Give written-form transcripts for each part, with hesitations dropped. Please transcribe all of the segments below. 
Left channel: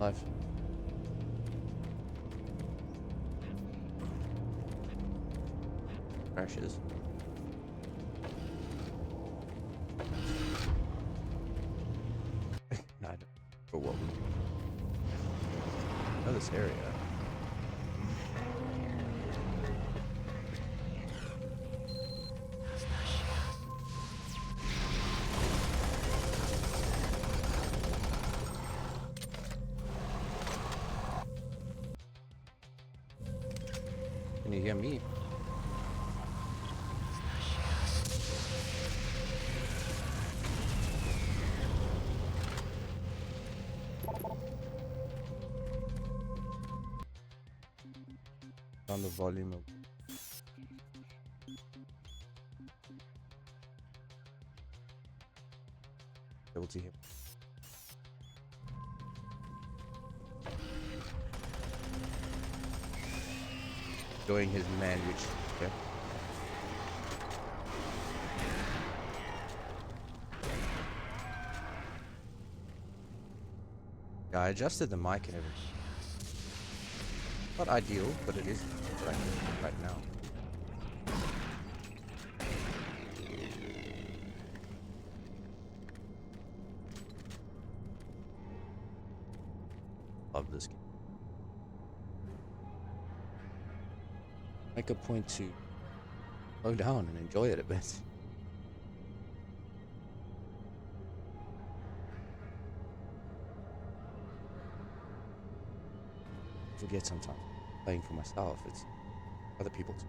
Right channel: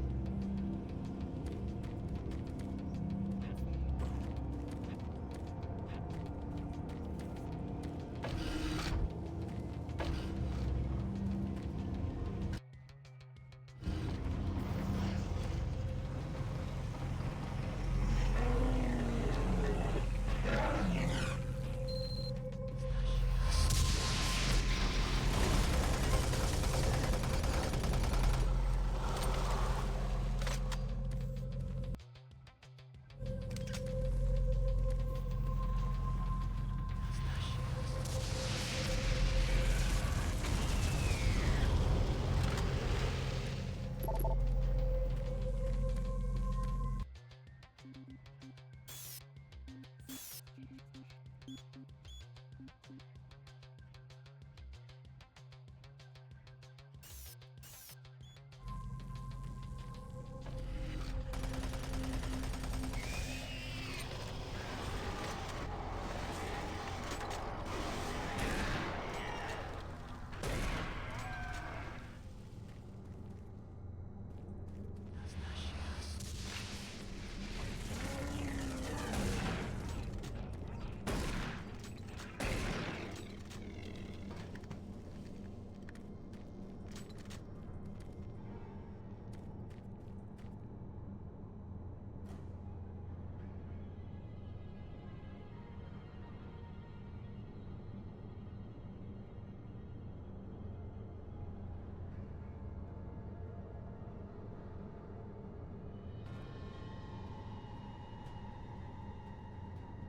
Life. Crashes. Not for what we do. I know this area. Can you hear me? On the volume of able to hear. Enjoying his manage. Okay. Yeah, I adjusted the mic and everything. Not ideal, but it is right now. Love this game. Make a point to slow down and enjoy it a bit. Forget sometimes playing for myself, it's other people's.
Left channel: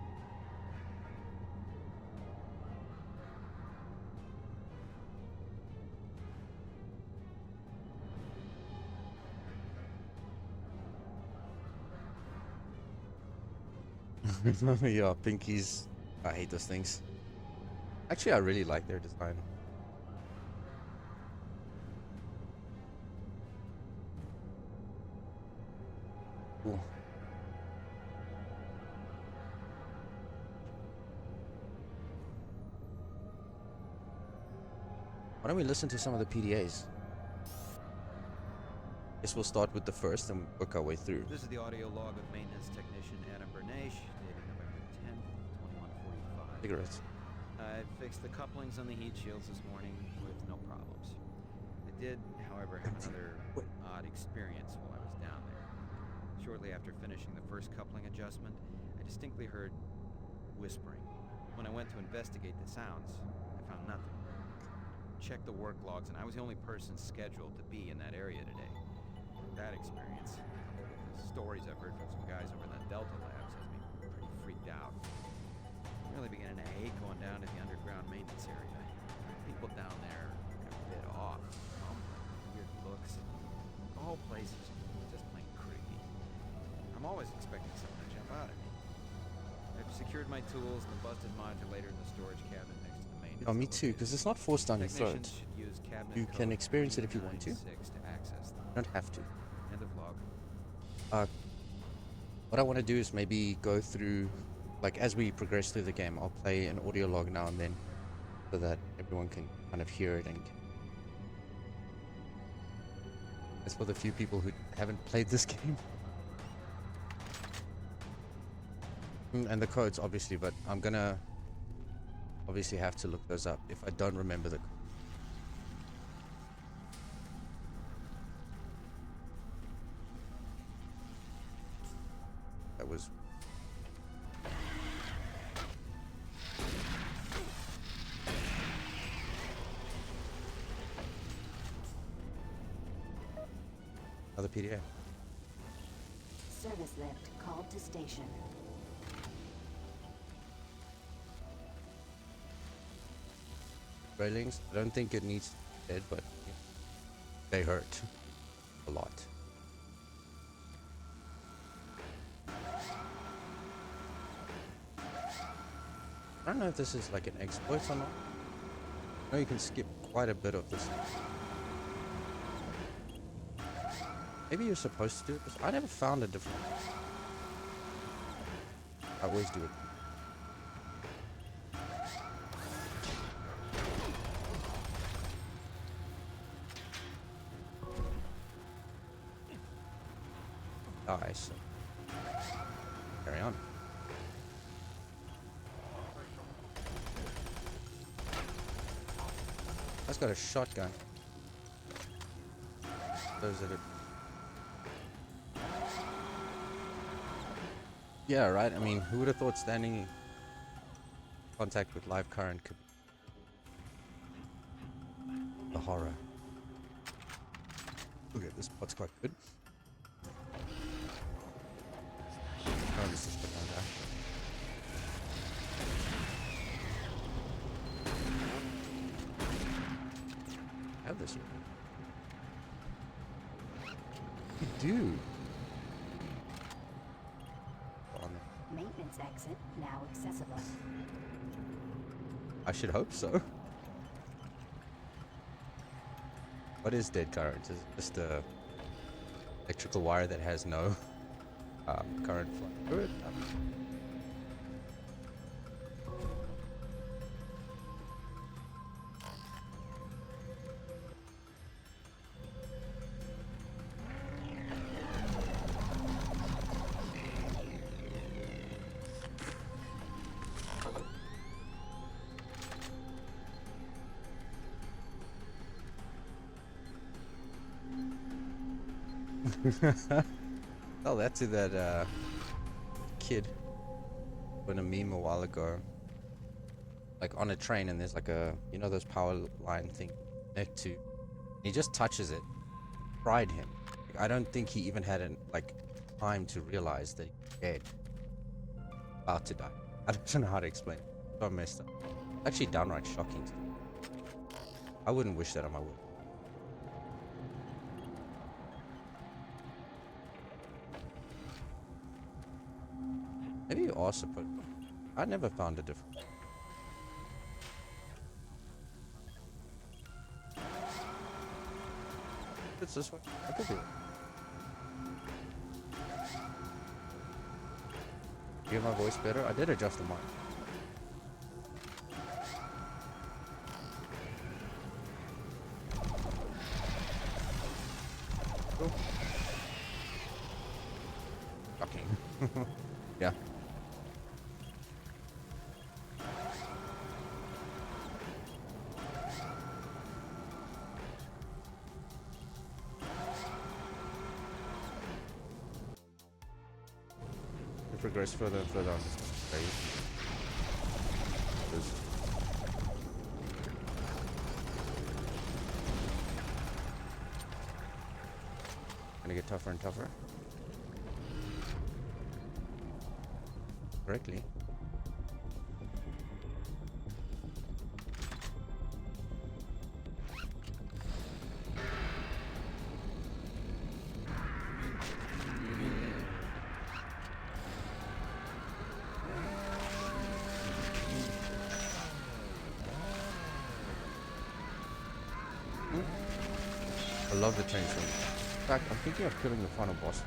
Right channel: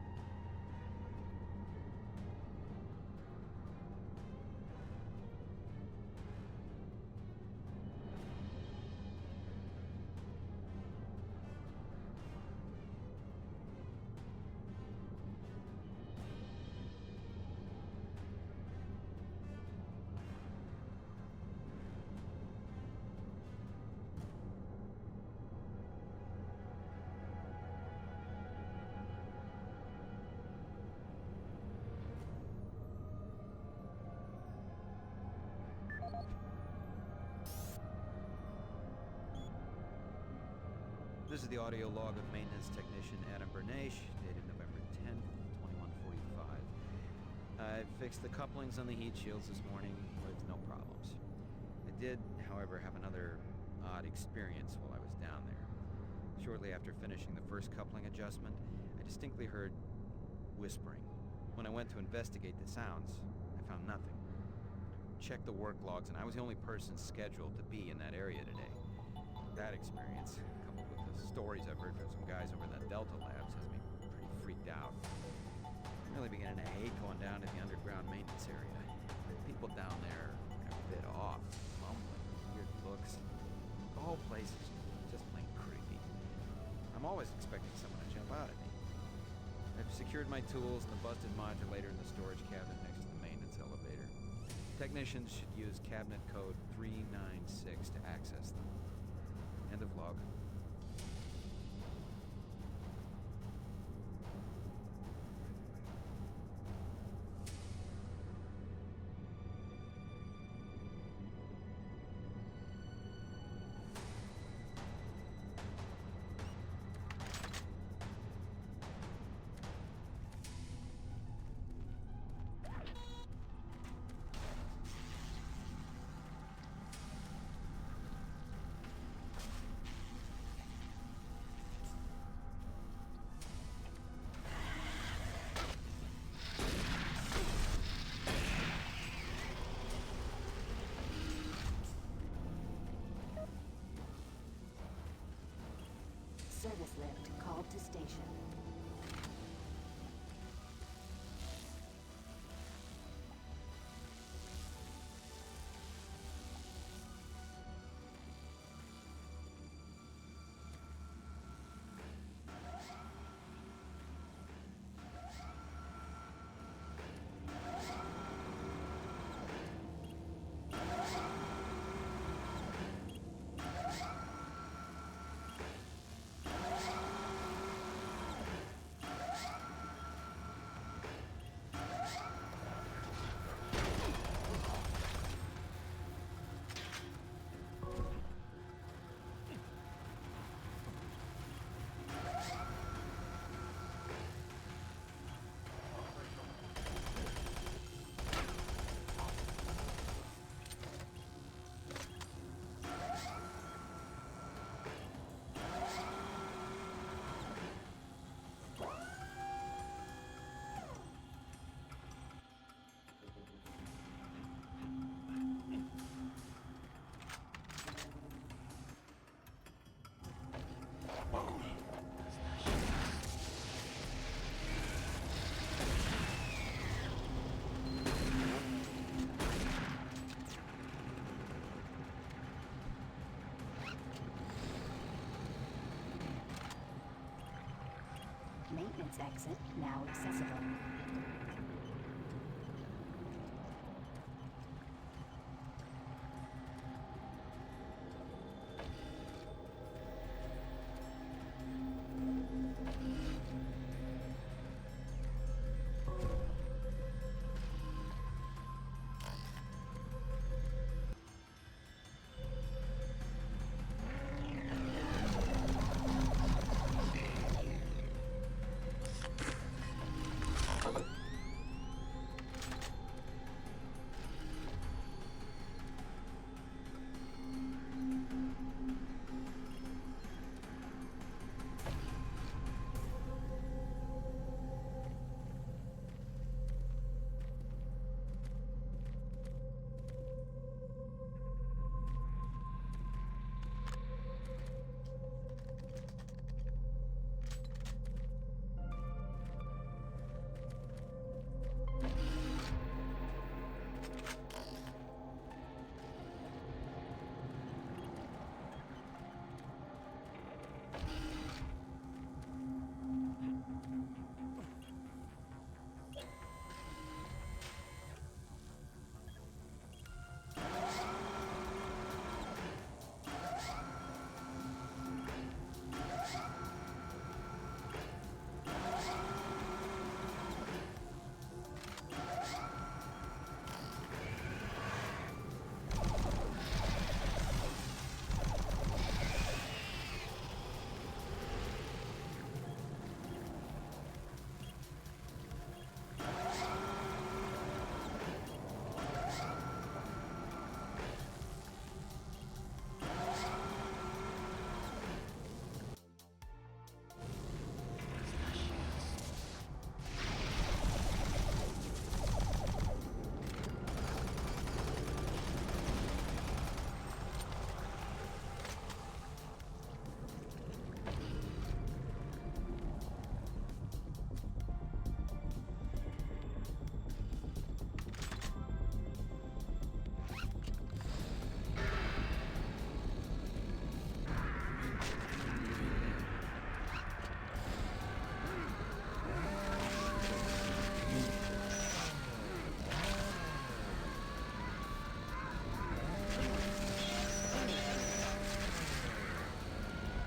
Yeah, pinkies. I hate those things. Actually, I really like their design. Cool. Why don't we listen to some of the PDAs? Guess we'll start with the first and work our way through. This is the audio log of maintenance technician Adam Bernache, dated November 10th, 2145. Cigarettes. I fixed the couplings on the heat shields this morning with no problems. I did, however, have another odd experience while I was down there. Shortly after finishing the first coupling adjustment, I distinctly heard whispering. When I went to investigate the sounds, I found nothing. Checked the work logs, and I was the only person scheduled to be in that area today. That experience, coupled with the stories I've heard from some guys over in the Delta labs, has me pretty freaked out. I'm really beginning to hate going down to the underground maintenance area. People down there are a bit off, mumbling, weird looks. The whole place is just plain creepy. I'm always expecting someone to jump out at me. I've secured my tools and the busted modulator in the storage cabinet next to the maintenance. Oh, me too, because it's not forced down your throat. Technicians should use cabinet You can experience it if you want to. 396 to access them. You don't have to. End of log. What I want to do is maybe go through, like as we progress through the game, I'll play an audio log now and then, so that everyone can kind of hear it. And that's for the few people who haven't played this game. And the codes, obviously, but I'm gonna obviously have to look those up if I don't remember them. That was... Another PDA. Service lift called to station. Railings, I don't think it needs dead, but they hurt a lot. I don't know if this is like an exploit or not. I know you can skip quite a bit of this. Maybe you're supposed to do it, but I never found a difference. I always do it. die, so carry on. That's got a shotgun. Those that are... Yeah, right. I mean, who would have thought standing in contact with live current could... The horror. Okay, this spot's quite good. Have this one. Dude. Maintenance exit now accessible. I should hope so. What is dead current? Is it just a electrical wire that has no current through it? Tell that to that kid in a meme a while ago, like on a train, and there's like a, you know, those power line thing connect to, he just touches it. Fried him. I don't think he even had time to realize that he's dead, about to die. I don't know how to explain it. So messed up. Actually downright shocking to me. I wouldn't wish that on my woman. Maybe you are supposed to. I never found it difficult. It's this one. I could do it. You hear my voice better? I did adjust the mic. Yeah. Progress further and further. Gonna get tougher and tougher. Correctly. I love the tension. In fact, I think we're killing the final boss.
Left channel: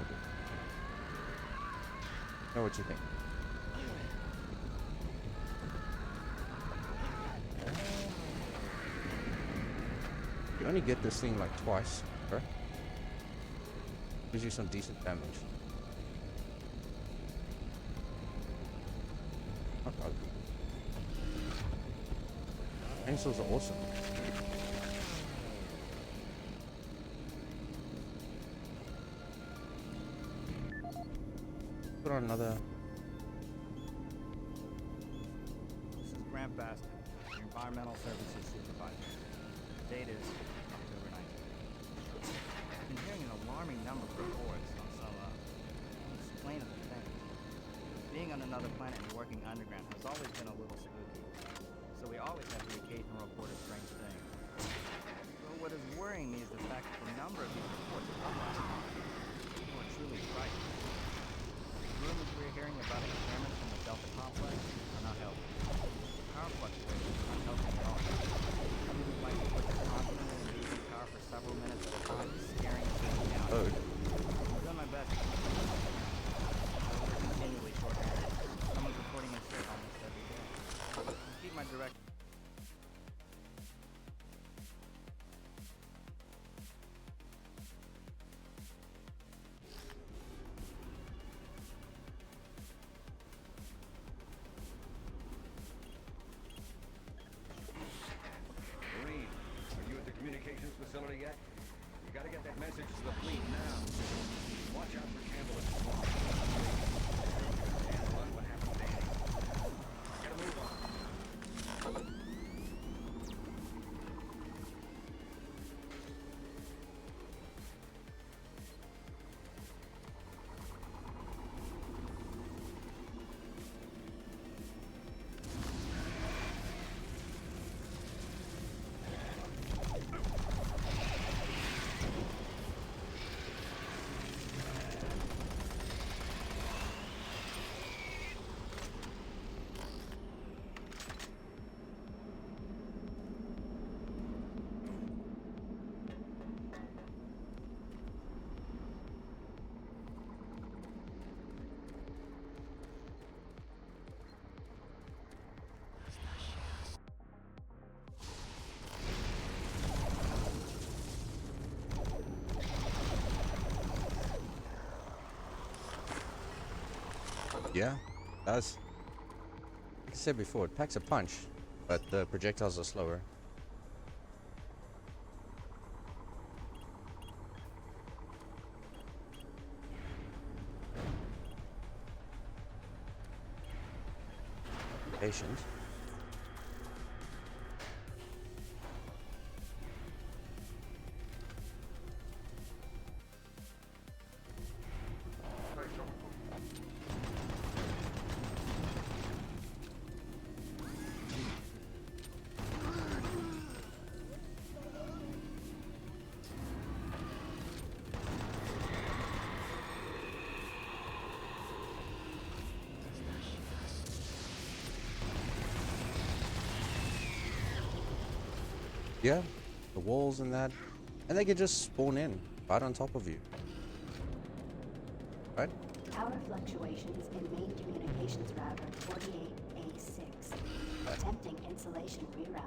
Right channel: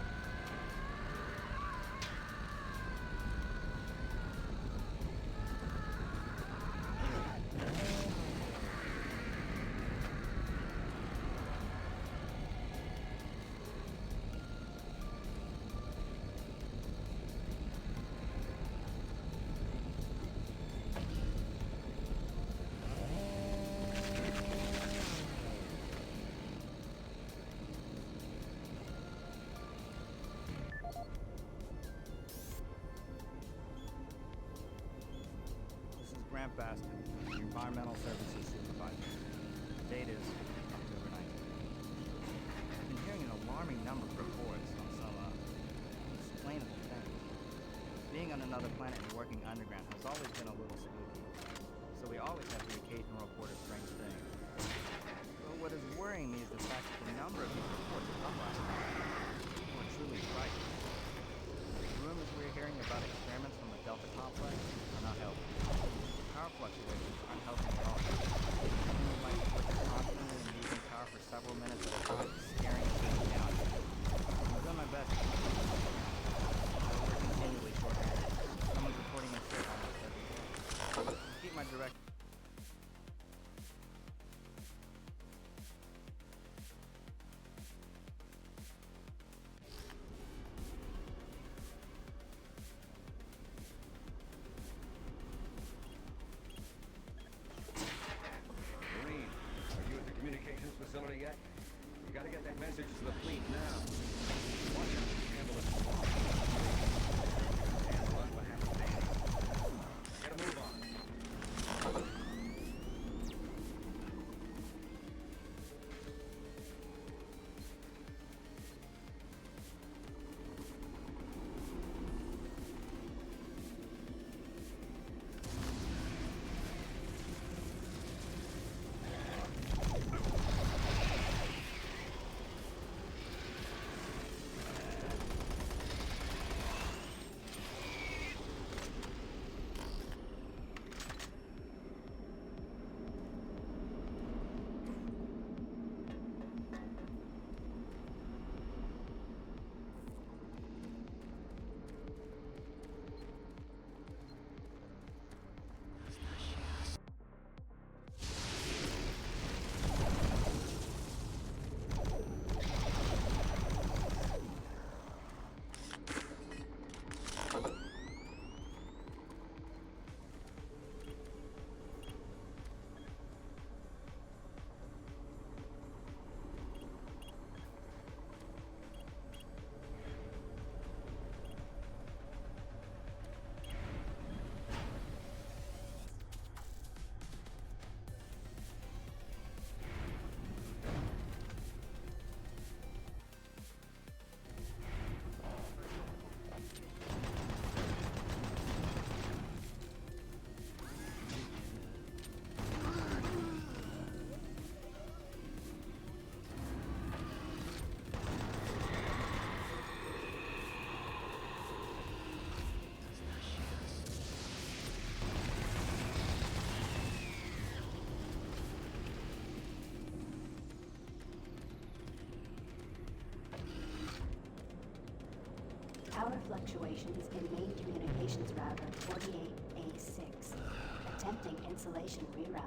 Know what you think? You only get this thing like twice, right? Gives you some decent damage. Not bad. Pencils are awesome. Put on another. This is Grant Baston, the Environmental Services Supervisor. The date is October 19th. I've been hearing an alarming number of reports on some unexplainable things. Being on another planet and working underground has always been a little spooky, so we always have the occasional report of strange things. But what is worrying me is the fact that the number of these reports are up last month. People are truly frightened. The rumors we're hearing about experiments from the Delta complex are not helping. Power fluctuations aren't helping at all. Things like constantly and losing power for several minutes at a time, scaring people down. I'm doing my best to keep them up. But we're continually short-handed. Someone's reporting in sick almost every day. I'll keep my direct... Message to the fleet now. Watch out for Campbell and Swan. And what happened to Danny? Gotta move on. Yeah, as I said before, it packs a punch, but the projectiles are slower. Patient. Yeah, the walls and that. And they can just spawn in right on top of you. Right? Power fluctuations in main communications router 48A6. Attempting insulation reroute.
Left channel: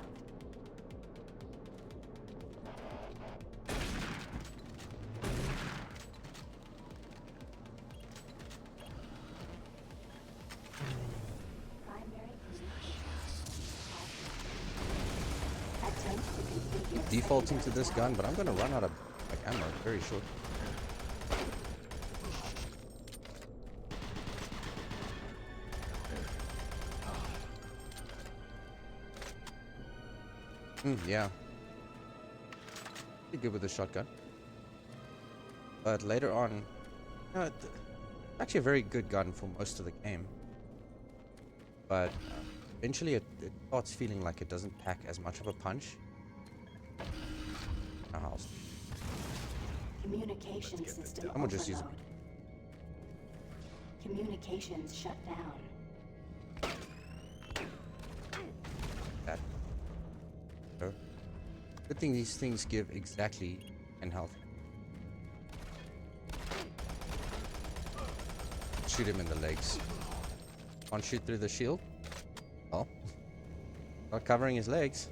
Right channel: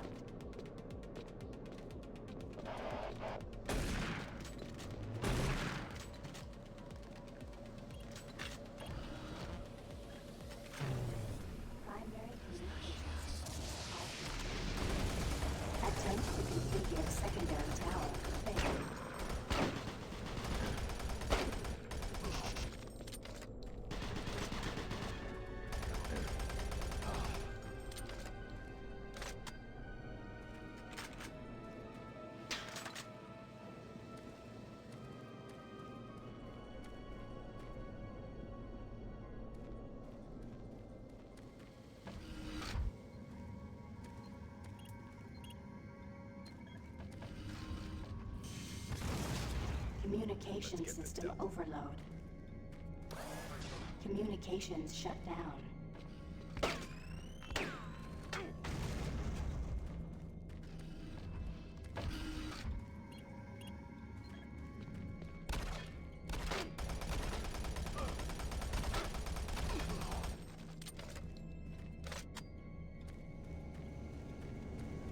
Primary communications. Attempt to configure Defaulting to secondary this tower. gun, but I'm gonna run out of ammo very short. Yeah. Be good with the shotgun. But later on, actually a very good gun for most of the game. But eventually it starts feeling like it doesn't pack as much of a punch. Communication system I'm gonna just use it. overload. Communications shut down. That. So, good thing these things give exactly 10 health. Shoot him in the legs. Can't shoot through the shield. Well, not covering his legs.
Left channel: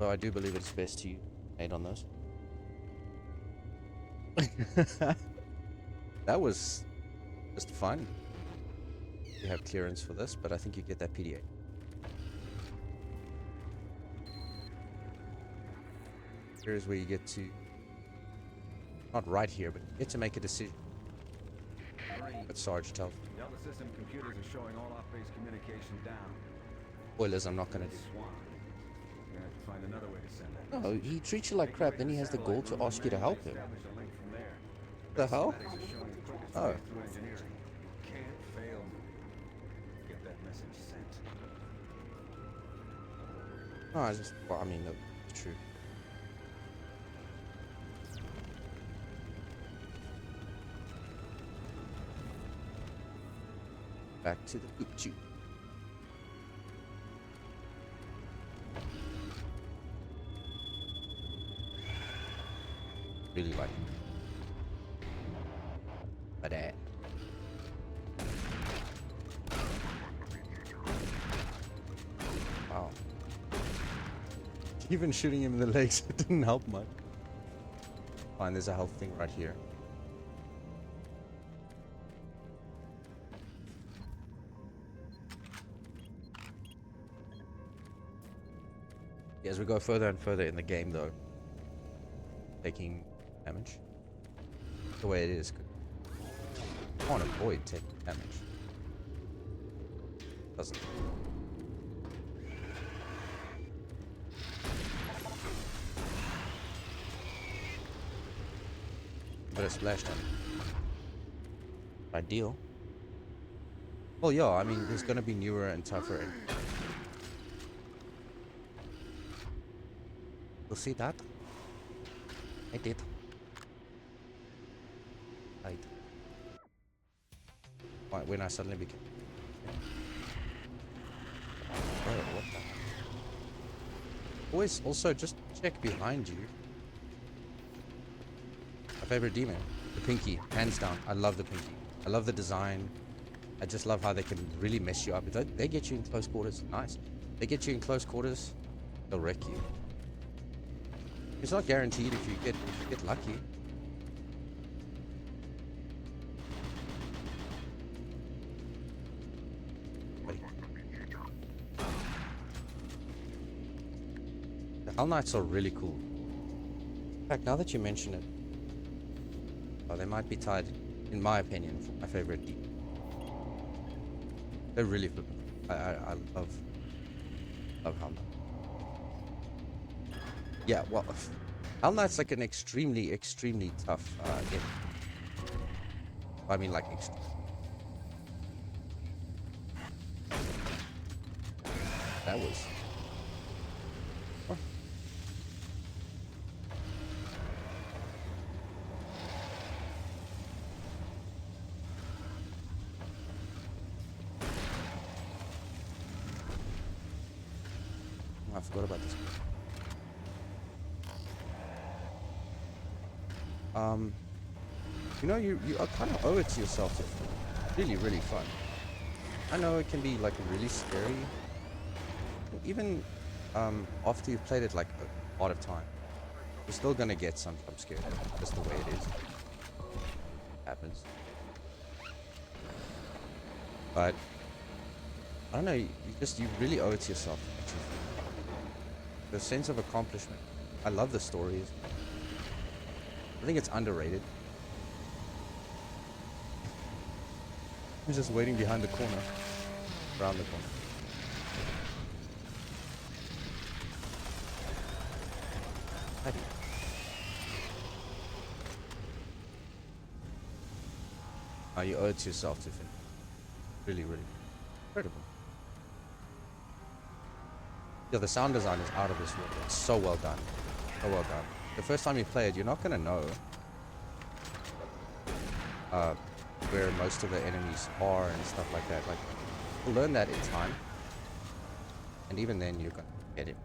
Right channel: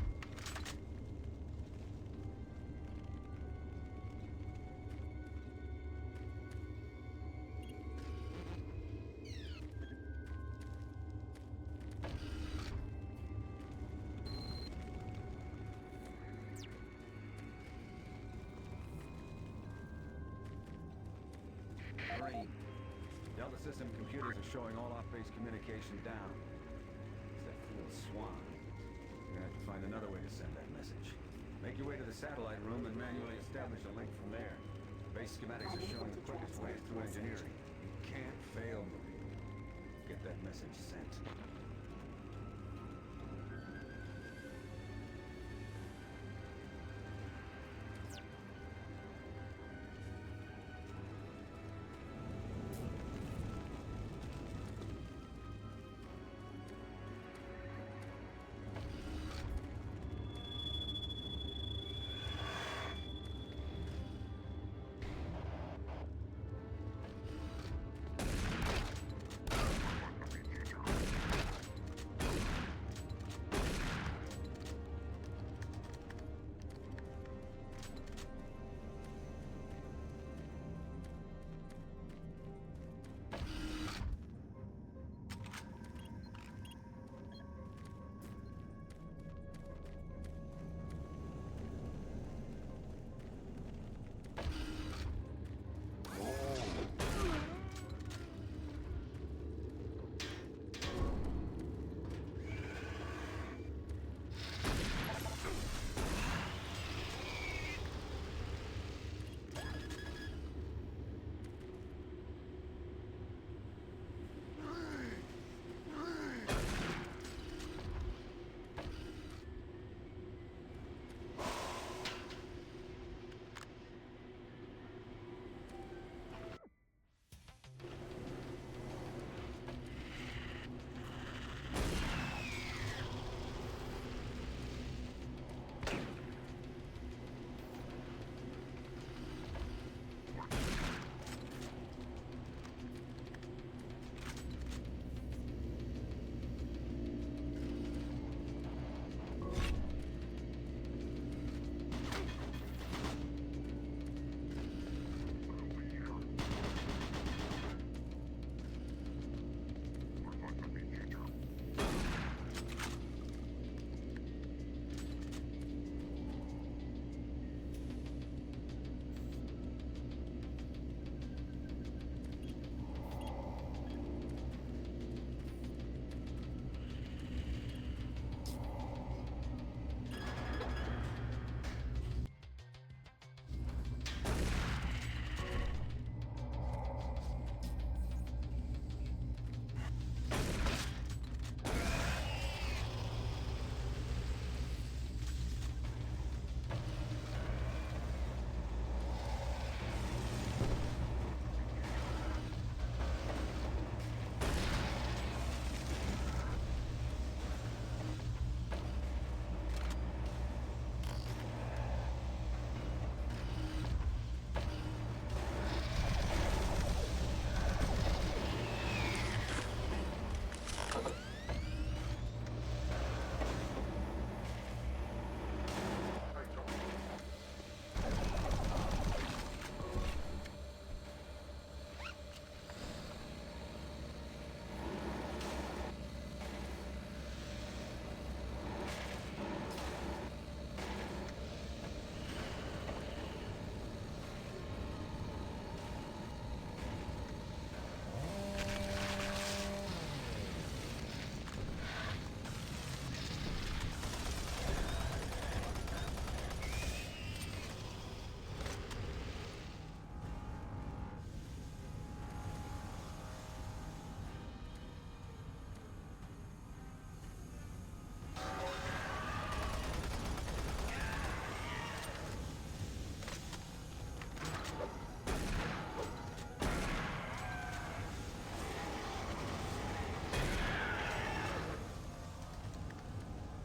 So I do believe it's best to aid on those. That was just fun. You have clearance for this, but I think you get that PDA. Here's where you get to, not right here, but you get to make a decision. But Sarge tells Delta system computers are showing all off-base communication down. spoilers, I'm not gonna do. Swan. We're gonna have to find another way to send that No, message. he treats you like crap, then he has the gall to ask you to help him. Establish a link from there. The hell? Schematics are showing the quickest Oh. way through engineering. You can't fail, Marine. Get that message sent. No, I just, well, I mean, no, it's true. Back to Uchi. Really like it. But wow. Even shooting him in the legs didn't help much. Fine, there's a health thing right here. Yes, to go further and further in the game, though. Taking damage. The way it is. I can't avoid taking damage. Doesn't. But a splash damage. Ideal. Well, yeah, I mean, there's gonna be newer and tougher. You see that? I did. Right. Why, when I suddenly became... Always, also, just check behind you. My favorite demon. The Pinky. Hands down. I love the Pinky. I love the design. I just love how they can really mess you up. They get you in close quarters. Nice. They get you in close quarters. They'll wreck you. It's not guaranteed if you get lucky. The Hell Knights are really cool. In fact, now that you mention it, they might be tied, in my opinion, for my favorite. They're really good. I love Hell Knight. Yeah, well, Hell Knight's like an extremely tough game. I mean, like, that was... I forgot about this. You know, you kind of owe it to yourself. It's really fun. I know it can be like really scary. Even after you've played it like a lot of time, you're still gonna get some scared. Just the way it is. Happens. But I don't know, you really owe it to yourself. The sense of accomplishment. I love the stories. I think it's underrated. He's just waiting behind the corner. Around the corner. You owe it to yourself to finish. Really incredible. Yeah, the sound design is out of this world. It's so well done. So well done. The first time you play it, you're not gonna know where most of the enemies are and stuff like that. Like, you learn that in time, and even then you're gonna get it.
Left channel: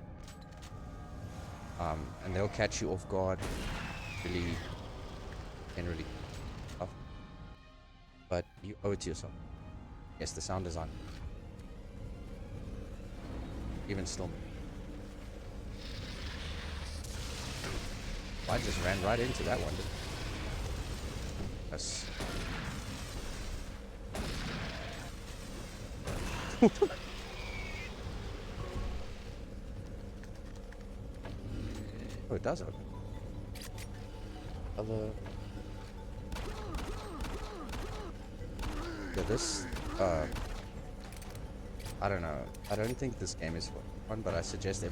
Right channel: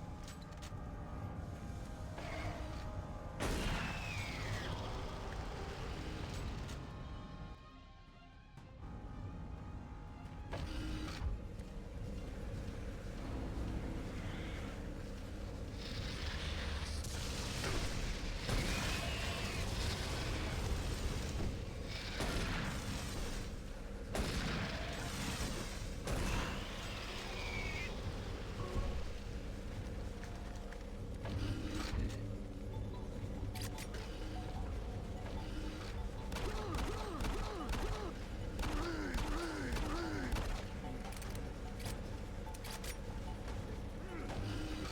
And they'll catch you off guard. Really, generally. But you owe it to yourself. Yes, the sound design. Even still. I just ran right into that one. That's... Oh, it does open. This, I don't know. I don't think this game is fun, but I suggest it.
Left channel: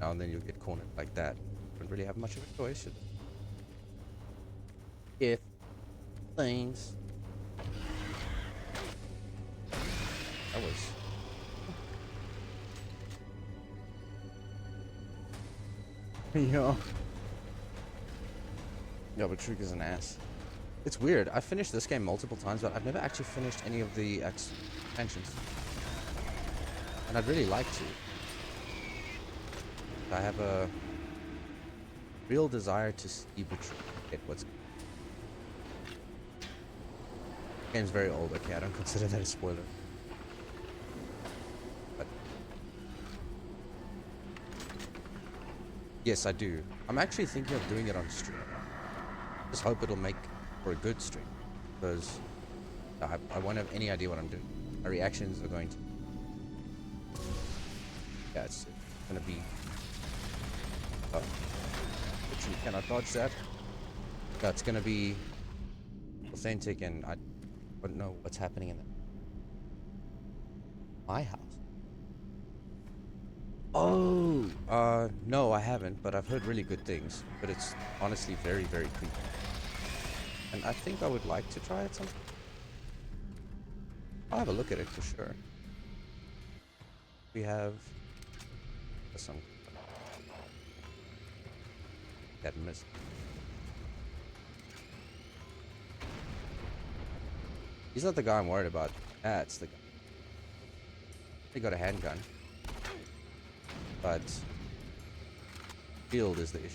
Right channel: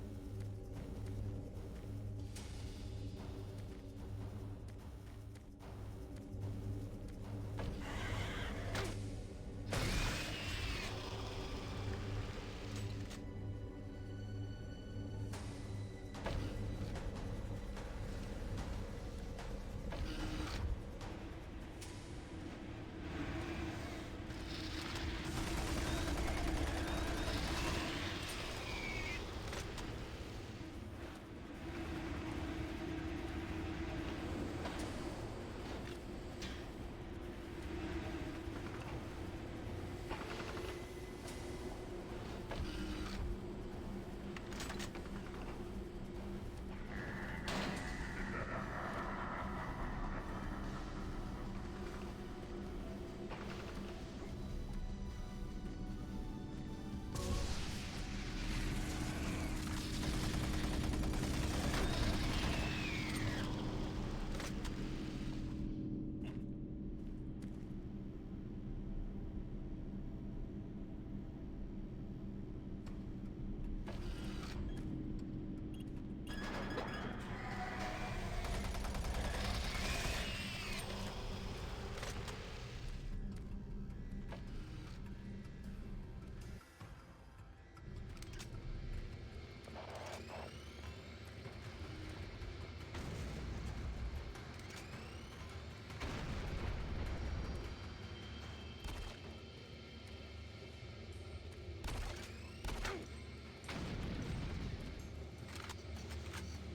Now and then you'll get cornered like that. Don't really have much of a choice. If things. That was. Yeah. Yeah, but Trick is an ass. It's weird. I finished this game multiple times, but I've never actually finished any of the expansions. And I'd really like to. I have a real desire to see get what's going on. The game's very old. Okay, I don't consider that a spoiler. But Yes, I do. I'm actually thinking of doing it on stream. Just hope it'll make for a good stream, because I won't have any idea what I'm doing. My reactions are going to. That's gonna be. Can I dodge that? That's gonna be authentic, and I don't know what's happening in my house. Oh, no, I haven't, but I've heard really good things. But it's honestly very, very cool. And I think I would like to try it sometime. I'll have a look at it for sure. We have this one. That missed. He's not the guy I'm worried about. That's the guy. He got a handgun. But field is the issue.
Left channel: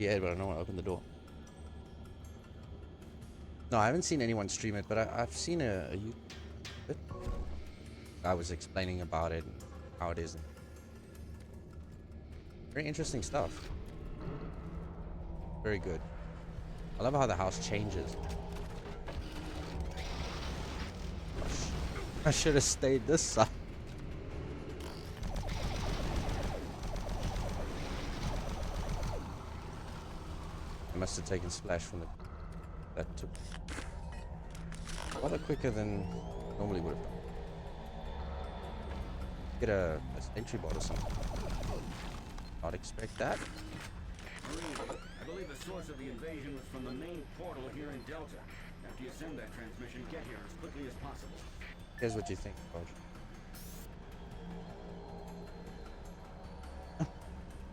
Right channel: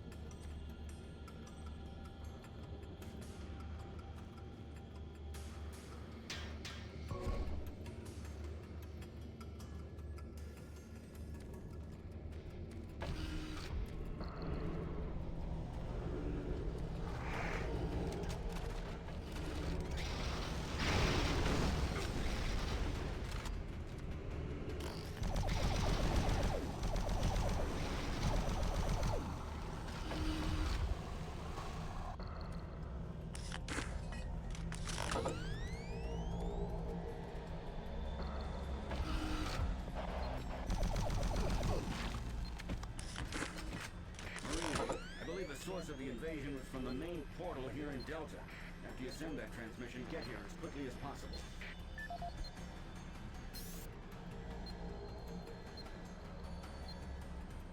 Yeah, but I don't want to open the door. No, I haven't seen anyone stream it, but I've seen a guy was explaining about it, how it is. Very interesting stuff. Very good. I love how the house changes. I should have stayed this side. I must have taken splash from that too. A lot quicker than normally would have. Get a entry bonus. Not expect that. Marine, I believe the source of the invasion was from the main portal here in Delta. After you send that transmission, get here as quickly as possible. Here's what you think,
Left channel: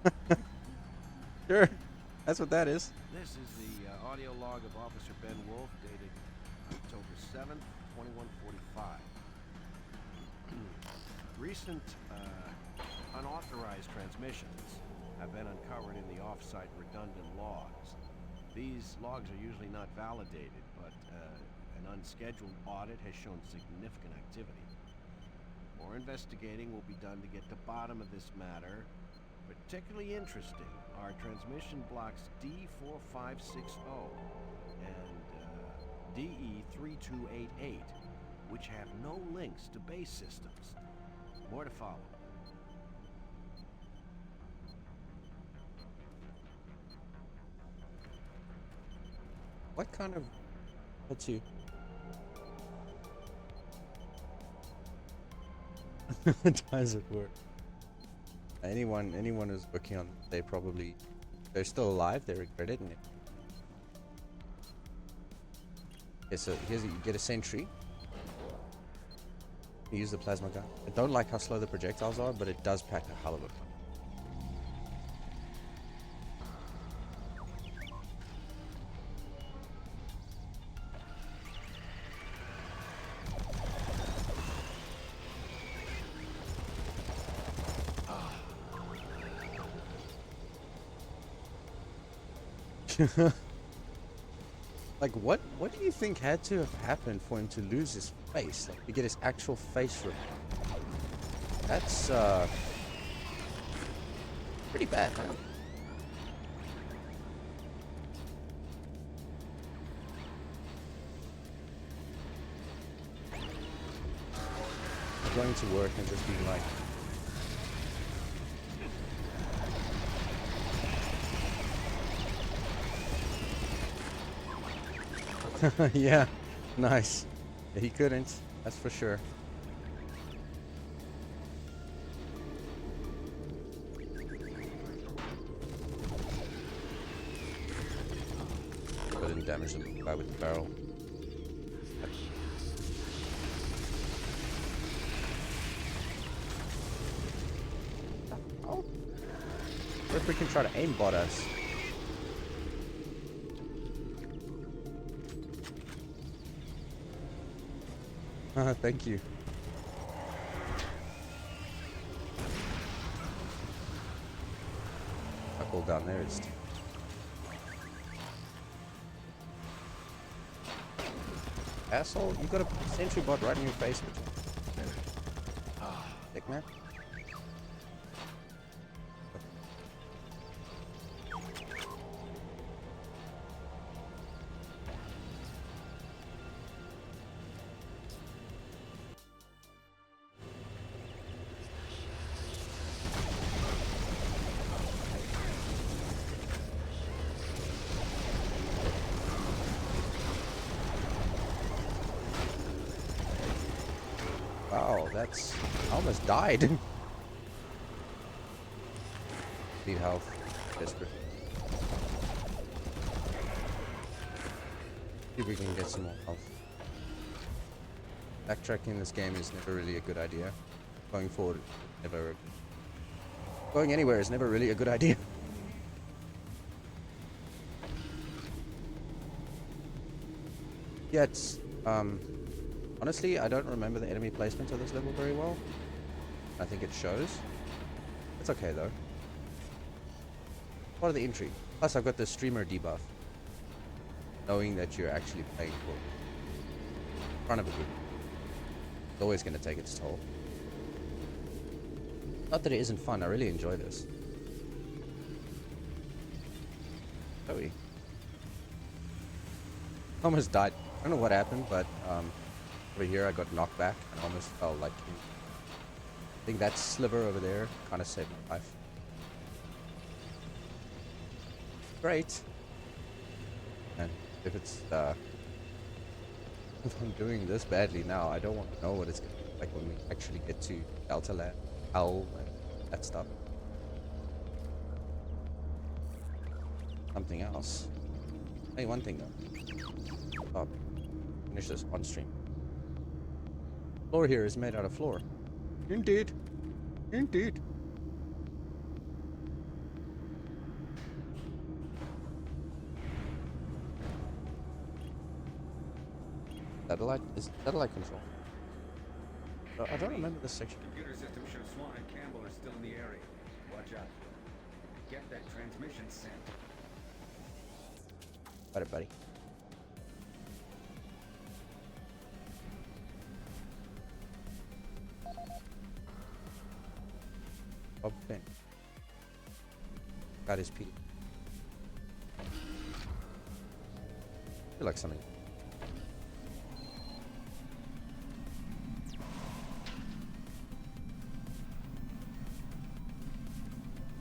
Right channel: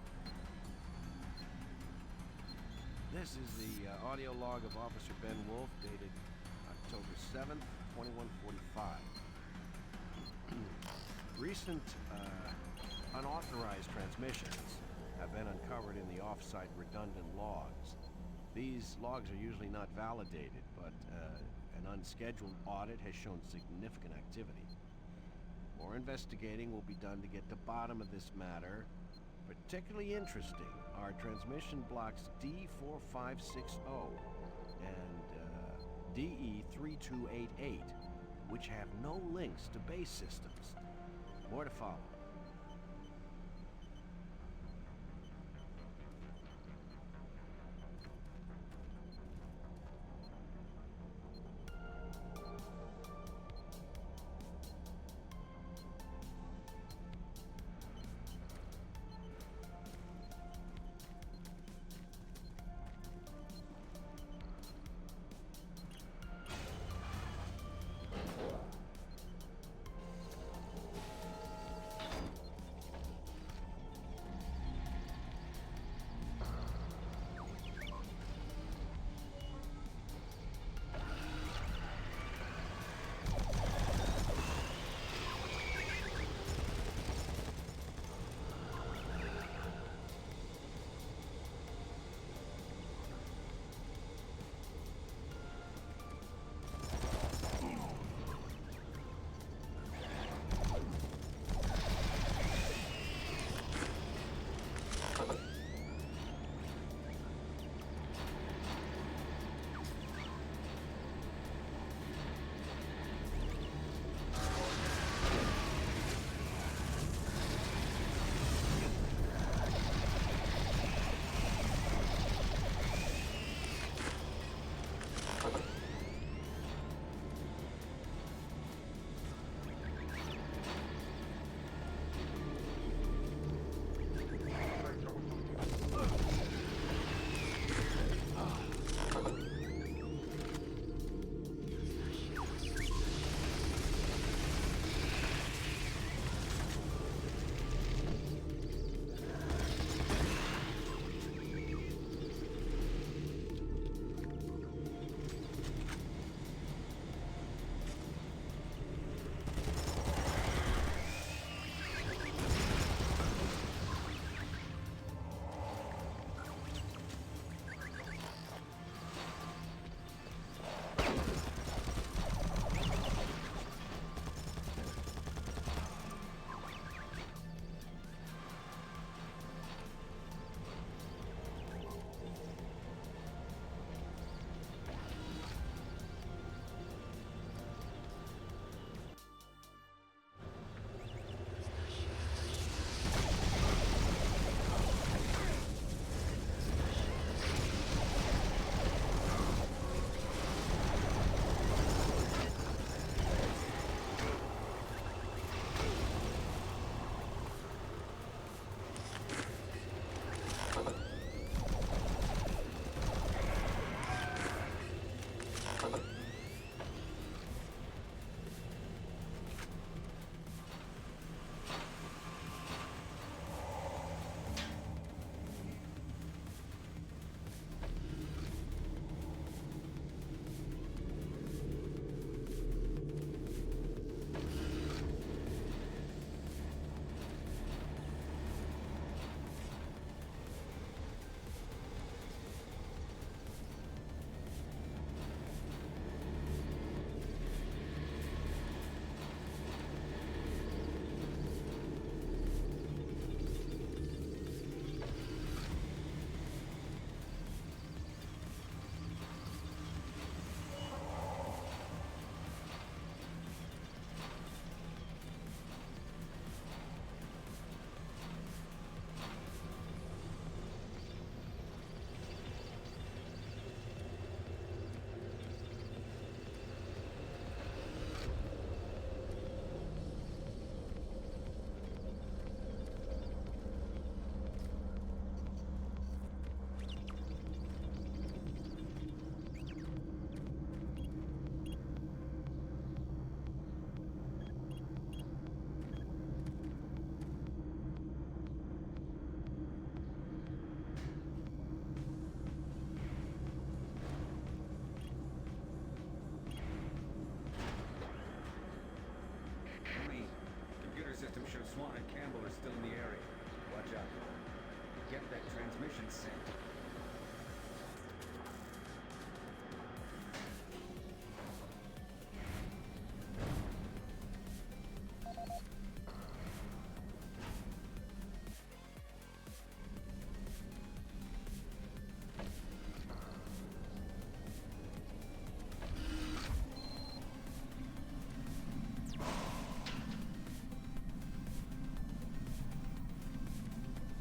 Bojan. Sure, that's what that is. This is the audio log of Officer Ben Wolf, dated October 7th, 2145. Recent unauthorized transmissions have been uncovered in the off-site redundant logs. These logs are usually not validated, but an unscheduled audit has shown significant activity. More investigating will be done to get to the bottom of this matter. Particularly interesting are transmission blocks D4560 and DE3288, which have no links to base systems. More to follow. What kind of... What's you? Does it work? Anyone who's working on it, they're still alive, they're crediting it. Okay, so here's you get a sentry. You use the plasma gun. I don't like how slow the projectiles are, but it does pack a hell of it. Like, what do you think had to have happened for him to lose his face? Like, to get his actual face removed? That's, pretty bad. Going to work and just be like... Yeah, nice. He couldn't, that's for sure. Really damage the guy with the barrel. Oh. If we can try to aimbot us. Thank you. I pulled down there. It's asshole, you got a sentry bot right in your face. that? Wow, that's... I almost died. See how desperate. See if we can get some more health. Backtracking in this game is never really a good idea. Going forward, never. Going anywhere is never really a good idea. Yeah, it's honestly, I don't remember the enemy placement of this level very well. I think it shows. It's okay though. Part of the intrigue. Plus, I've got the streamer debuff. Knowing that you're actually playing for front of it. It's always going to take its toll. Not that it isn't fun. I really enjoy this. Chloe. Almost died. I don't know what happened, but over here I got knocked back. I almost fell like. I think that sliver over there kind of saved my life. Great. And if it's if I'm doing this badly now, I don't want to know what it's like when we actually get to Delta Land, Owl, and that stuff. Something else. Hey, one thing though. Oh, finish this on stream. Floor here is made out of floor. Indeed. Indeed. Satellite is satellite control. I don't remember this section. Computer system shows Swan and Campbell are still in the area. Watch out for them. Get that transmission sent. Got it, buddy. Okay. Got his peak. Feel like something.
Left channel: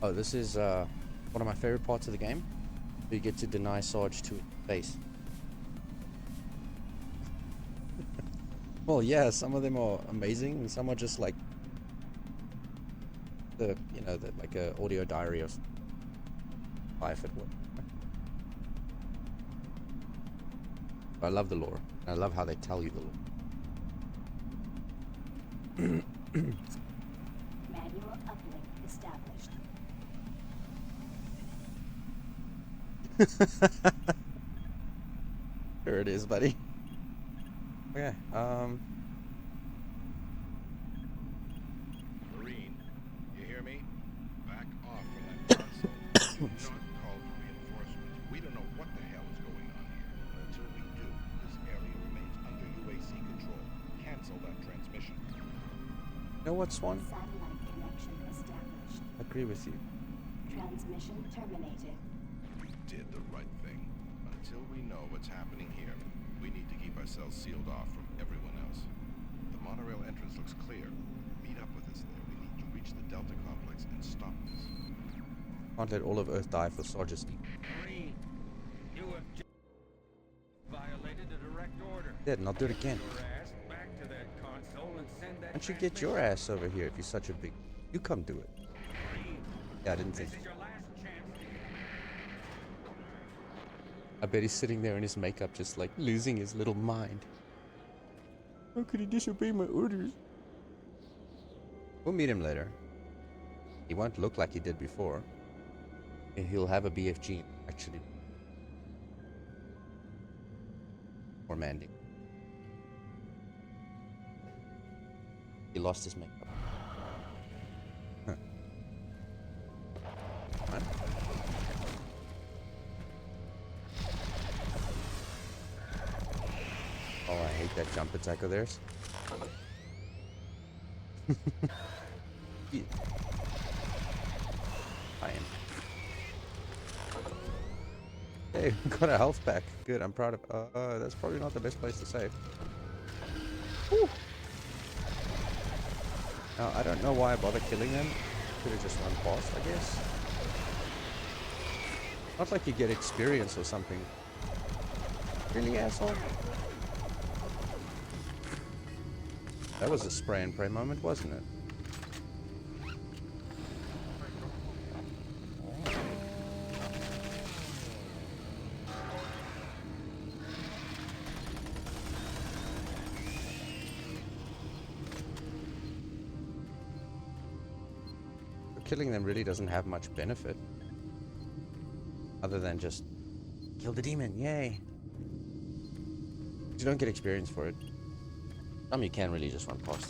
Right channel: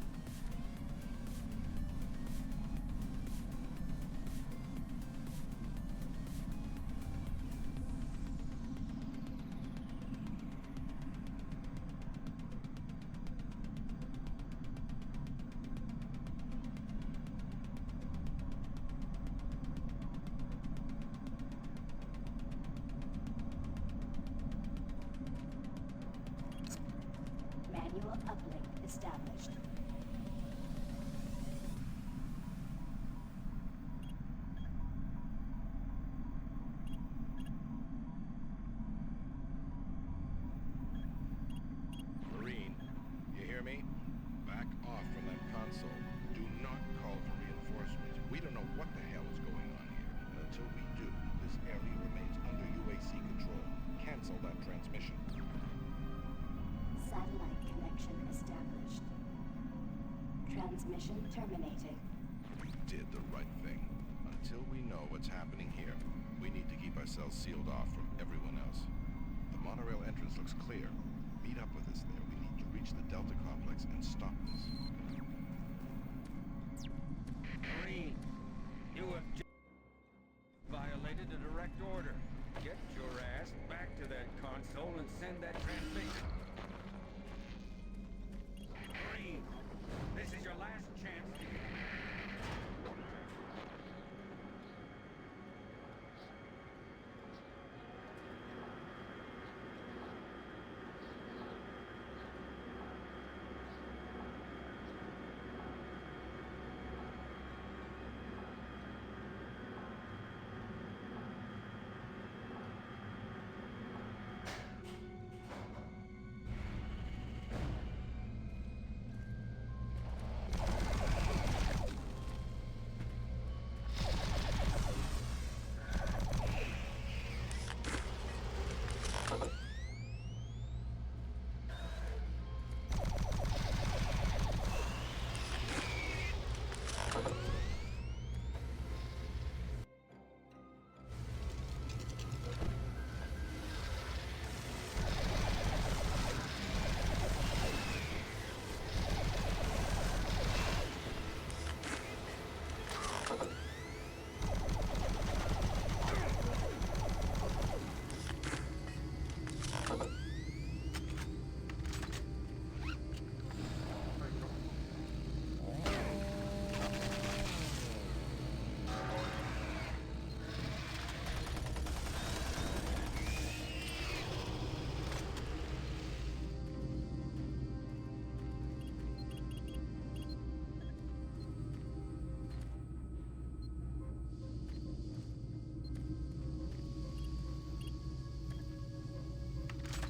Oh, this is one of my favorite parts of the game. You get to deny Sarge to face. Well, yeah, some of them are amazing, and some are just like the like a audio diary of life at work. I love the lore. I love how they tell you the lore. Manual uplink established. There it is, buddy. Okay, Marine, you hear me? Back off from that console. Do not call for reinforcements. We don't know what the hell is going on here. And until we do, this area remains under UAC control. Cancel that transmission. you know what, Swan? Satellite connection established. Agree with you. Transmission terminated. We did the right thing. Until we know what's happening here, we need to keep ourselves sealed off from everyone else. The monorail entrance looks clear. Meet up with us there. We need to reach the Delta complex and stop this. Can't let all of Earth die for Sarge's. Marine, you have violated a direct order. Did, and I'll do it again. Get your ass back to that console and send that. You should get your ass over here if you're such a big. You come do it. Marine, Yeah, I didn't this think. is your last chance. I bet he's sitting there in his makeup, just like losing his little mind. How could he disobey my orders? We'll meet him later. He won't look like he did before. And he'll have a BFG, actually. Or Mandy. He lost his makeup. Huh. Oh, I hate that jump attack of theirs. Hey, we got our health back. Good, I'm proud of. That's probably not the best place to save. Whew. Now, I don't know why I bother killing them. Could have just unbossed, I guess. Not like you get experience or something. Really, asshole? That was a spray and pray moment, wasn't it? Killing them really doesn't have much benefit. Other than just kill the demon, yay! You don't get experience for it. Some you can really just run past.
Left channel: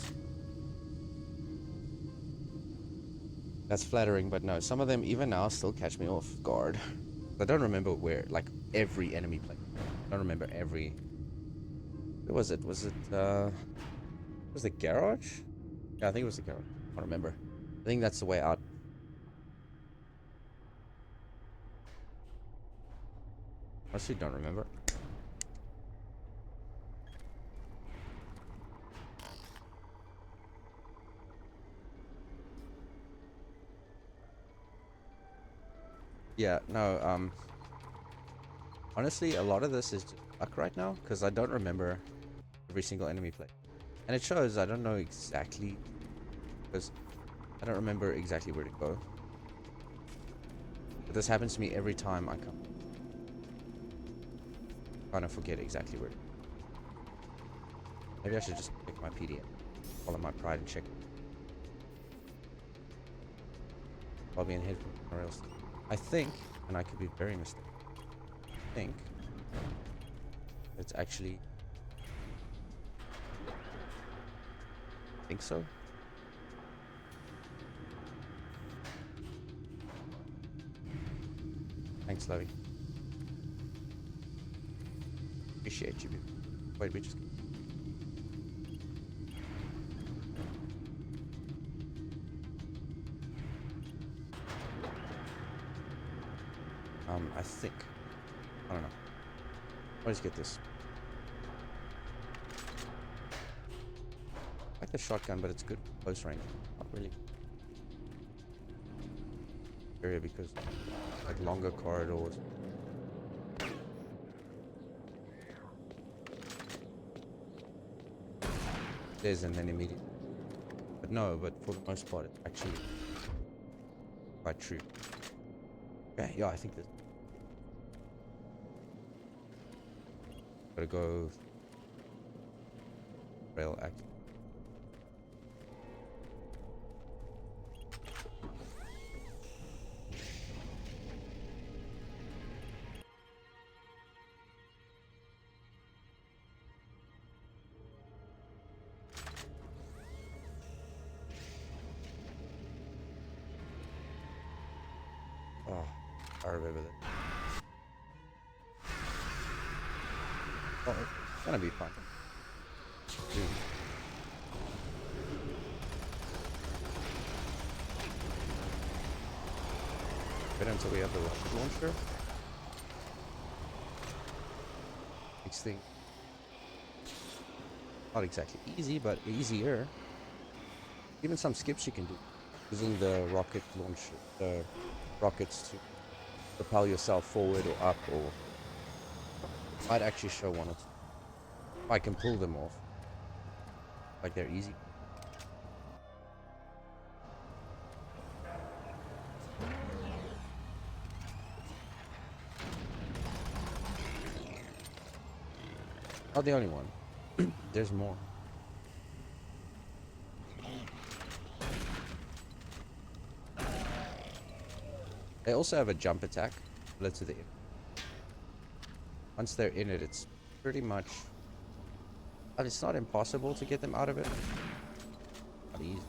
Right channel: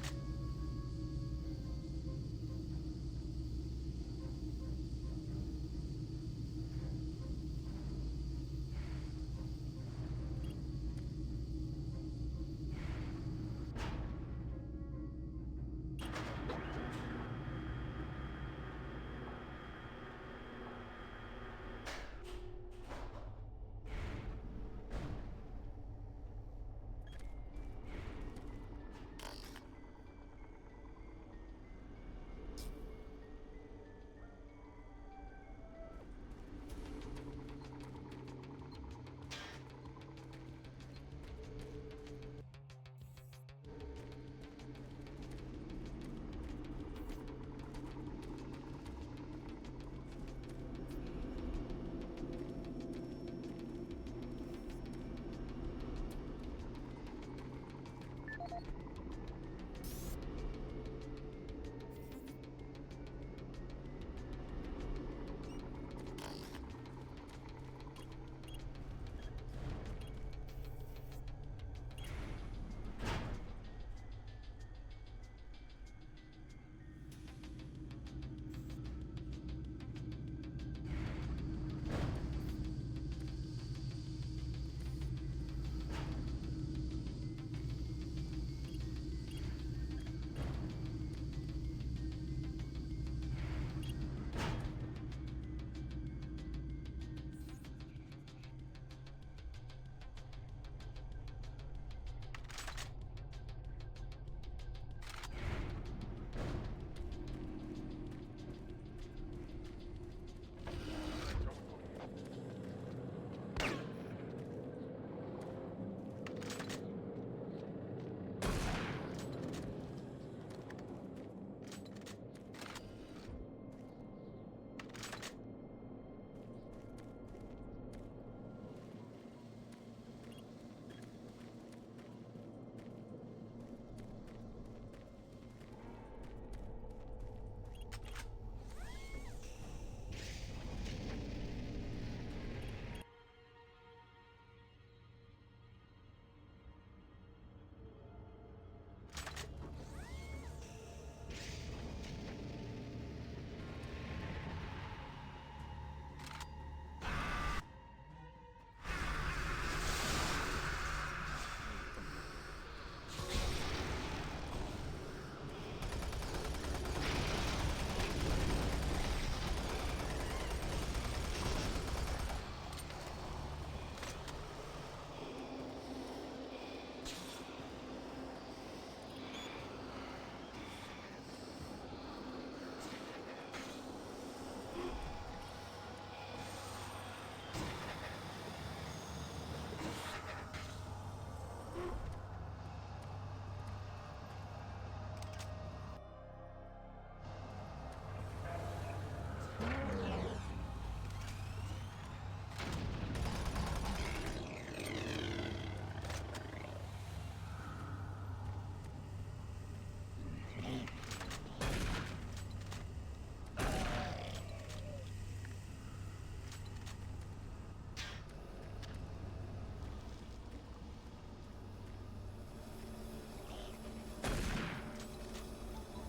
That's flattering, but no, some of them even now still catch me off guard. I don't remember where, like every enemy play. I don't remember every. Where was it? Was the garage? Yeah, I think it was the garage. I don't remember. I think that's the way out. I actually don't remember. Yeah, no, honestly, a lot of this is luck right now, because I don't remember every single enemy play. And it shows I don't know exactly, because I don't remember exactly where to go. But this happens to me every time I come. I kind of forget exactly where to go. Maybe I should just pick my PD and follow my pride and check it. Probably in head or else. I think, and I could be very mistaken, I think it's actually, I think so. Thanks, Lovey. Appreciate you. Wait, we just... I think. I don't know. Let's get this. I like the shotgun, but it's good close range. Not really. Area because like longer corridors. There's an enemy. But no, but for the most part, it's actually quite true. Okay, yeah, I think that. Gotta go. Rail act. Oh, I remember that. Oh, it's gonna be fun. Get until we have the launcher. Next thing. Not exactly easy, but easier. Even some skips you can do. Using the rocket launch, the rockets to propel yourself forward or up, or it might actually show one of. I can pull them off. Like they're easy. Not the only one. There's more. They also have a jump attack. Let's do the. Once they're in it, it's pretty much. It's not impossible to get them out of it. Not easy.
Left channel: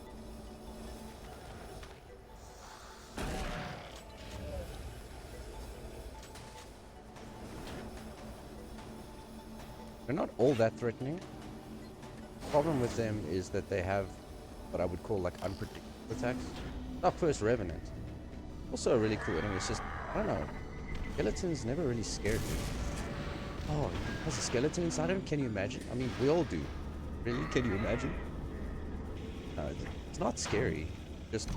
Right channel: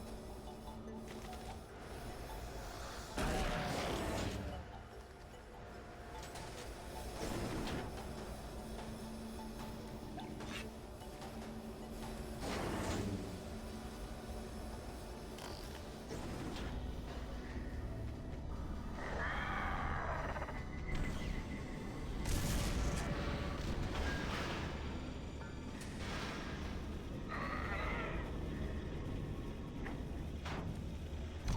They're not all that threatening. The problem with them is that they have what I would call like unpredictable attack. Not first Revenant. Also a really cool enemy. It's just, I don't know. Skeletons never really scared me. Oh, there's a skeleton inside of it? Can you imagine? I mean, we all do. Really? Can you imagine? It's not scary. Just... it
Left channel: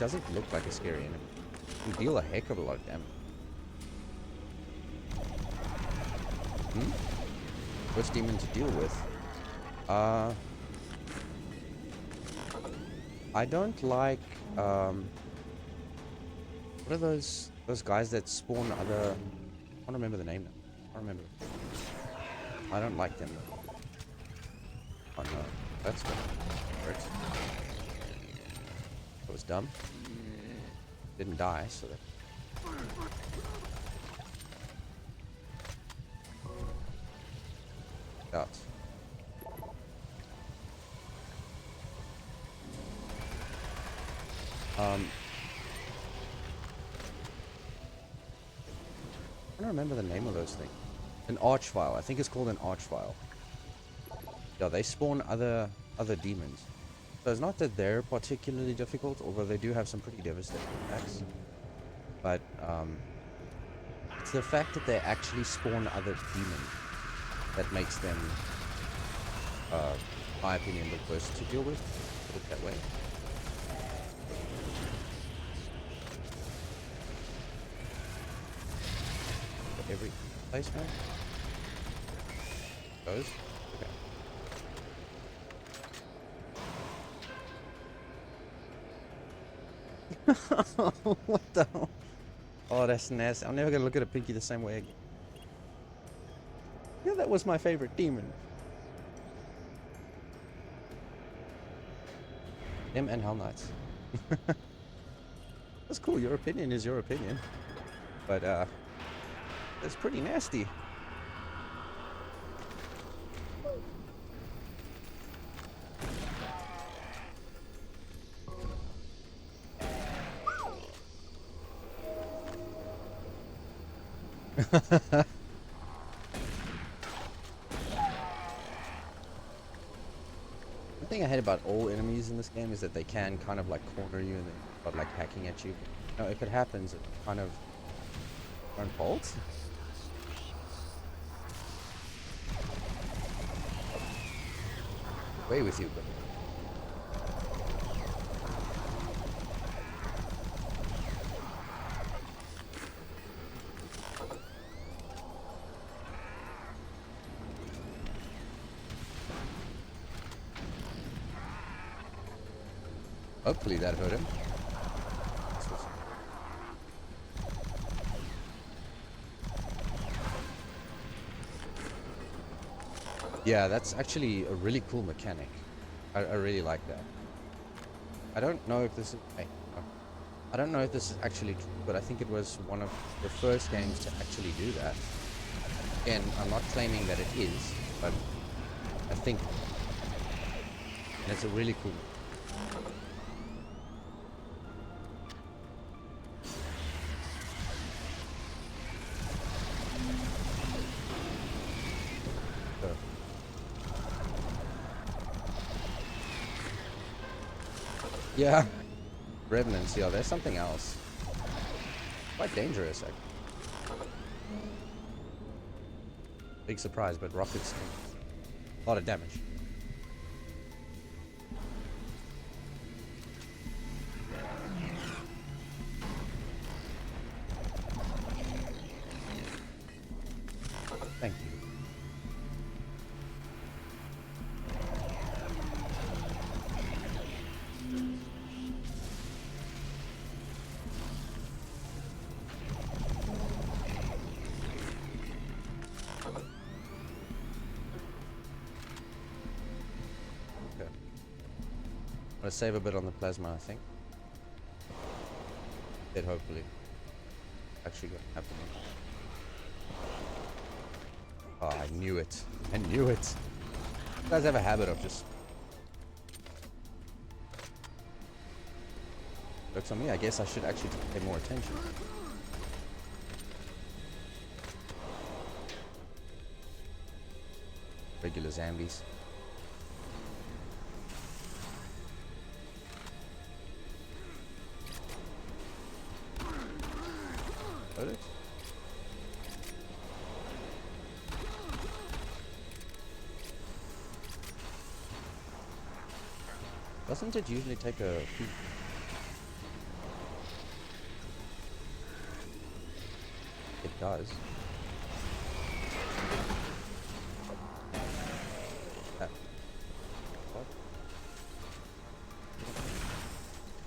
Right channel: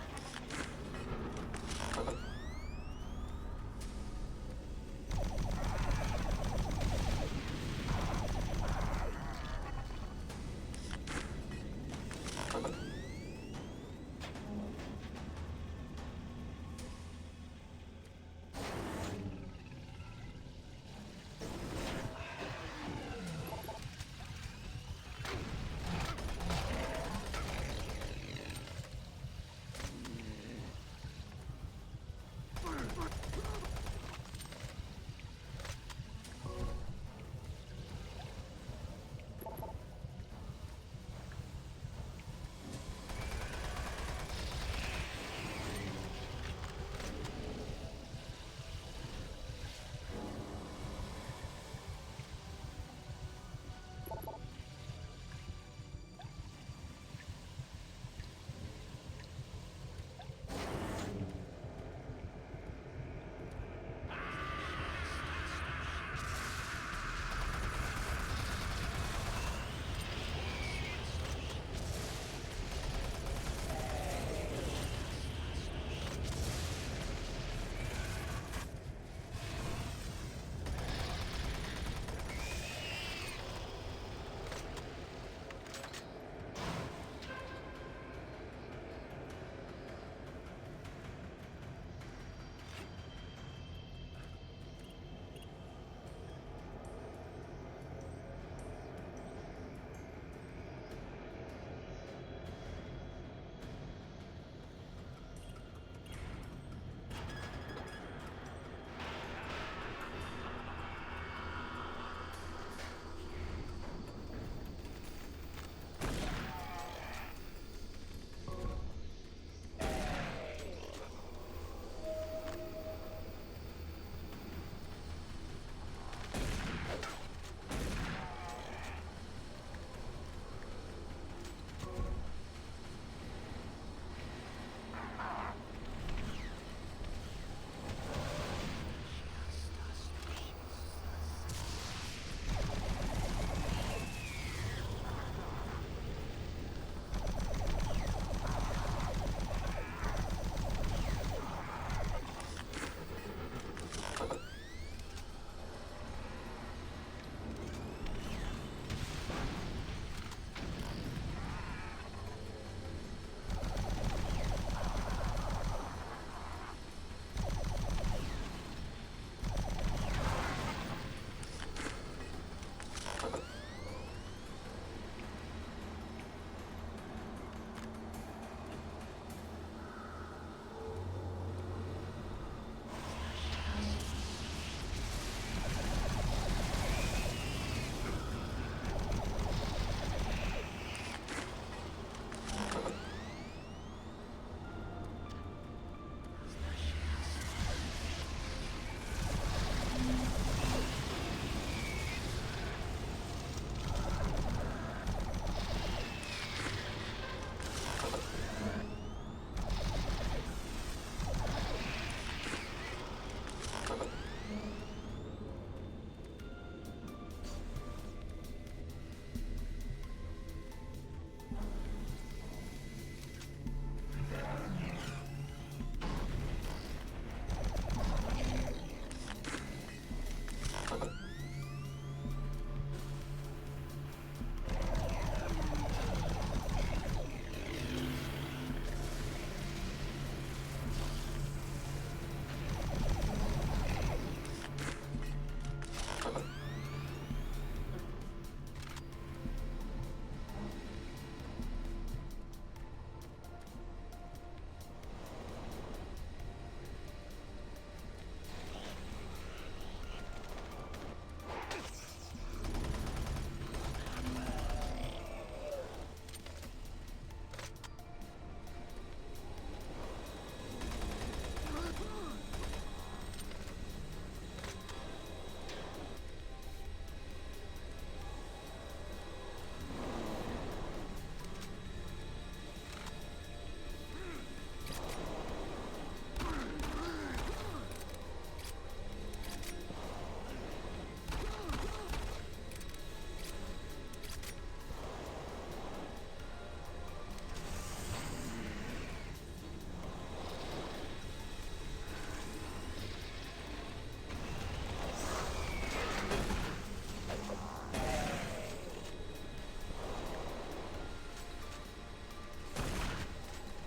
doesn't look like a scary enemy. You deal a heck of a lot of damage. First demon to deal with. I don't like, what are those guys that spawn other, I don't remember the name. I don't remember. I don't like them. Oh, no. That was dumb. Didn't die, so that... Does. I don't remember the name of those things. An archvile. I think it's called an archvile. Yeah, they spawn other demons. So it's not that they're particularly difficult, although they do have some pretty devastating attacks. But it's the fact that they actually spawn other demons that makes them, in my opinion, the first to deal with. That way. Every place now? Those? What the hell? Oh, that's nasty. I'm never gonna look at a pinky the same way again. Yeah, that was my favorite demon. Him and Hell Knights. That's cool. Your opinion is your opinion. But, that's pretty nasty. The thing I hate about all enemies in this game is that they can kind of like corner you and start like hacking at you. Now, if it happens, it's kind of your own fault. Away with you, buddy. Hopefully that hurt him. Yeah, that's actually a really cool mechanic. I really like that. I don't know if this is... I don't know if this is actually true, but I think it was one of the first games to actually do that. Again, I'm not claiming that it is, but I think it's a really cool... Yeah, revenants. Yeah, there's something else. Quite dangerous. Big surprise, but rockets. A lot of damage. Thank you. I'm gonna save a bit on the plasma, I think. It hopefully. Actually gonna happen. Oh, I knew it. I knew it. You guys have a habit of this. Looks on me, I guess I should actually pay more attention. Regular zombies. Doesn't it usually take a... It does.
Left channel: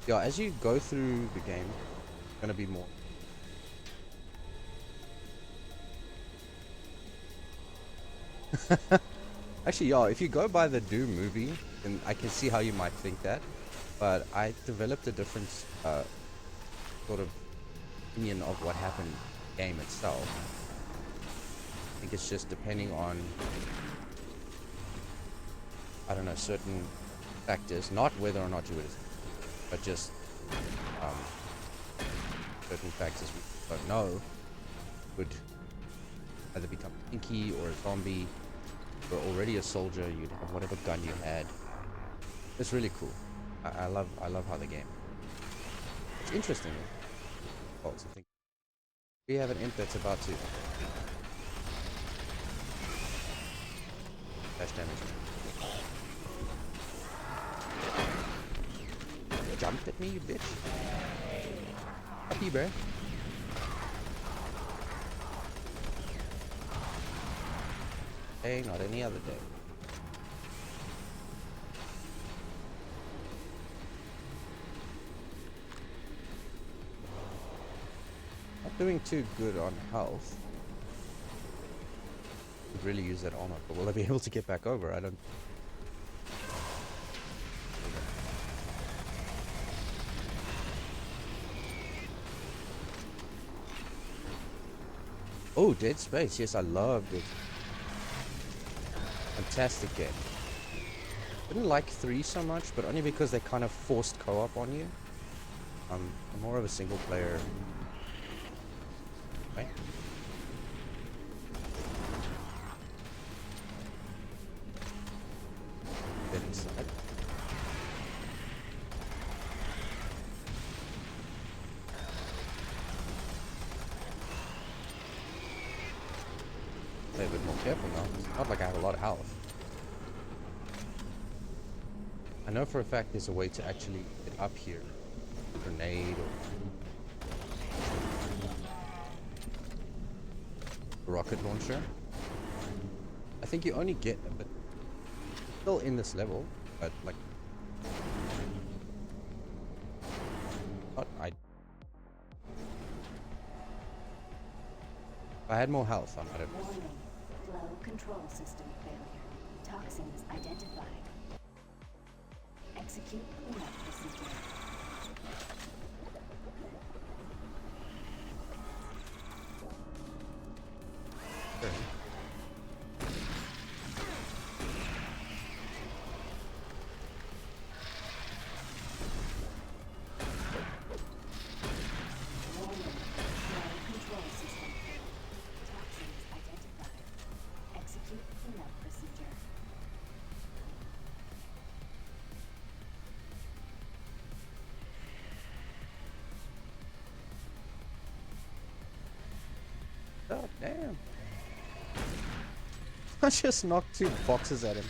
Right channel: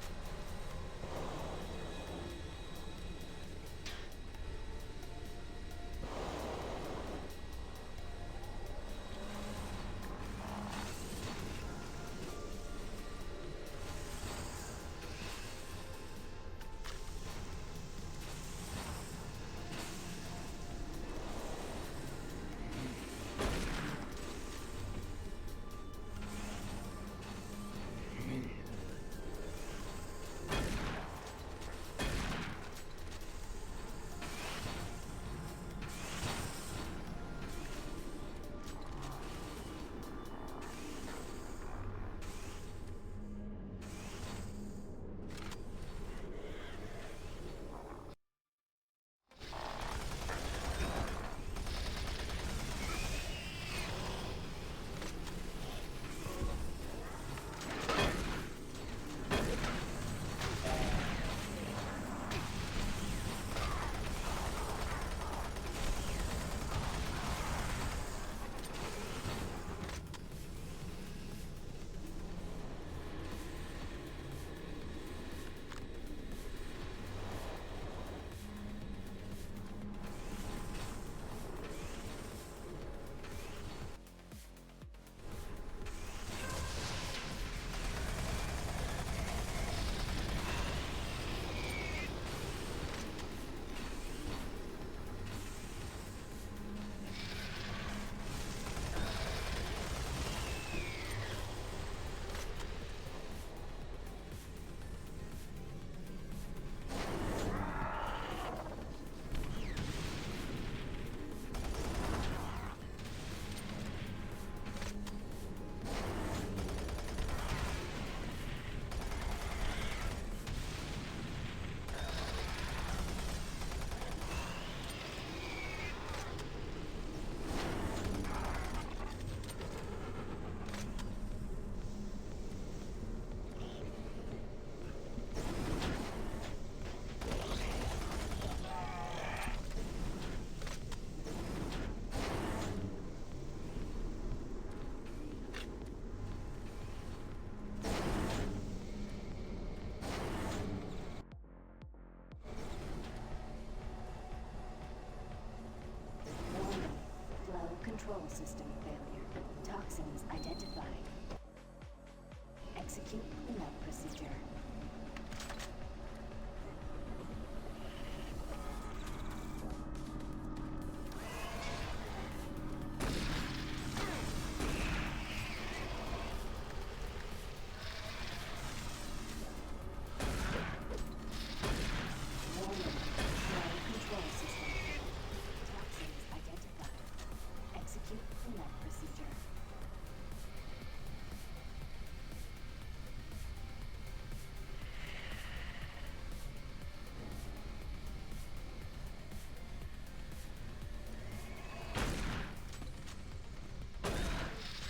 Yeah, as you go through the game, it's gonna be more. Actually, yeah, if you go by the Doom movie, then I can see how you might think that. But I developed a different sort of opinion of what happened in the game itself. I think it's just depending on, I don't know, certain factors, not whether or not you would, but just certain factors we don't know would either become pinky or a zombie. You're already a soldier, you whatever gun you had. It's really cool. I love how the game. It's interesting. Oh, something. We have an imp that's about to dash damage. Jump at me, you bitch. Happy, bro. Hey, not any other thing. Not doing too good on health. Could really use that armor, but will I be able to get back over? I don't. Oh, Dead Space. Yes, I love it. Fantastic game. I didn't like 3 so much, but only because they kind of forced co-op on you. I'm more of a single player. Okay. Play a bit more careful. Not like I have a lot of health. I know for a fact there's a way to actually get up here. Grenade. Rocket launcher. I think you only get a bit. It's still in this level, but like. If I had more health, I might have. Warning. Flow control system failure. Toxins identified. Execute cleanup procedure. Warning. Flow control system failure. Toxins identified. Execute cleanup procedure. Oh, damn. I just knocked 2 boxes at him.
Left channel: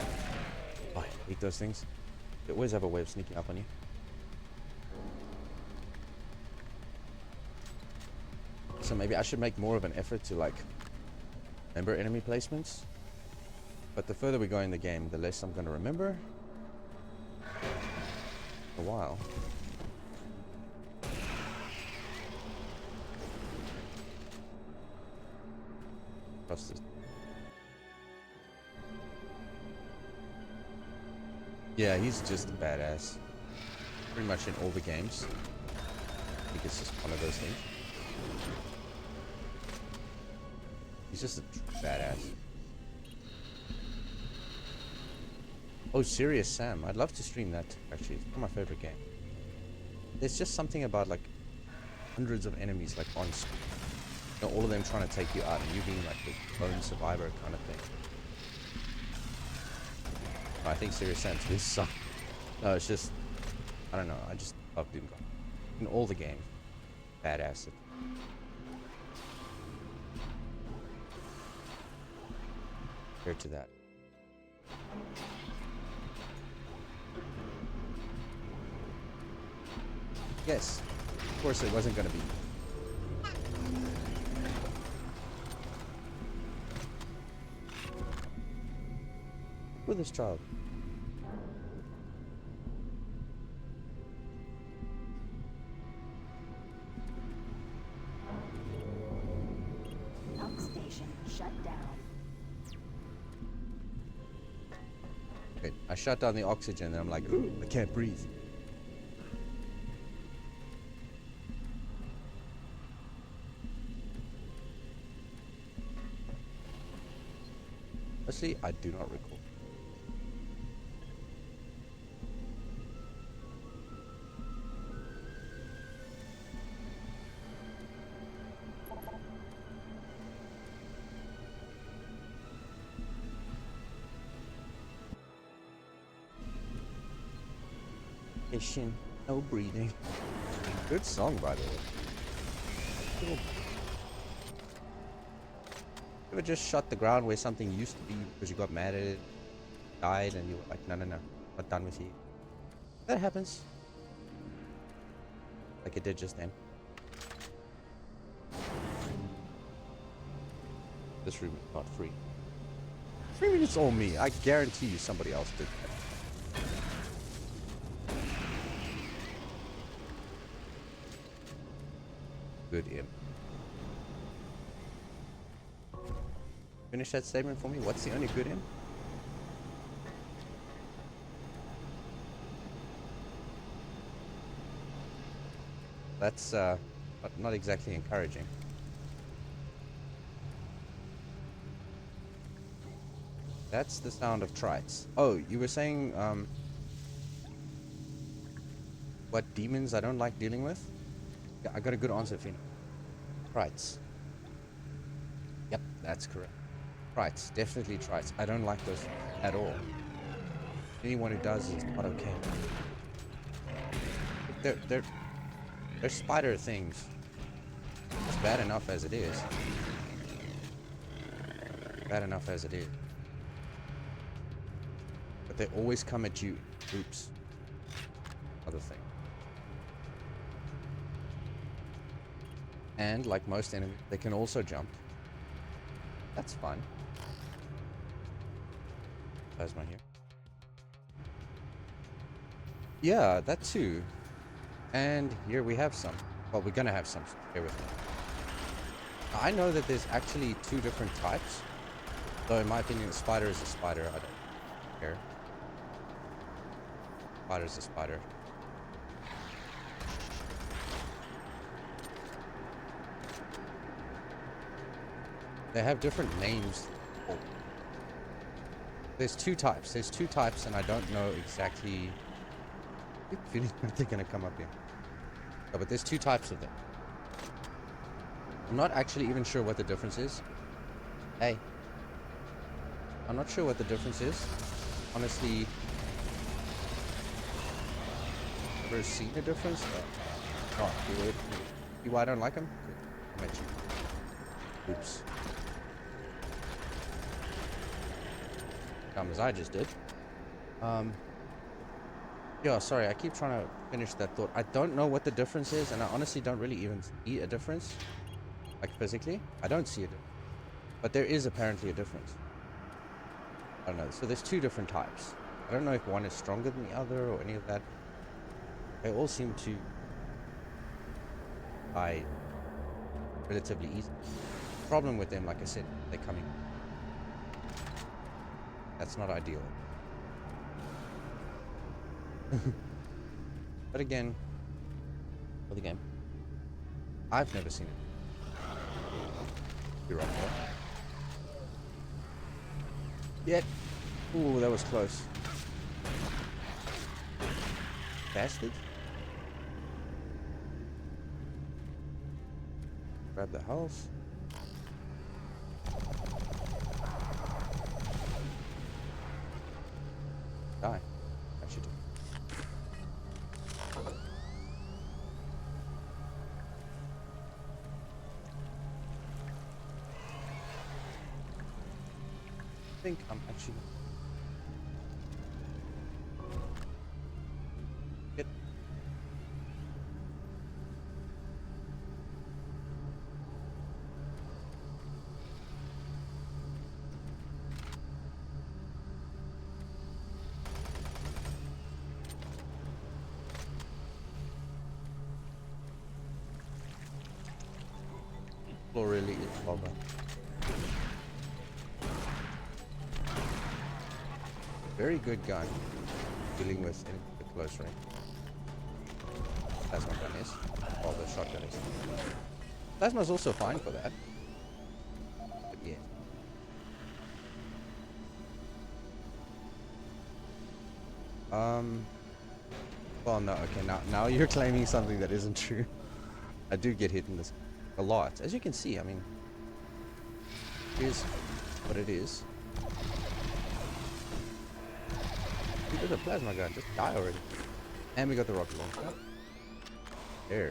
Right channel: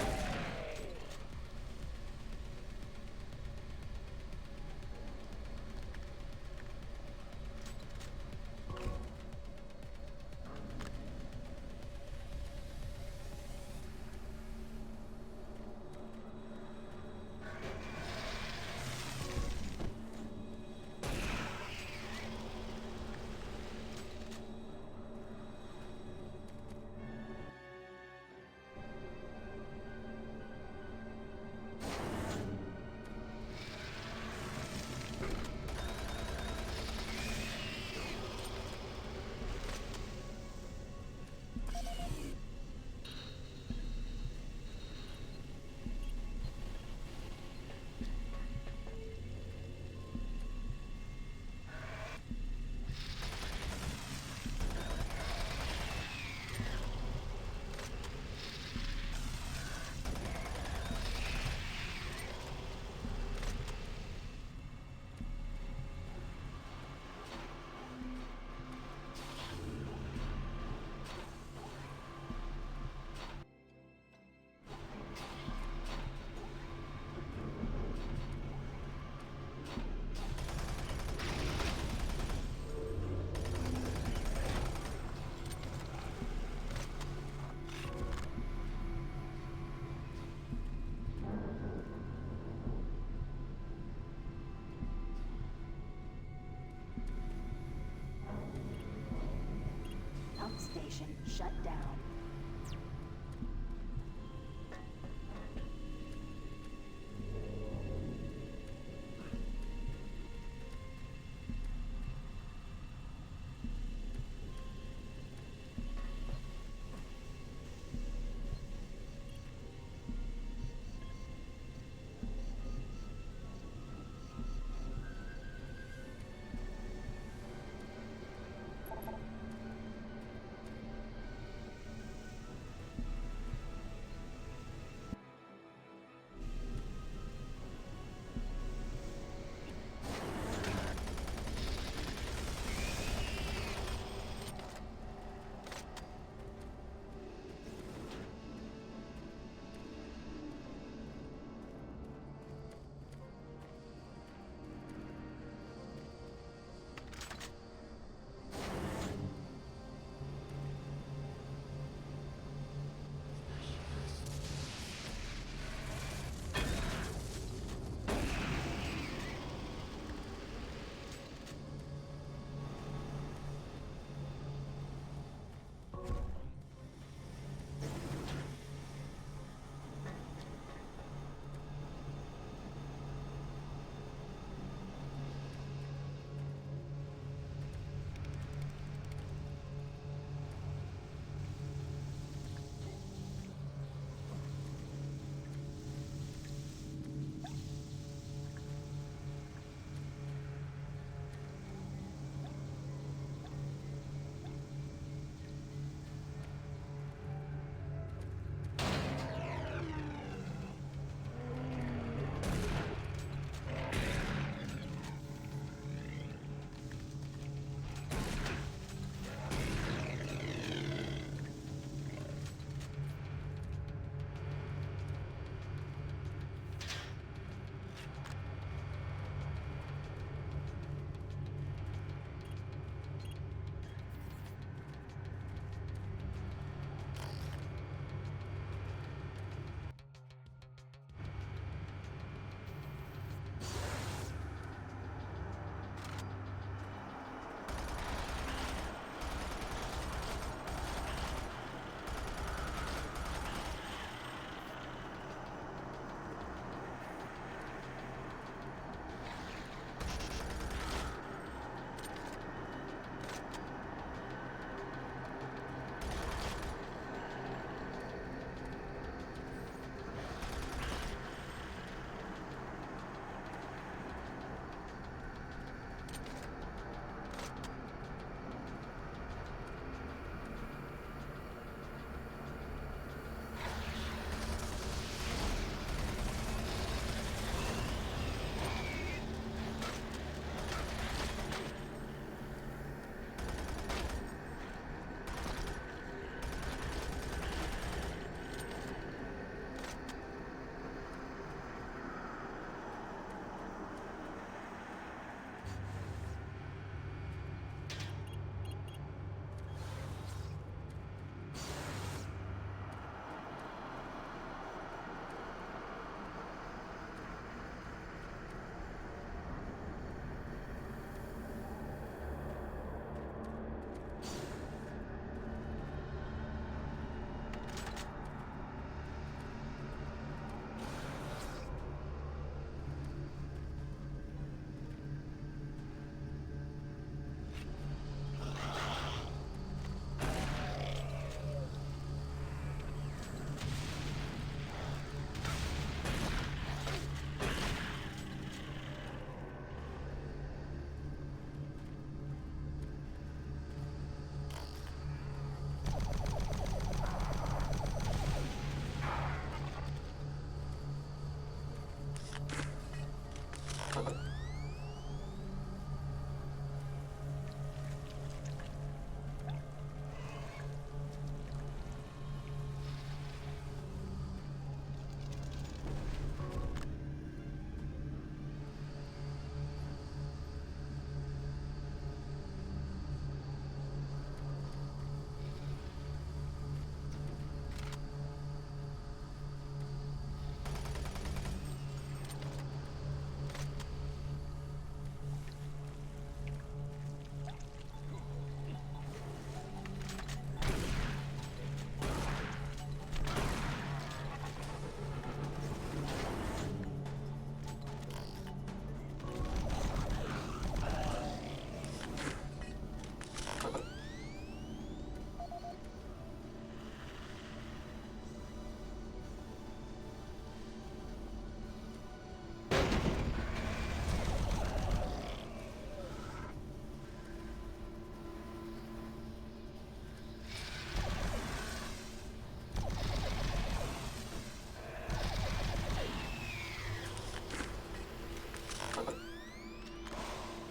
Oh, I hate those things. They always have a way of sneaking up on you. So maybe I should make more of an effort to like remember enemy placements. But the further we go in the game, the less I'm going to remember. A while. Yeah, he's just a badass. Pretty much in all the games. This is one of those things. He's just a badass. Oh, Serious Sam. I'd love to stream that, actually. It's one of my favorite games. There's just something about, like, hundreds of enemies, like, on you know, all of them trying to take you out, and you being, like, the lone survivor kind of thing. I think Serious Sam is some... No, it's just... I don't know. I just love Doom. In all the game. Badass. compared to that. Yes, of course it wasn't going to be. With this child. Pump station shut down. Okay, I shut down the oxygen and I'm like, ooh, I can't breathe. Honestly, I do not recall. Patient, no breathing. Good song, by the way. You ever just shut the ground where something used to be because you got mad at it, died, and you were like, no, no, no, not done with you. That happens. Like it did just then. This room is not free. Maybe it's all me. I guarantee you somebody else did. Good imp. Finish that statement for me. What's the only good imp? That's not exactly encouraging. That's the sound of trites. Oh, you were saying what demons I don't like dealing with? Yeah, I got a good answer for you. Trites. Yep, that's correct. Trites, definitely trites. I don't like those at all. Anyone who does, it's not okay. They're spider things. It's bad enough as it is. Bad enough as it is. But they always come at you. Oops. Other thing. And like most enemies, they can also jump. That's fun. There's one here. Yeah, that too. And here we have some. Well, we're gonna have some. So bear with me. I know that there's actually 2 different types. Though in my opinion, a spider is a spider. I don't care. Spider's a spider. They have different names. There's 2 types. There's 2 types, and I don't know exactly if they're gonna come up here. Oh, but there's 2 types of them. I'm not actually even sure what the difference is. Hey. I'm not sure what the difference is. Honestly, I've never seen a difference. Oh, see why I don't like them? Oops. Dumb as I just did. Yeah, sorry, I keep trying to finish that thought. I don't know what the difference is, and I honestly don't really even see a difference. Like physically, I don't see it. But there is apparently a difference. I don't know. So there's 2 different types. I don't know if one is stronger than the other or any of that. They all seem to die relatively easy. The problem with them, like I said, they're coming. That's not ideal. But again, I've never seen it. You're right there. Yet. Ooh, that was close. Bastard. Grab the health. Die. That should do. think I'm actually good. Or really is bomber. Very good guy dealing with the close range. Plasma's also fine for that. Again. Well, no. Okay, now you're claiming something that isn't true. I do get hit in this a lot, as you can see. I mean, it is what it is. Hey, the plasma guy just died already. And we got the rocket launcher. Very.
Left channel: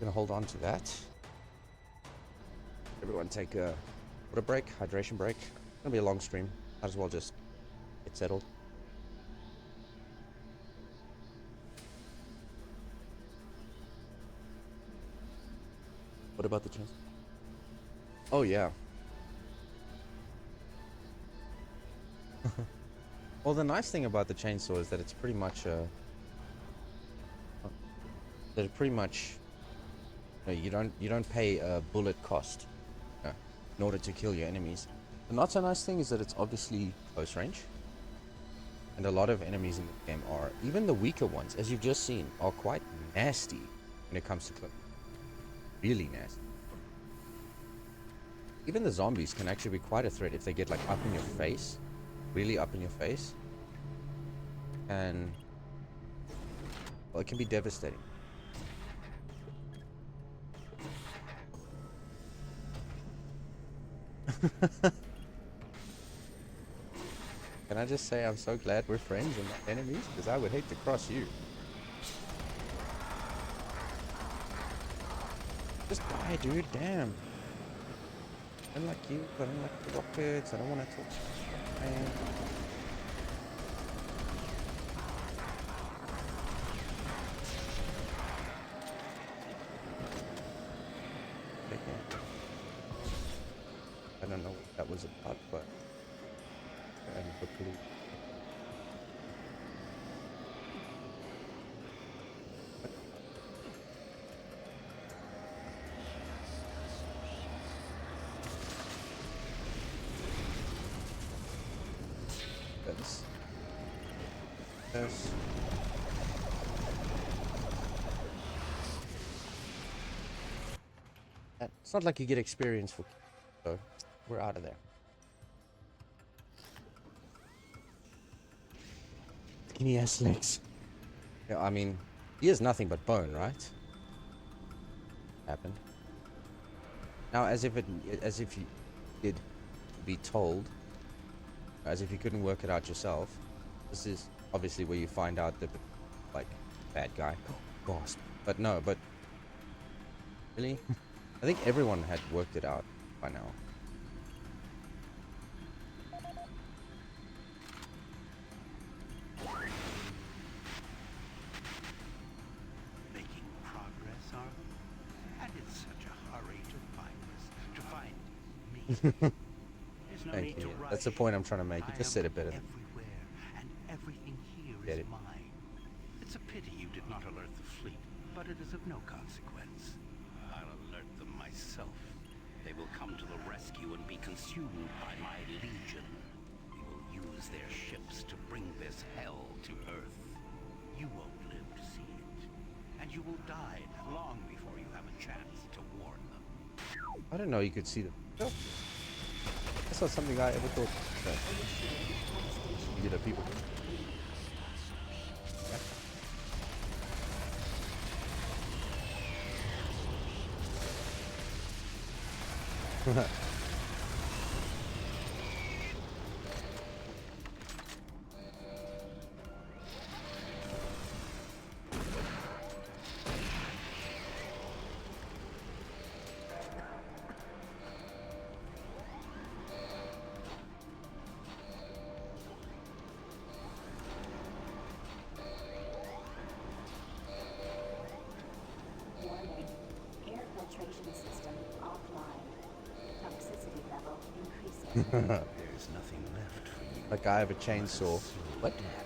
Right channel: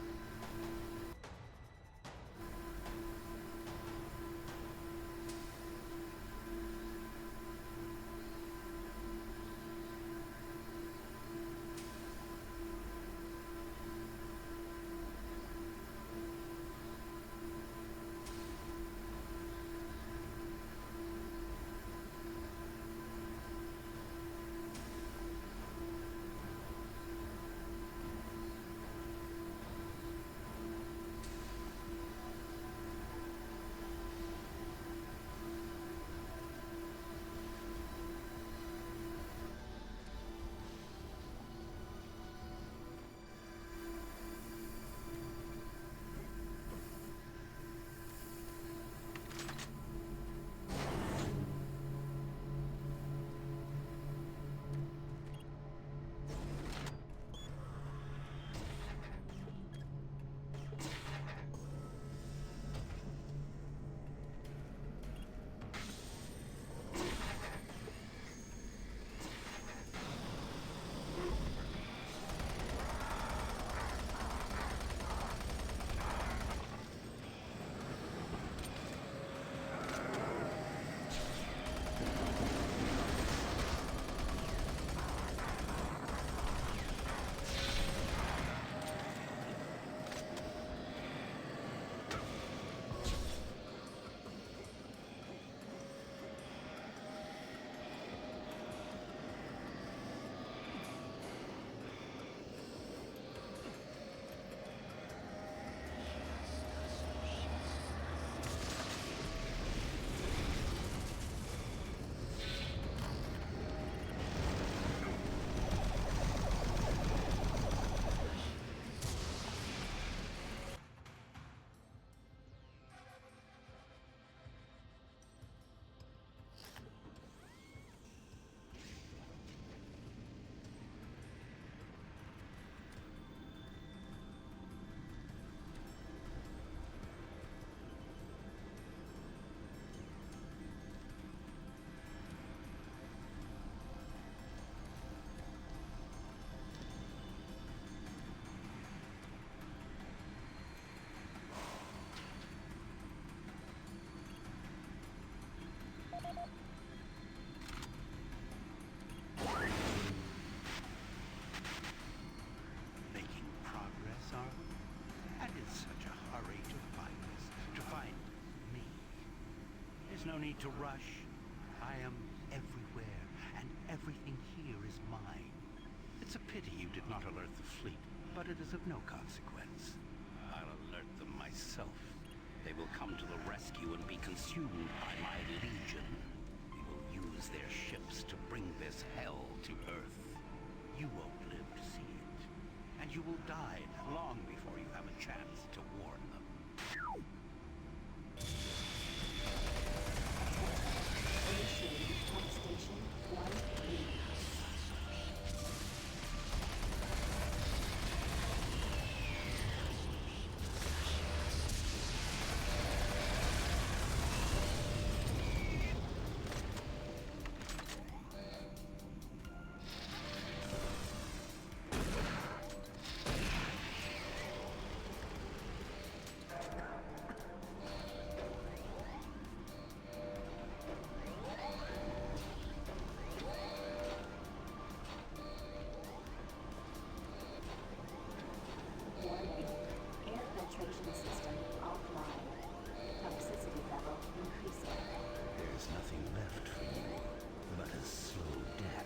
Gonna hold on to that. Everyone take a break, hydration break. It's gonna be a long stream. Might as well just get settled. What about the chainsaw? Oh yeah. Well, the nice thing about the chainsaw is that it's pretty much you don't pay a bullet cost in order to kill your enemies. The not so nice thing is that it's obviously close range, and a lot of enemies in the game are, even the weaker ones, as you've just seen, are quite nasty when it comes to killing. Really nasty. Even the zombies can actually be quite a threat if they get like up in your face, really up in your face, and well, it can be devastating. Can I just say I'm so glad we're friends and not enemies, because I would hate to cross you. Just die, dude, damn. I'm like you, but I'm like kids, I don't wanna I don't know what that was about, but it's not like you get experience for, so we're out of there. Skinny ass legs. Yeah, I mean, he is nothing but bone, right? Happened. Now, as if you did be told, as if you couldn't work it out yourself. This is obviously where you find out that, like, bad guy, boss. But no, but really. I think everyone had worked it out by now. Making progress, are we? And in such a hurry to find me. There's no need to rush. That's the point I'm trying to make. You just said it better. Everywhere, and everything here is mine. It's a pity you did not alert the fleet, but it is of no consequence. I'll alert them myself. They will come to the rescue and be consumed by my legion. We will use their ships to bring this hell to Earth. You won't live to see it. And you will die long before you have a chance to warn them. I didn't know you could see them. I saw something I edited. You the people. There's nothing left for you. Like I have a but chainsaw. slow What? death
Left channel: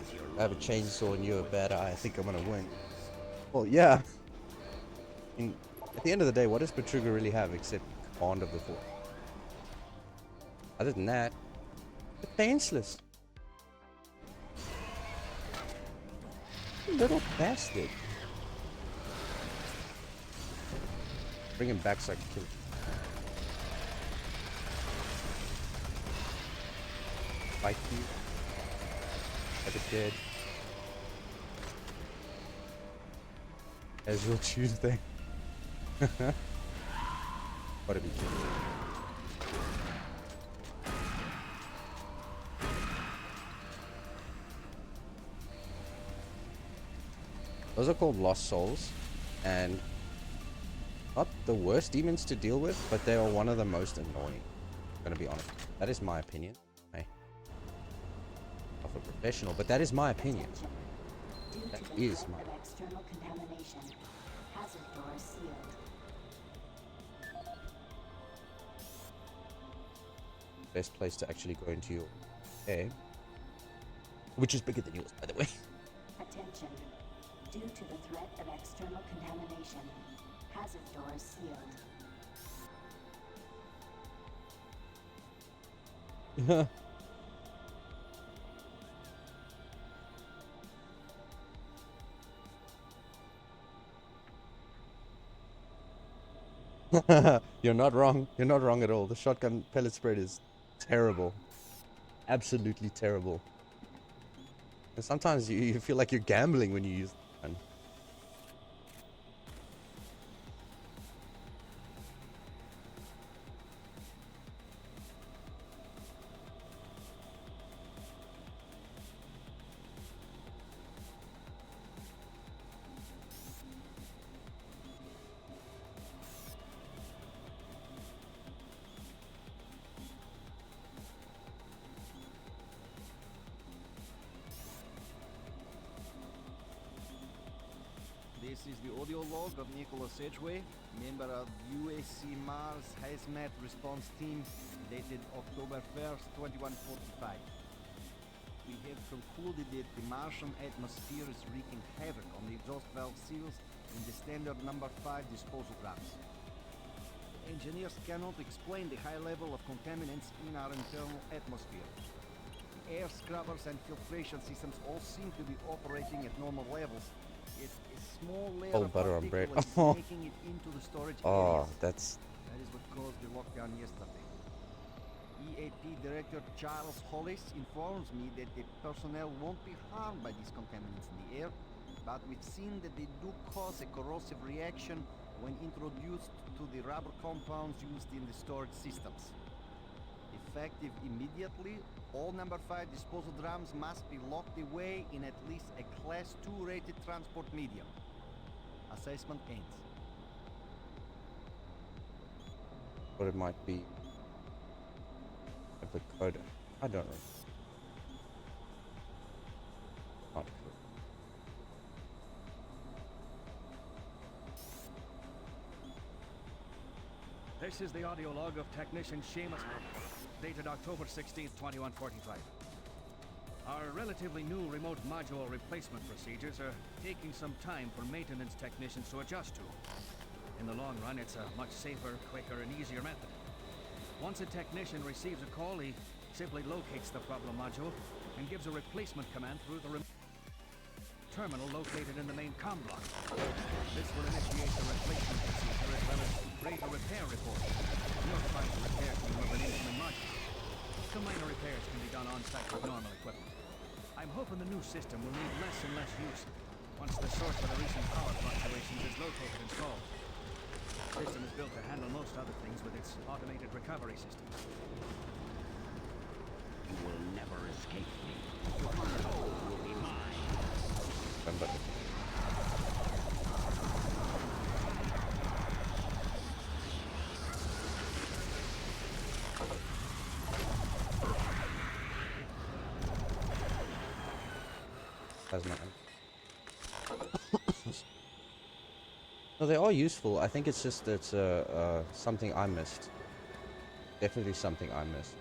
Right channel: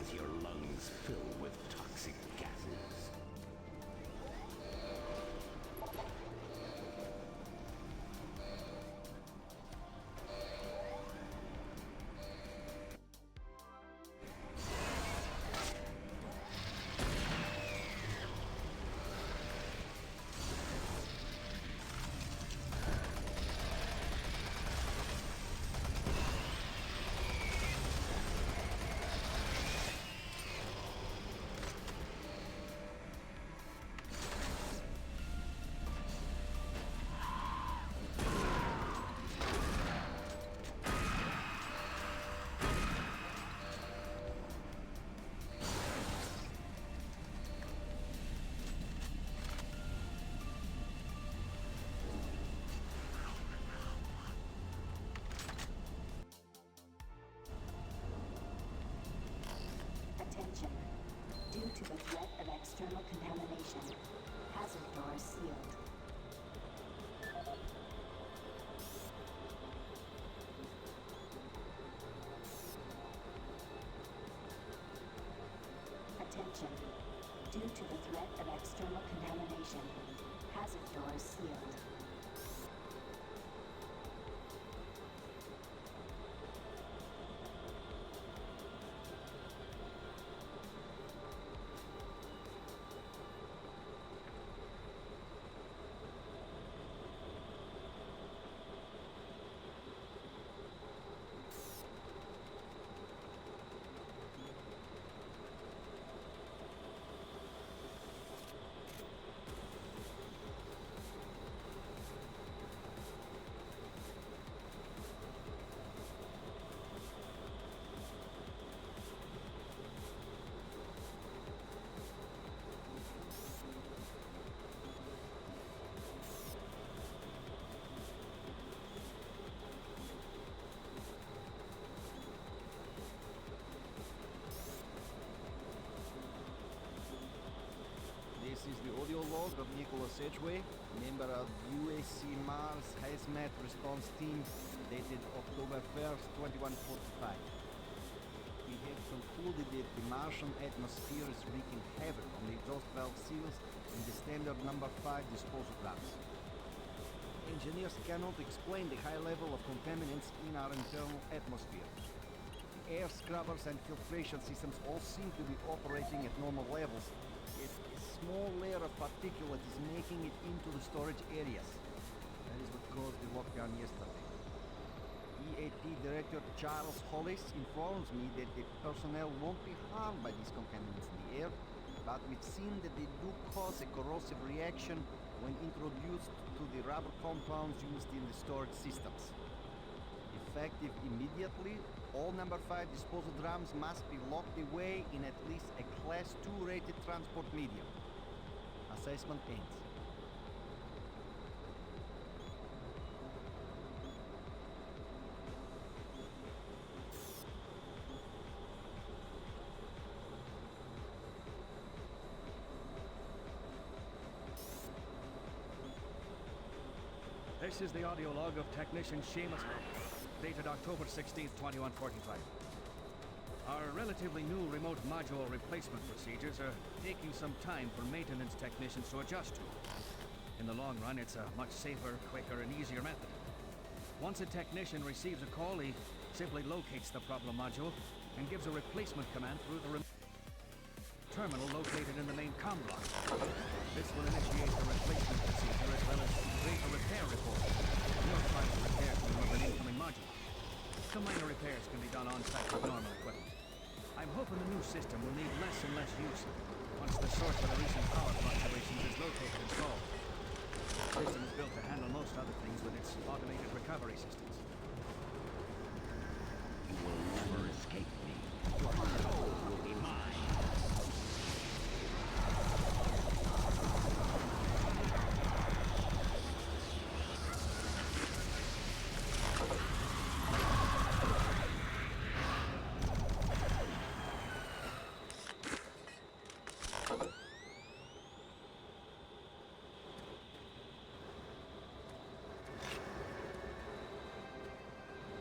as your I have a lungs chainsaw and you're a fill bad with eye. I think I'm gonna toxic win. gases. Well, yeah. I mean, at the end of the day, what does Betruga really have except Bond of the Fourth? Other than that, defenseless. Little bastard. Bring him back so I can kill him. Fight him. Like a dead. As your Tuesday. What have you done? Those are called Lost Souls, and not the worst demons to deal with, but they are one of the most annoying. I'm gonna be honest. That is my opinion. Hey. Not a professional, but that is my opinion. Attention. Due to That the is threat my of external contamination, hazard doors sealed. best place to actually go into your egg, which is bigger than yours, by the way. Attention. Due to the threat of external contamination, hazard doors sealed. You're not wrong. You're not wrong at all. The shotgun pellet spread is terrible. Absolutely terrible. And sometimes you feel like you're gambling when you use the gun. This is the audio log of Nicholas Edgeway, member of UAC Mars Hazmat Response Team, dated October 1st, 2145. We have concluded that the Martian atmosphere is wreaking havoc on the exhaust valve seals and the standard number 5 disposal drums. Engineers cannot explain the high level of contaminants in our internal atmosphere. The air scrubbers and filtration systems all seem to be operating at normal levels. Yet a small layer of butter on bread. particulates is making it into the storage Oh, areas. that That is what caused the lockdown yesterday. EAP Director Charles Hollis informs me that the personnel won't be harmed by these contaminants in the air, but we've seen that they do cause a corrosive reaction when introduced to the rubber compounds used in the storage systems. Effective immediately, all number 5 disposal drums must be locked away in at least a Class 2 rated transport medium. Assessment ends. what it might be. Code. I don't know. Oh. This is the audio log of Technician Seamus, dated October 16th, 2145. Our relatively new remote module replacement procedures are taking some time for maintenance technicians to adjust to. In the long run, it's a much safer, quicker, and easier method. Once a technician receives a call, he simply locates the problem module and gives a replacement command through the terminal located in the main comm block. This will initiate the replacement procedure as well as create a repair report. Notify the repair team of an incoming module. Some minor repairs can be done on-site with normal equipment. I'm hoping the new system will need less and less use once the source of the recent power fluctuations is located and solved. The system is built to handle most other things with its automated recovery systems. You will never escape me. Your soul will be mine. No, they are useful. I think it's just that something I missed. Definitely something I missed.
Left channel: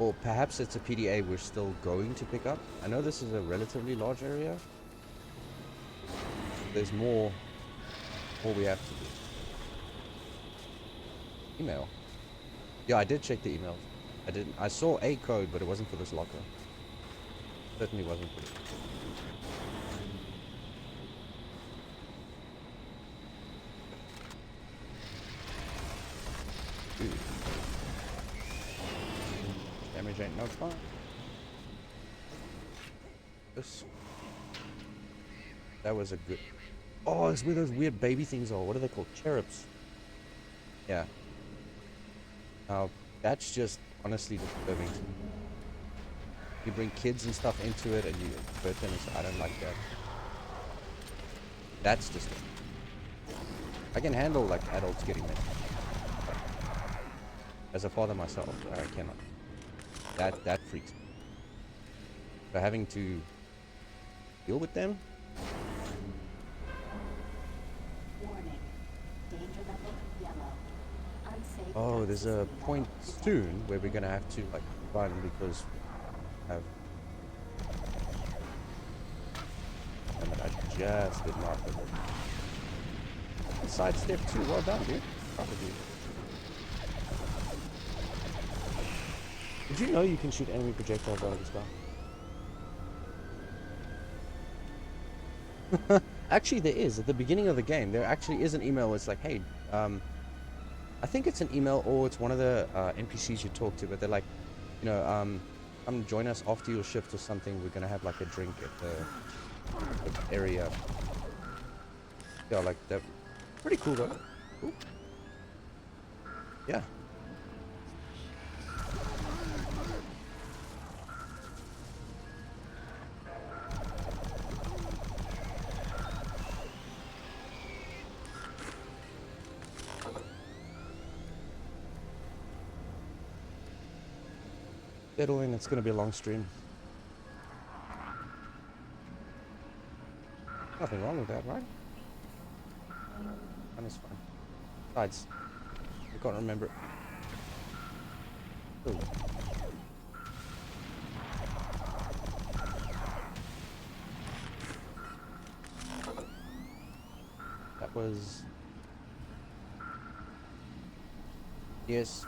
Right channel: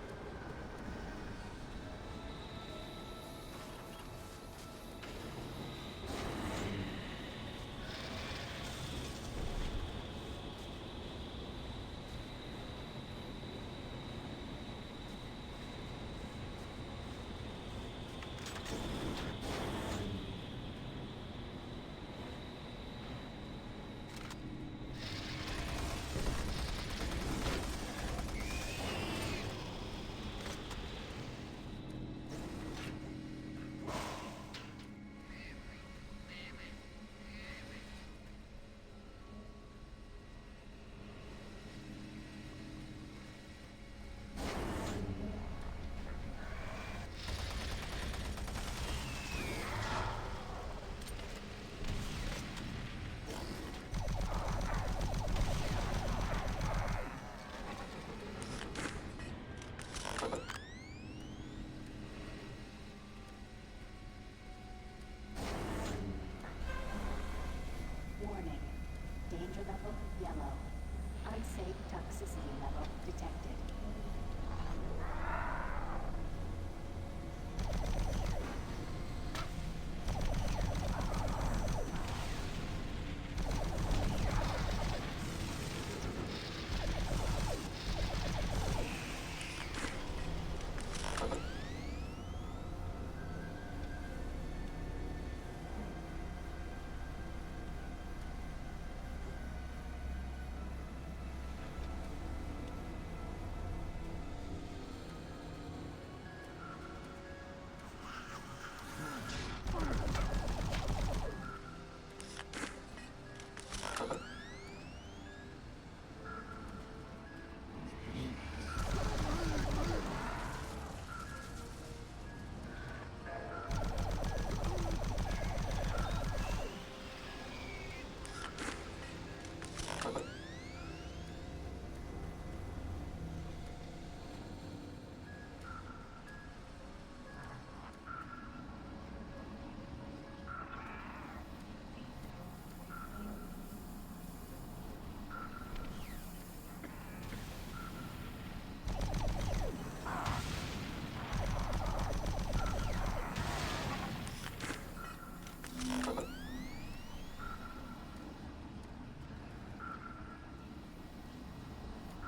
Or perhaps it's a PDA we're still going to pick up. I know this is a relatively large area. There's more we have to do. Email. Yeah, I did check the email. I saw a code, but it wasn't for this locker. Certainly wasn't. Damage ain't no fun. That was a good... Oh, it's where those weird baby things are. What are they called? Cherubs. Yeah. Now, that's just honestly disturbing. You bring kids and stuff into it and you hurt them. I don't like that. That's just... I can handle like adults getting them. As a father myself, I cannot. That freaks me. So having to deal with them. Warning. Danger level yellow. Unsafe. Oh, there's a point soon where we're gonna have to like run because I just did not sidestep too well done. Did you know you can shoot enemy projectiles on this stuff? Actually, there is. At the beginning of the game, there actually is an email where it's like, hey, I think it's an email or it's one of the NPCs you talk to, but they're like, you know, come join us after your shift or something. We're gonna have like a drink at the area. Yeah, like that. Pretty cool, though. Cool. Yeah. Settle in, it's going to be a long stream. Nothing wrong with that, right? That was fun. Besides, I can't remember. Ooh. That was... Yes.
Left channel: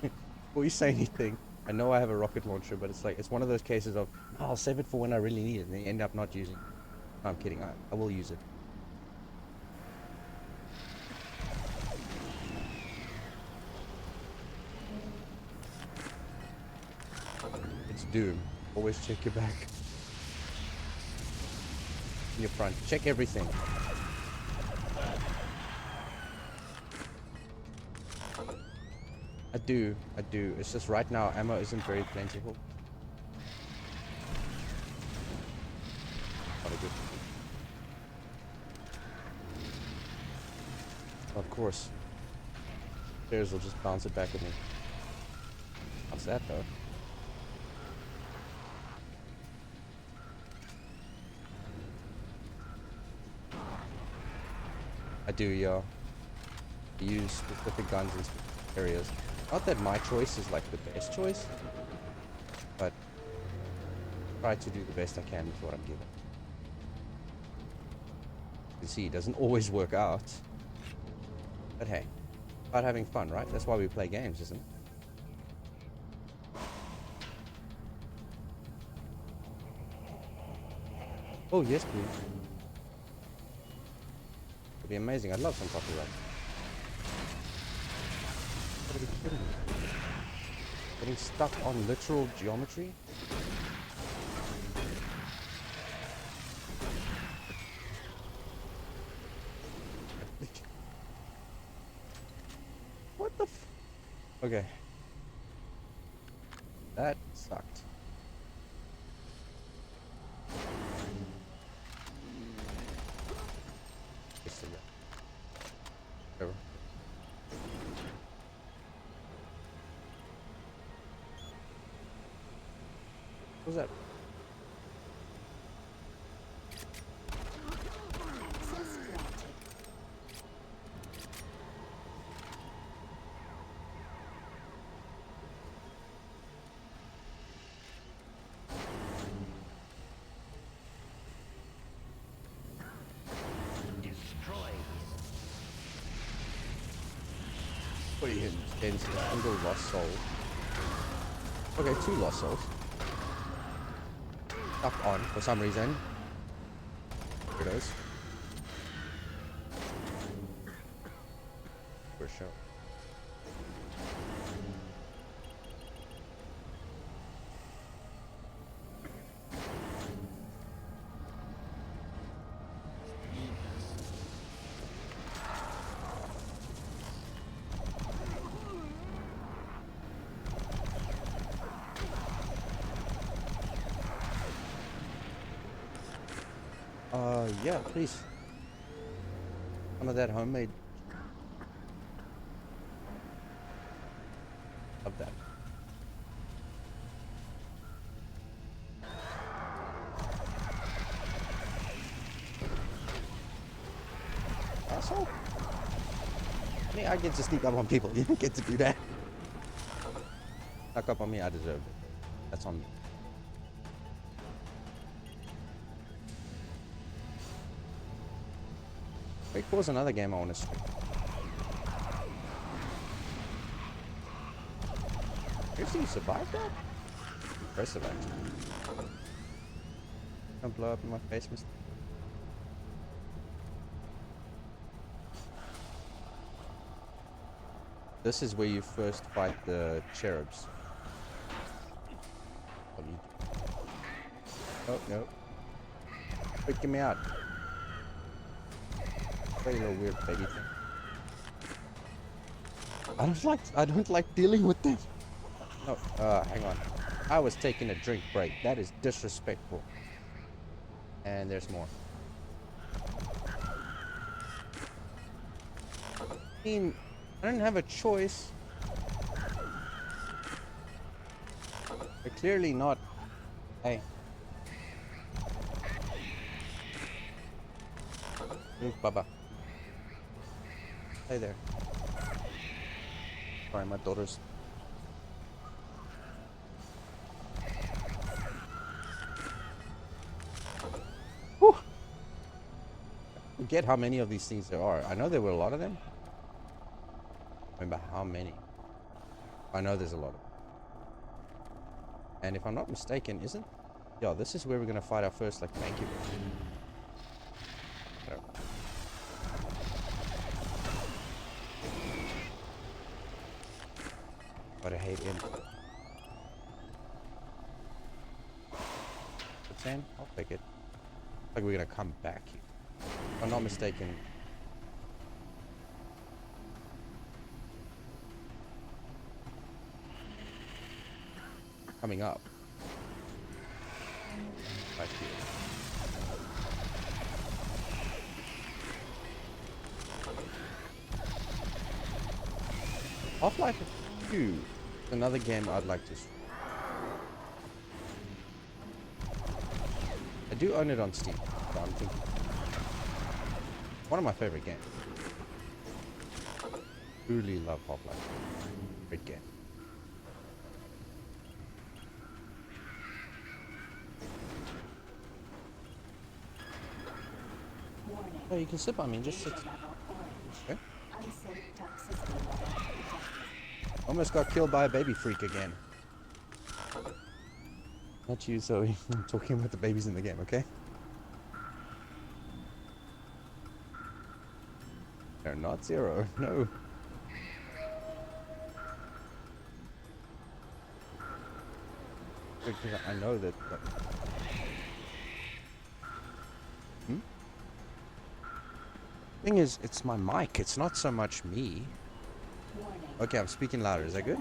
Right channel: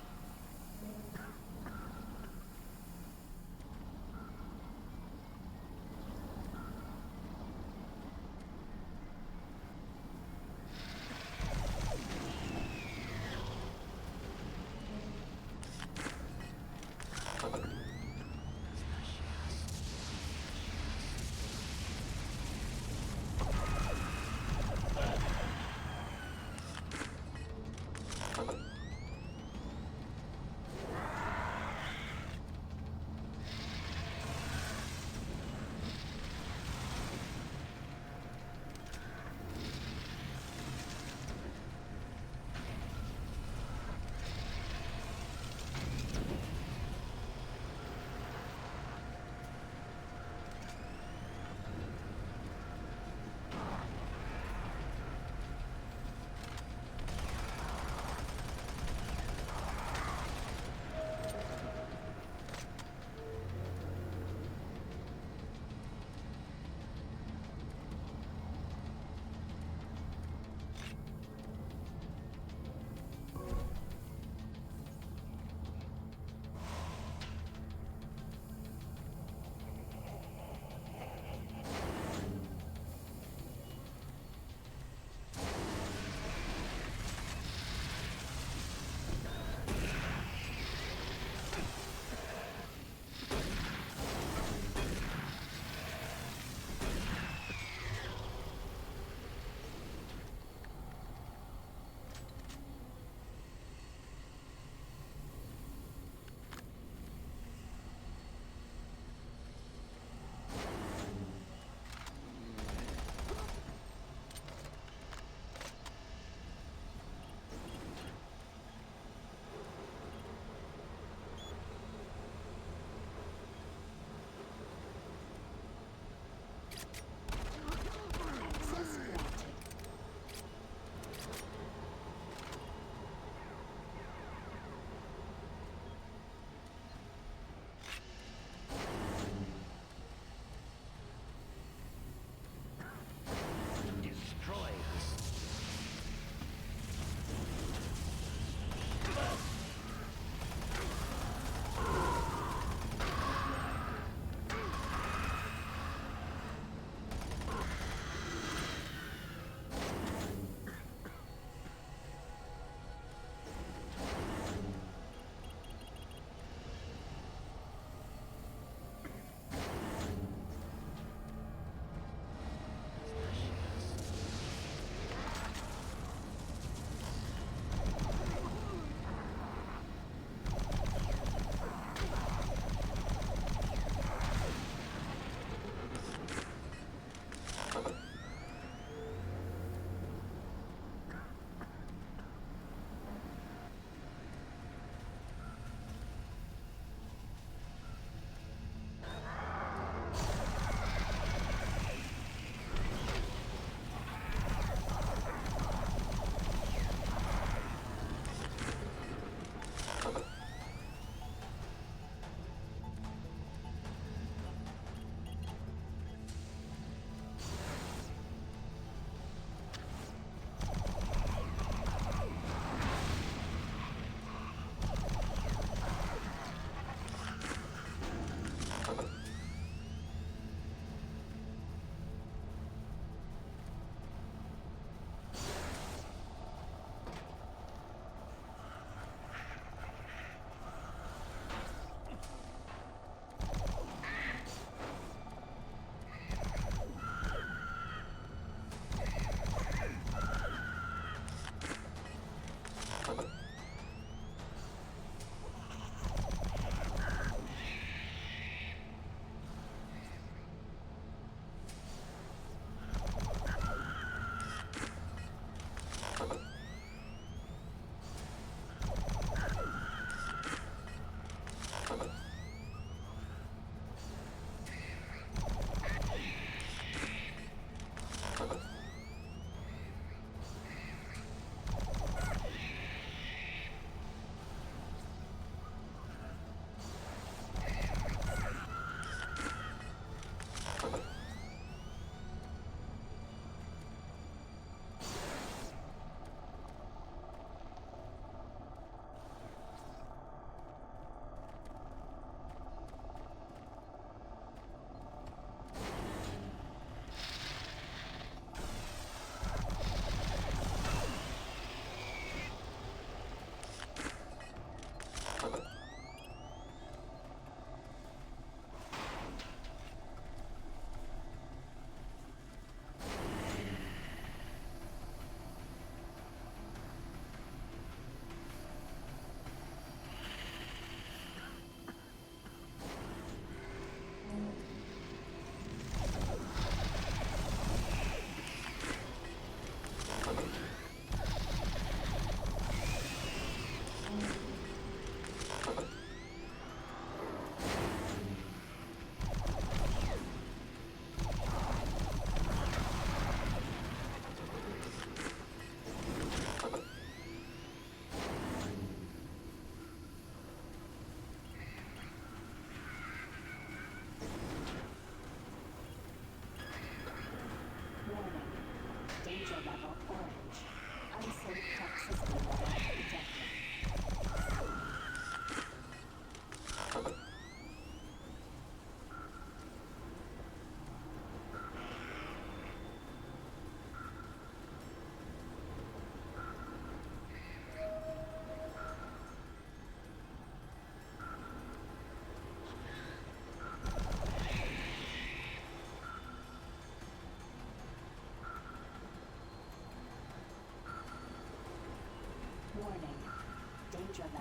Before you say anything, I know I have a rocket launcher, but it's like, it's one of those cases of, oh, I'll save it for when I really need it, and they end up not using it. No, I'm kidding, I will use it. It's Doom. Always check your back. Your front. Check everything. I do. It's just right now ammo isn't very plentiful. Of course. Players will just bounce it back at me. What's that though? I do, yeah. Use specific guns in areas. Not that my choice is like the best choice, but try to do the best I can with what I do. You see, it doesn't always work out. But hey, about having fun, right? That's why we play games, isn't it? Oh, yes, please. It'd be amazing. I'd love some copyright. Getting stuck on literal geometry? What the f... Okay. That sucked. What was that? Access granted. Okay, this is single lost soul. Okay, 2 lost souls. Up on for some reason. It is. For sure. Yeah, please. Some of that homemade. Love that. Asshole. I get to sneak up on people. You didn't get to do that. Snuck up on me, I deserve it. That's on me. Wait, pause another game I want to stream. Did you survive that? First of all. Don't blow up in my face, mister. This is where you first fight the cherubs. Oh, no. Freaking me out. Very weird, baby. I don't like dealing with this. Oh, hang on. I was taking a drink break. That is disrespectful. And there's more. I mean, I don't have a choice. They're clearly not. Hey. Baba. Hey there. Sorry, my daughter's. Whew. Forget how many of these things there are. I know there were a lot of them. Remember how many? I know there's a lot of them. And if I'm not mistaken, isn't? Yeah, this is where we're gonna fight our first like thank you. But I hate him. 10? I'll pick it. Like we're gonna come back. If I'm not mistaken. Coming up. Half-Life 2 is another game I'd like to see. I do own it on Steam. One of my favorite games. Truly love Half-Life. Great game. Oh, you can sip on it. Just sip. Okay. Almost got killed by a baby freak again. Not you, Zoe. I'm talking about the babies in the game, okay? They're not 0. No. I know that. Thing is, it's my mic. It's not so much me. Okay, I'm speaking louder. Is that good?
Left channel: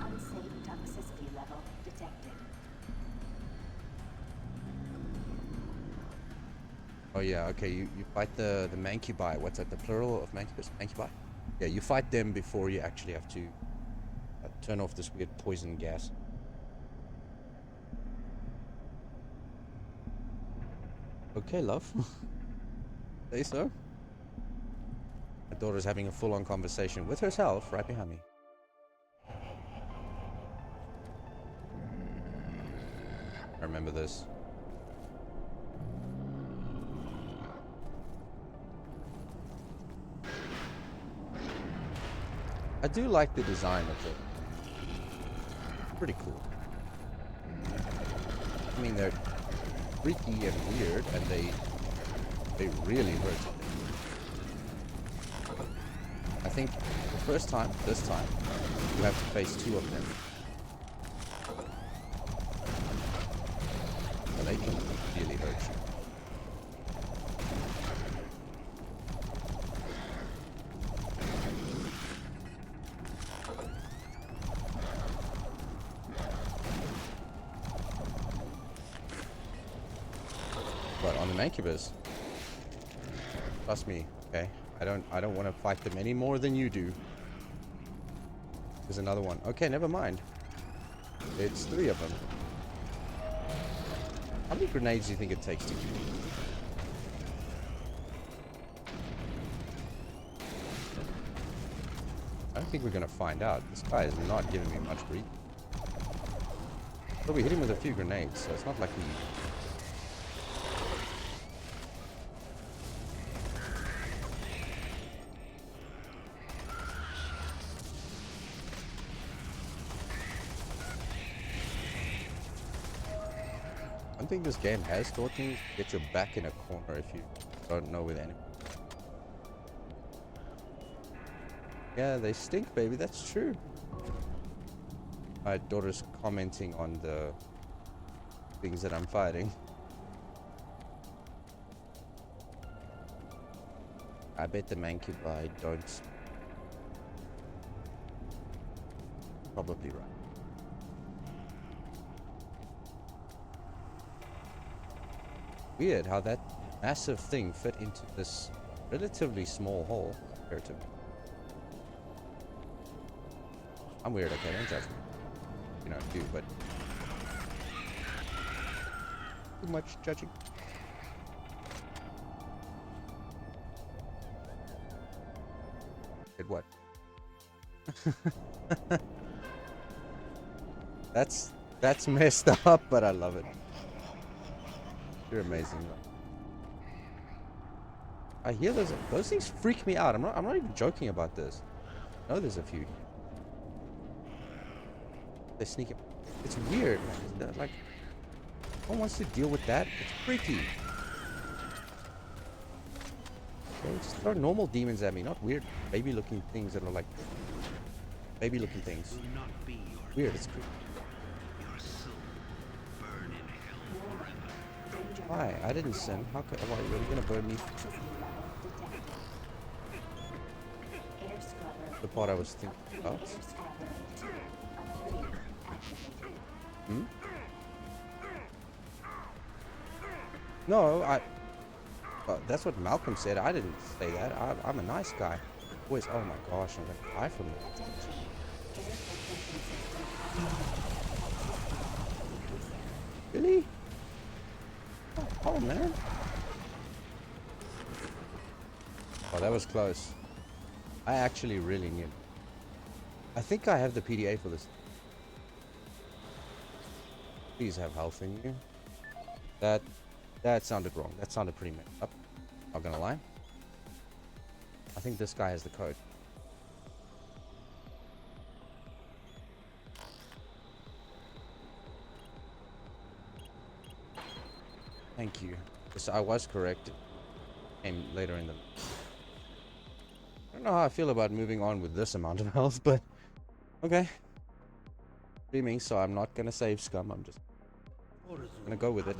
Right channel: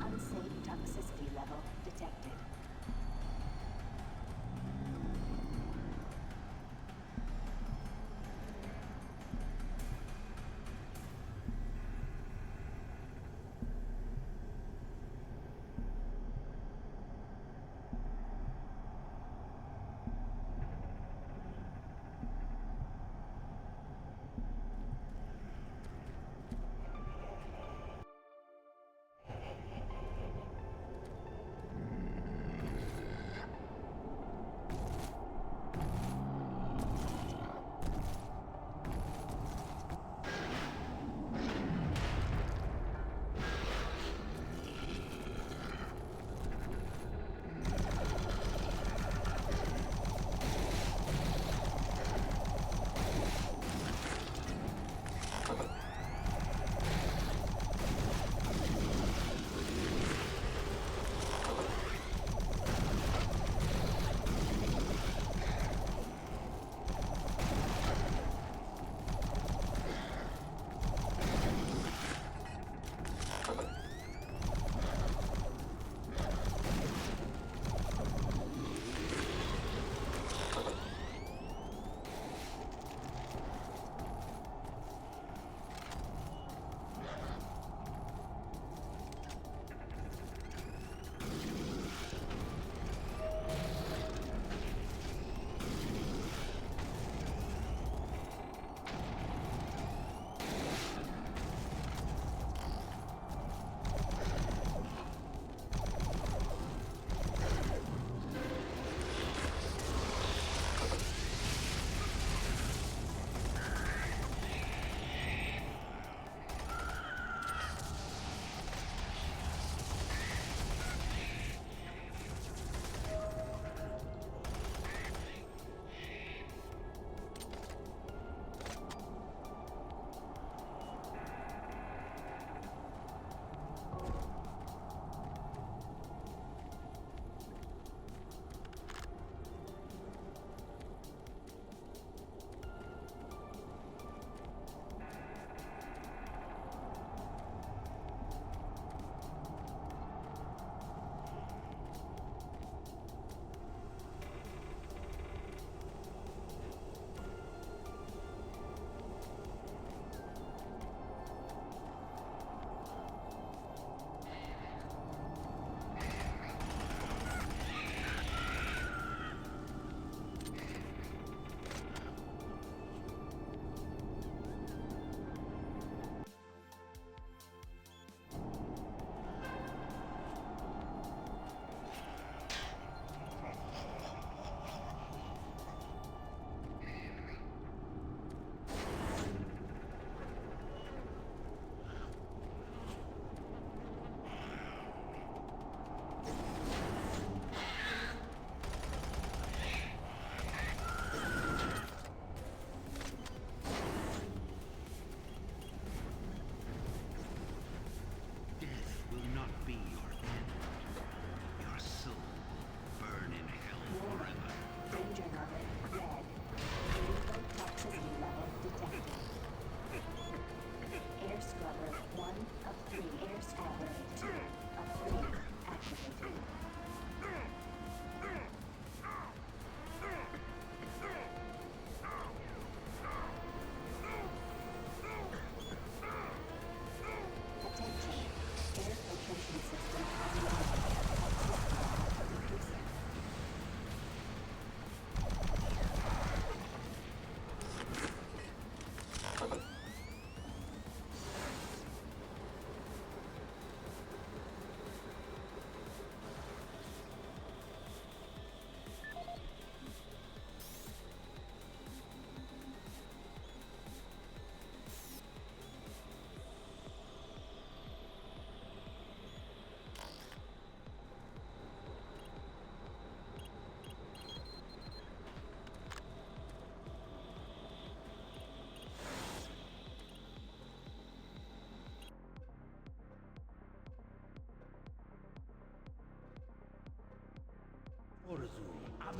Unsafe toxicity level detected. Oh yeah, okay, you fight the mancubi. What's that, the plural of mancubus? Mancubi? Yeah, you fight them before you actually have to turn off this weird poison gas. Okay, love. Say so. My daughter's having a full-on conversation with herself right behind me. I remember this. I do like the design of it. Pretty cool. I mean, they're freaky and weird, and they really work. I think this time, you have to face 2 of them. Maybe really hurt you. But on the Mancubus, trust me, okay? I don't want to fight them any more than you do. There's another one. Okay, never mind. It's 3 of them. How many grenades do you think it takes to kill? I don't think we're gonna find out. These guys are not giving me much grief. But we hit him with a few grenades, so it's not like we... I think this game has taught me to get your back in a corner if you don't know where the enemy. Yeah, they stink, baby. That's true. My daughter's commenting on the things that I'm fighting. I bet the Mancubi don't. Probably right. Weird how that massive thing fit into this relatively small hole compared to... I'm weird, okay, don't judge me. You know, I'm cute, but... too much judging. Did what? That's messed up, but I love it. You're amazing. I hear those things freak me out. I'm not even joking about this. I know there's a few. They sneak it. It's weird. Like, no one wants to deal with that. It's freaky. Just throw normal demons at me, not weird baby-looking things that are like baby-looking things. Will not be your Weird. It's your soul burn in hell forever. why? I didn't sin. How could I gonna burn me? Toxicity level detected. Air scrubber. The part I was thinking about. Air scrubber 2 of 3 activated. Hmm? No, that's what Malcolm said. I didn't say that. I'm a nice guy. Boys, oh my gosh, I'm gonna die from it. Attention. Air filtration system unlocked. Really? Oh man. Oh, that was close. I actually really need. I think I have the PDA for this. Please have health in you. That sounded wrong. That sounded pretty messed up. Not gonna lie. I think this guy has the code. Thank you. Yes, I was correct. Came later in the... I don't know how I feel about moving on with this amount of health, but... Okay. Streaming, so I'm not gonna save scum. I'm just gonna go with it.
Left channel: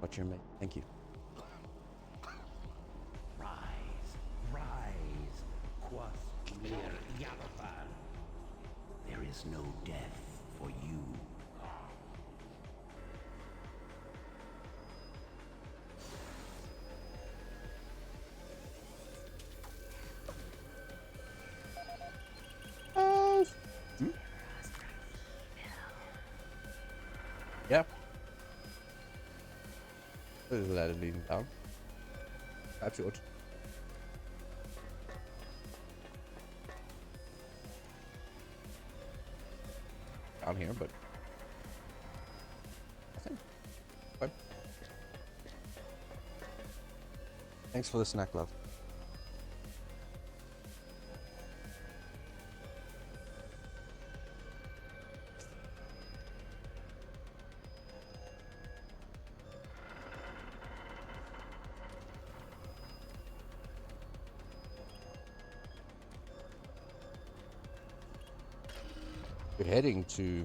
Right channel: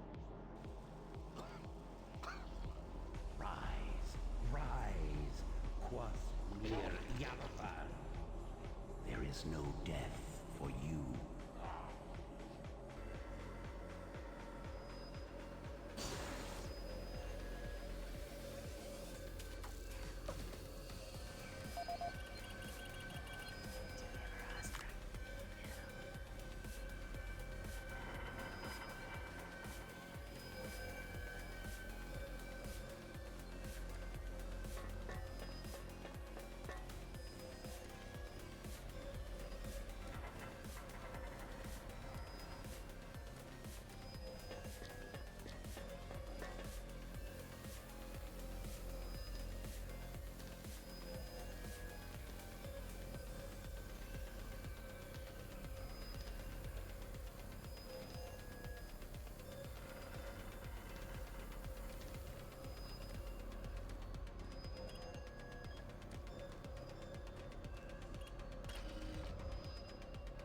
Watch your mate. Thank you. Rise, rise, quas mir Yavapan. There is no death for you. Yeah. This is let it lead down. That's yours. Down here, but nothing. Fine. Thanks for the snack, love. We're heading to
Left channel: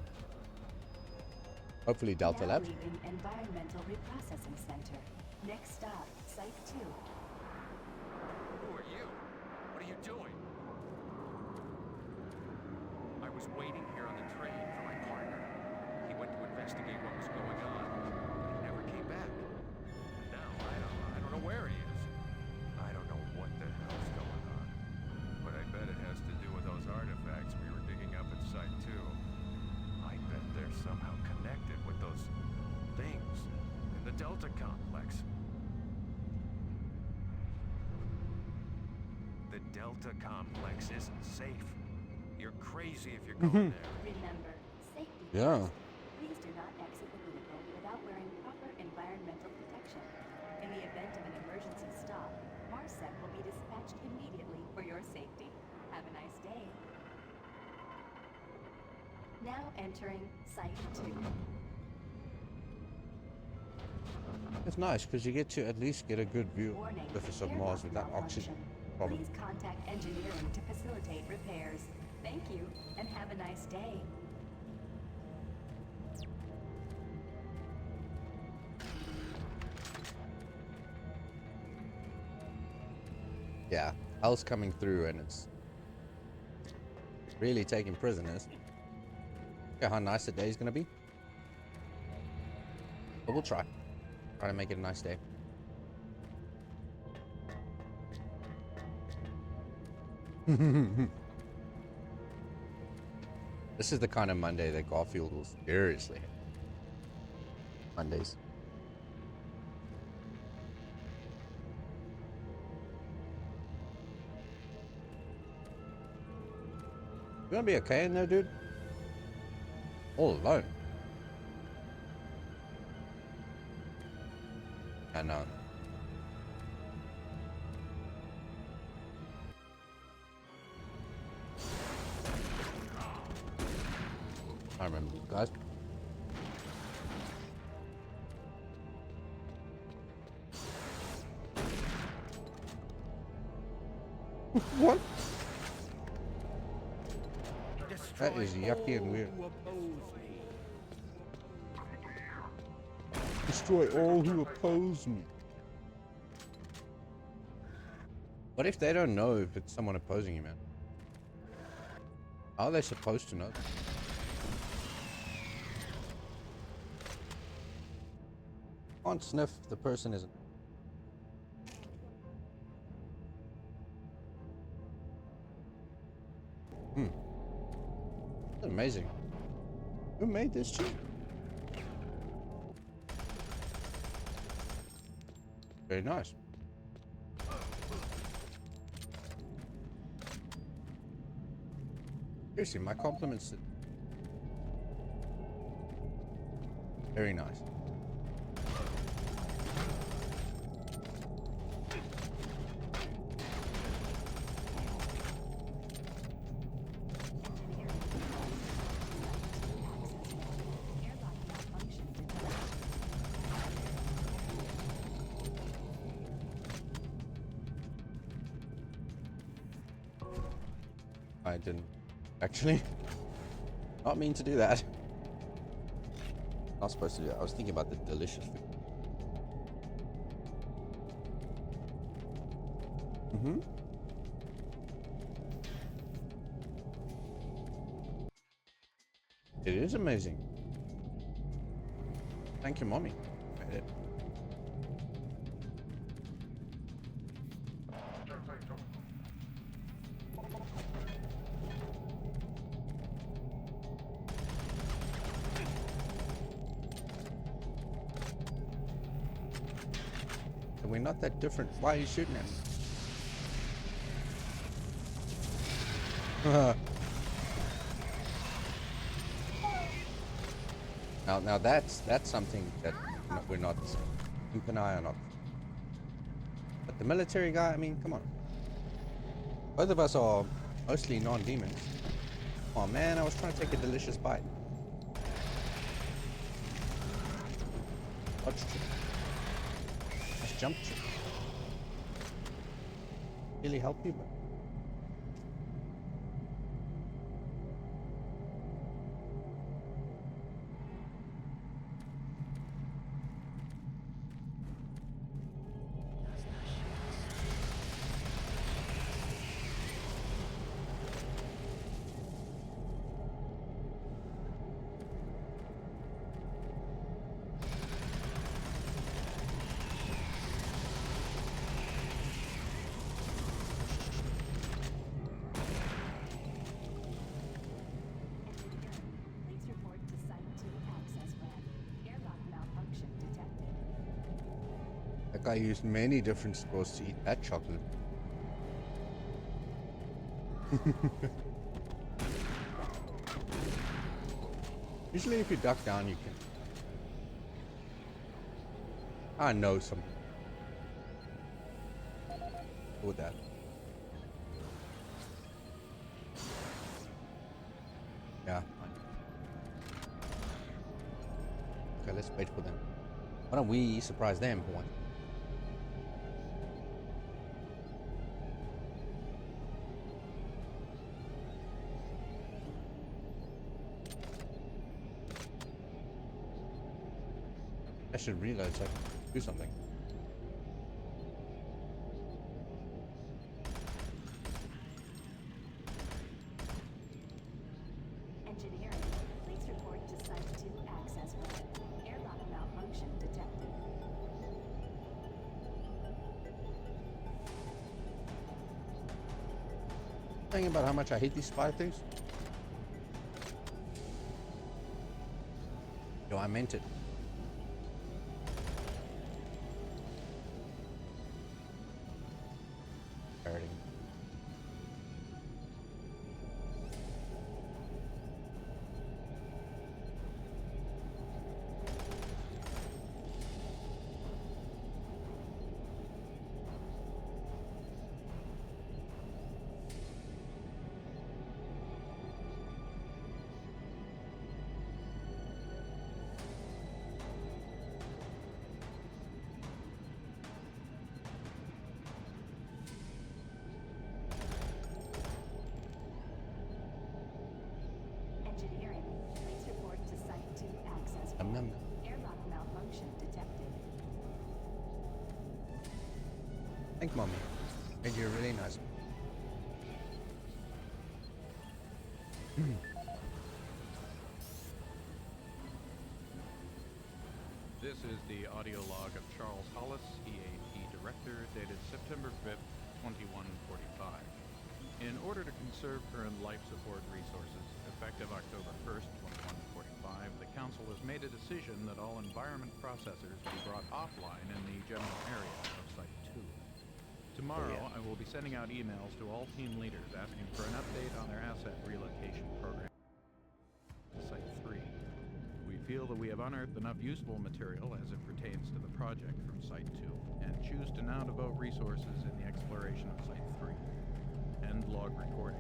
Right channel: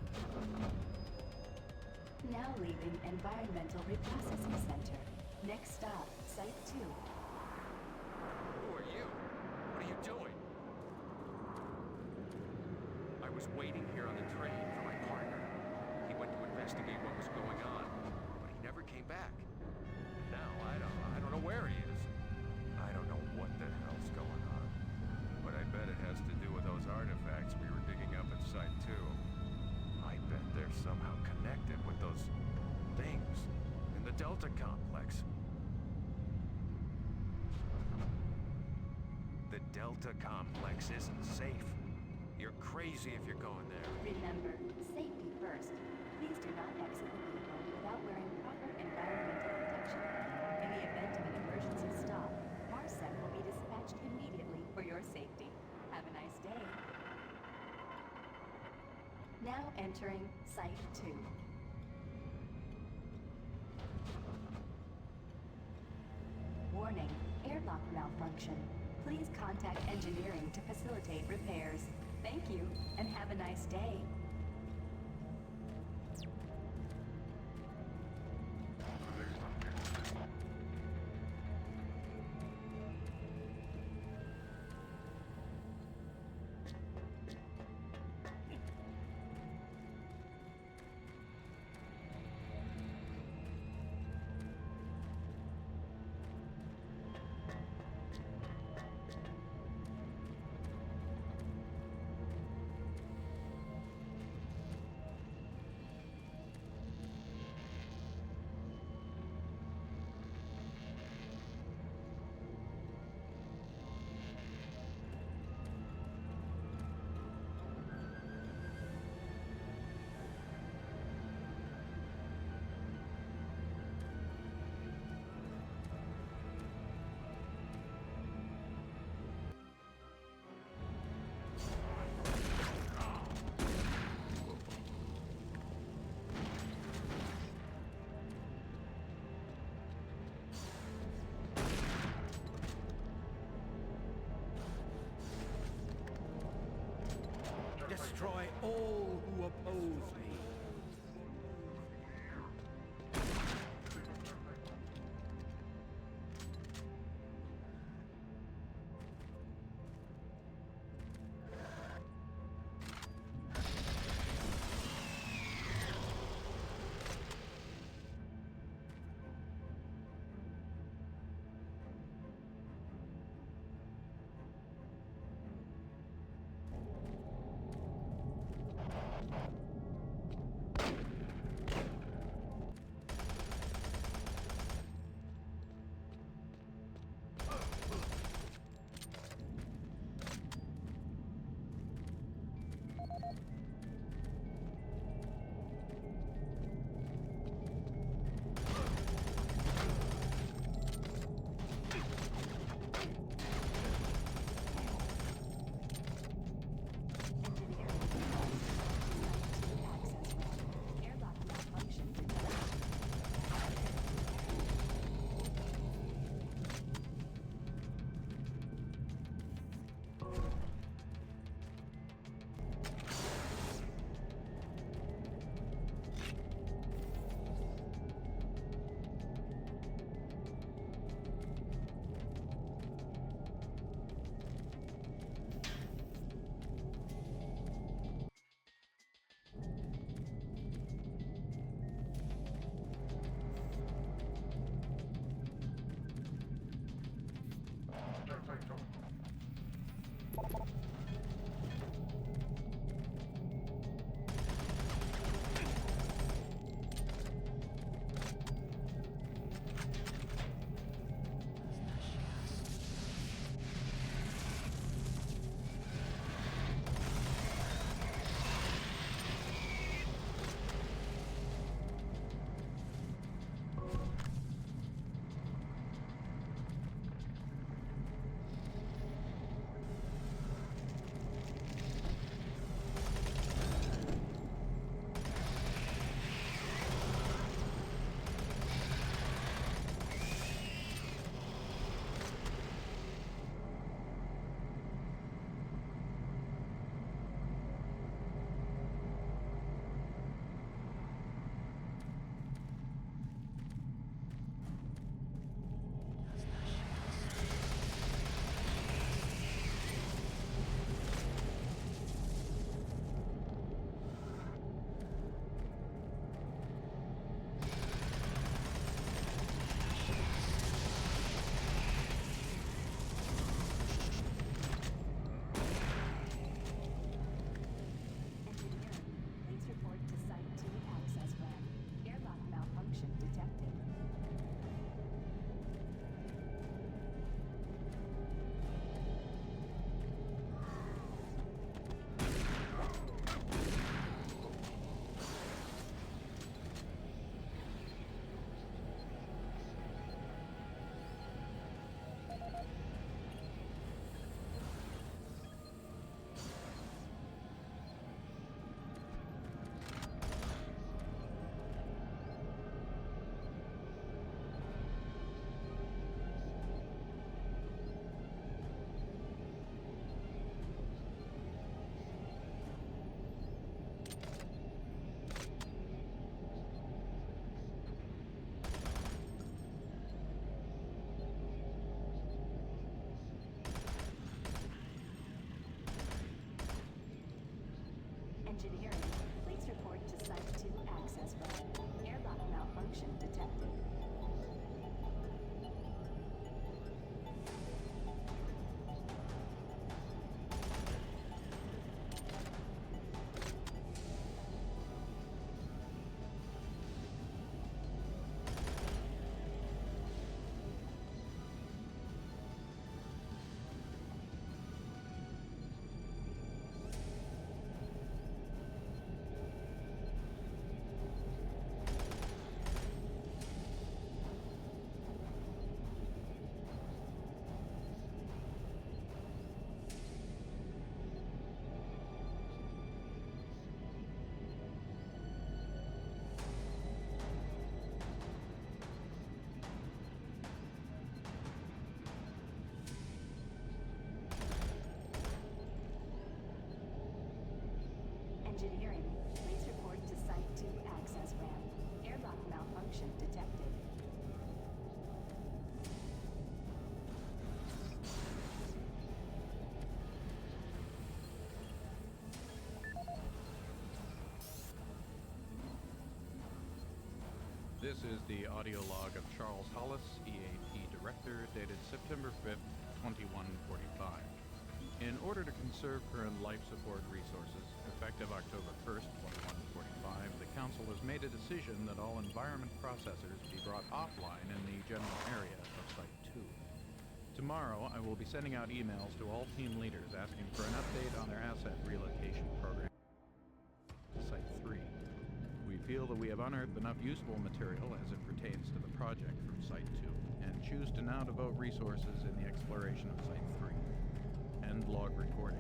hopefully Delta Now Lab. leaving Environmental Reprocessing Center. Next stop, Site 2. Who are you? What are you doing? I was waiting here on the train for my partner. He went to investigate what was going on, but he never came back. And now I don't know where he is. I don't know what the hell's going on. But I bet it has to do with those artifacts we were digging up at Site 2. I bet they're somehow connected with those things in the Delta Complex. The Delta Complex isn't safe. You're crazy if you're going there. Remember, safety Yeah. first. Please do not exit the vehicle without wearing proper environmental protection. In the event of an emergency stop, MARSEC will be dispatched immediately for your safety. Have a nice day. Now entering Site 2. It's nice because you get to at least get a good view Warning, of the surface of airlock Mars without oxygen malfunction. problem. Please contact engineering to facilitate repairs. Thank you, and have a nice day. Yeah, hell's coming through and it's really taking prisoners. Look how nice the day's gonna be. But we'll try. Try to make it a nice day. This is the kind of Monday that Garfield will seriously hate. Mondays. You gonna be okay in there, dude? All alone. I know. I remember you guys. What? Destroy That is yucky and weird. who oppose me. Destroy all who oppose me. What if they don't know if it's someone opposing you, man? How are they supposed to know? Can't sniff if the person isn't. That's amazing. Who made this chip? Very nice. Seriously, my compliments. Very nice. I didn't actually not mean to do that. Not supposed to do that. I was thinking about the delicious food. It is amazing. Thank you, mommy. I did. We're not that different. Why are you shooting us? Now that's something that we're not. Keep an eye on. The military guy, I mean, come on. Both of us are mostly non-demons. Oh man, I was trying to take a delicious bite. What? Jumped. Really help you, bro? Please report to Site 2 access ramp. Airlock malfunction detected. That guy used many different spores to eat that chocolate. Usually if you duck down, you can. I know some. With that. Yeah. Okay, let's wait for them. Why don't we surprise them for one? I should realize that. Do something. Engineering, please report to Site 2 access ramp. Airlock malfunction detected. Thinking about how much I hate these spider things. No, I meant it. Alrighty. Engineering, please report to Site 2 access ramp. Airlock malfunction detected. Thank you, Mommy. Made you a really nice one. This is the audio log of Charles Hollis, EAP Director, dated September 5th, 2145. In order to conserve current life support resources, effective October 1st, 2145, the Council has made a decision that all environment processors be brought offline in the general area of Site 2. Tomorrow, I will be sending out emails to all team leaders asking for an update on their asset relocation program to Site 3. We feel that we have unearthed enough useful material as it pertains to the project from Site 2, and choose to now devote resources in the exploration of Site 3. End log recording.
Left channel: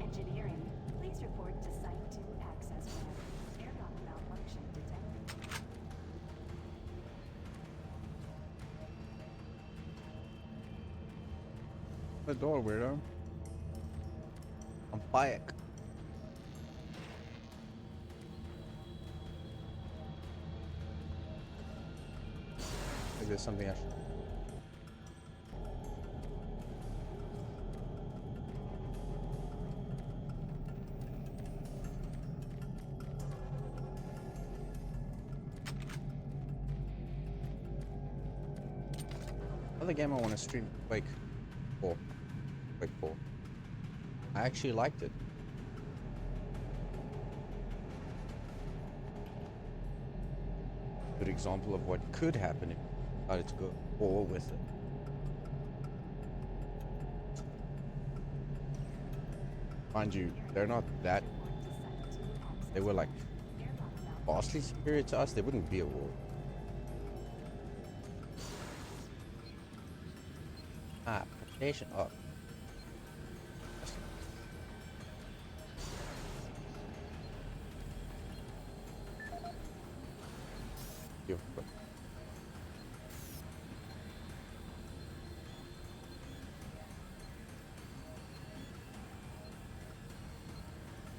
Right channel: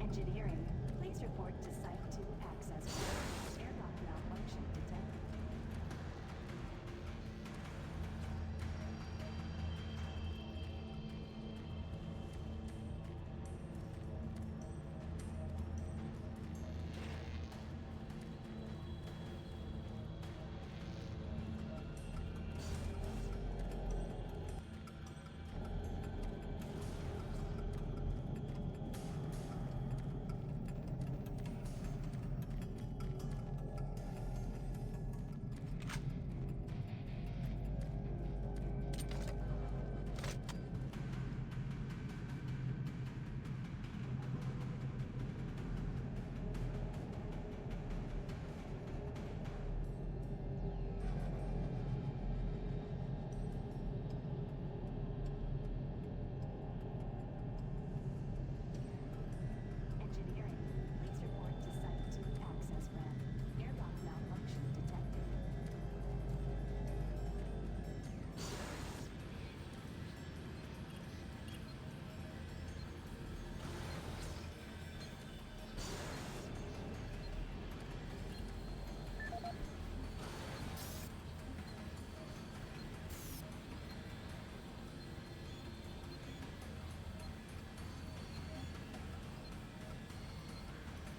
Engineering, please report to Site 2 access ramp. Airlock malfunction detected. The door, weirdo. I'm quiet. Is there something else? Another game I want to stream, Quake 4. Quake 4. I actually liked it. Good example of what could happen if you decided to go all with it. Mind you, they're not that. They were like vastly superior to us. They wouldn't be a war. Nation. Oh.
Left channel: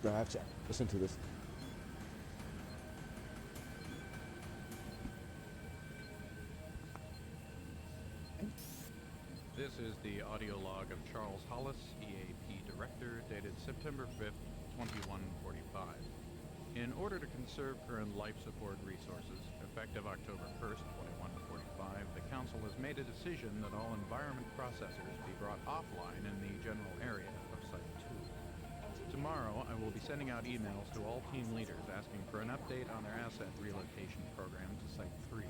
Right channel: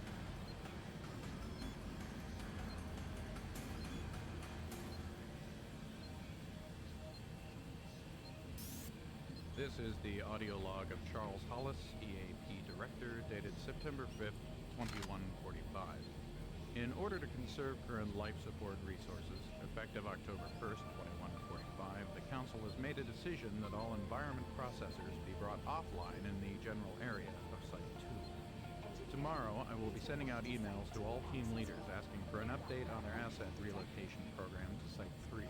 Gotcha. Listen to this. This is the audio log of Charles Hollis, EAP Director, dated September 5th, 2145. In order to conserve current life support resources, effective October 1st, 2145, the Council has made a decision that all environment processors be brought offline in the general area of Site 2. Tomorrow, I will be sending out emails to all team leaders asking for an update on their asset relocation program to Site 3.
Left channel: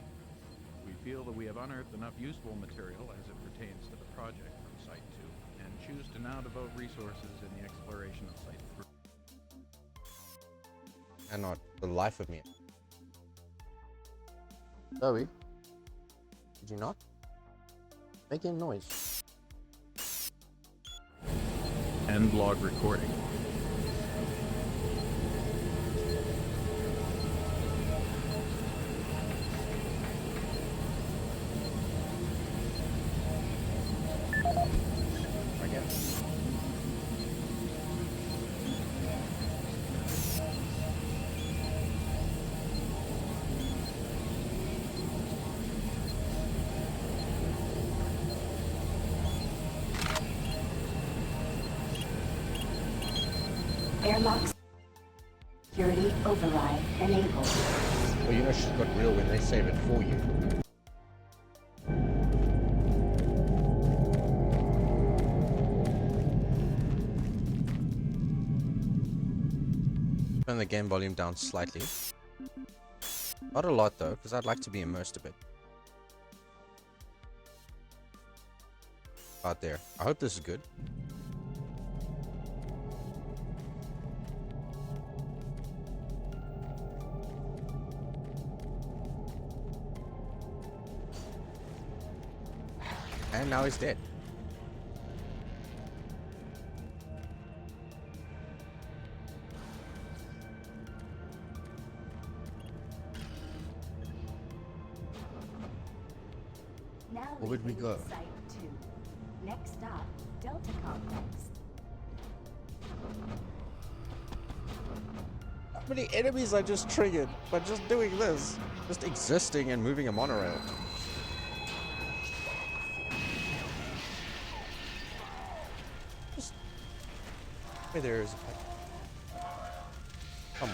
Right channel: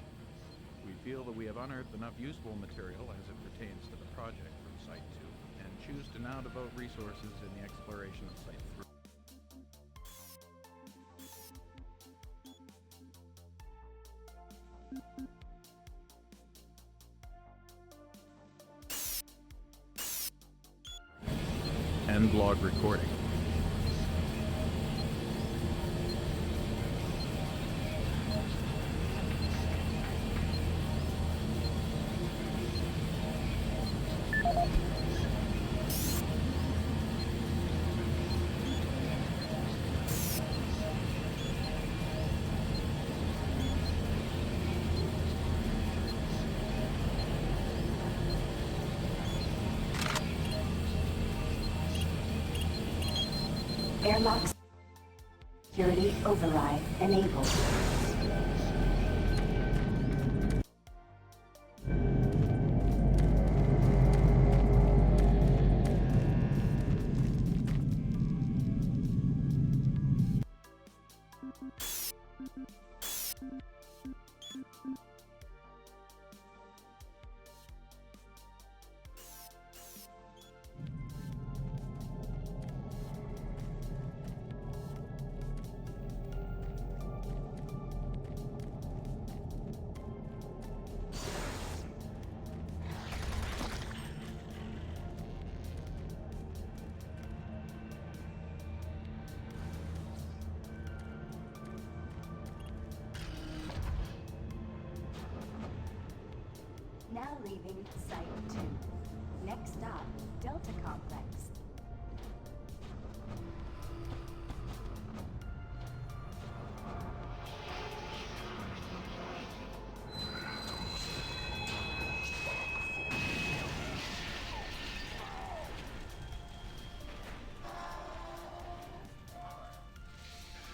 We feel that we have unearthed enough useful material as it pertains to the project from Site 2, and choose to now devote resources in the exploration of Site 3. And not the life of me. Zoe, did you not? Making noise. End log recording. Airlock security override enabled. Well, you know she's got real when they save it for you. Turn the game volume down slightly. Not a lot though, because I'd like to be immersed a bit. Out there. I hope this is good. And now he's dead. Now Where would we leaving go? Site 2. Next stop, Delta Complex. How many enemies I just triggered by just doing this? Just existing and moving a monorail. Just... Hey, there's... Come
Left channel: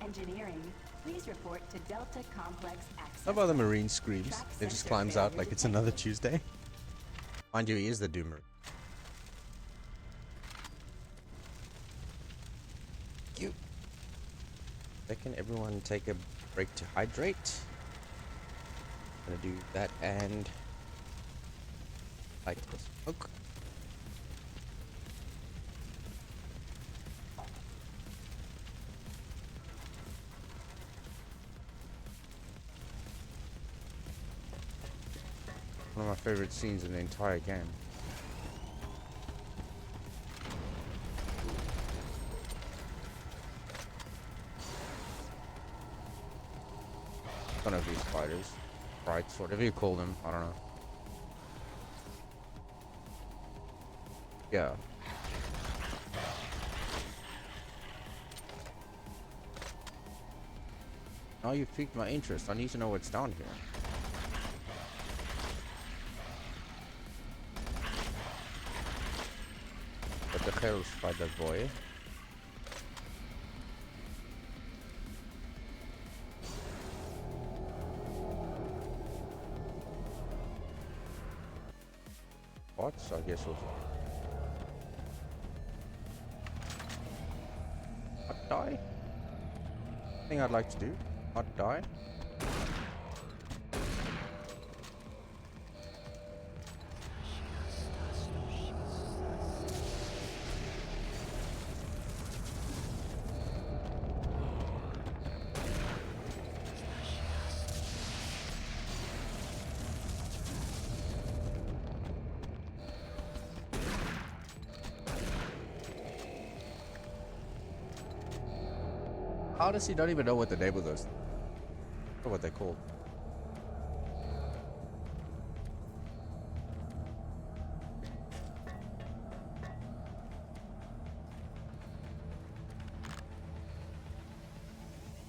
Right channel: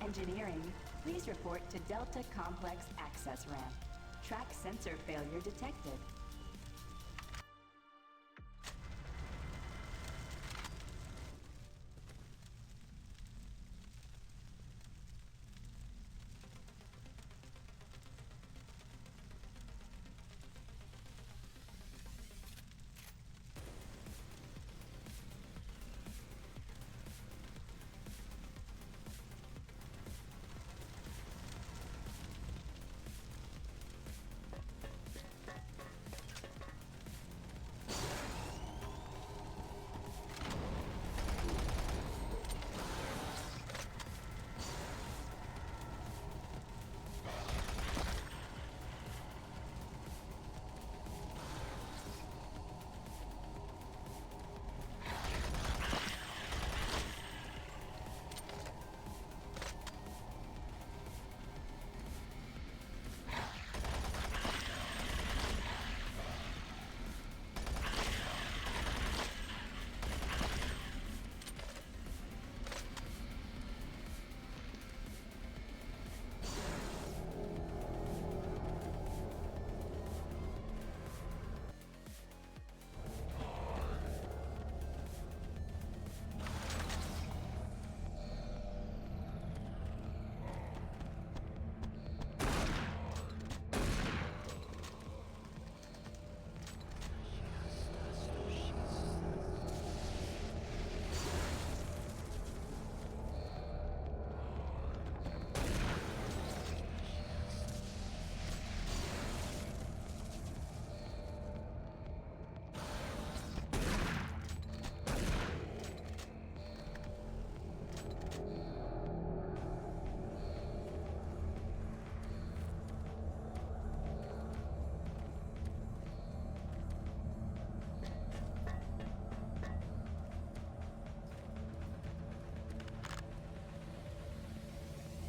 on. Engineering, please report to Delta Complex access. How about the lab. marine screams? Track It just sensor climbs out failure like it's another detected. Tuesday. Mind you, he is the doomer. You. Can everyone take a break to hydrate? Gonna do that and light this smoke. One of my favorite scenes in the entire game. One of these spiders. Sprites, whatever you call them, I don't know. Yeah. Now you piqued my interest. I need to know what's down here. But the Pharaoh spider boy. What? So I guess we'll hot die? Thing I'd like to do. Hot die. honestly don't even know what the name of those. Or what they're called.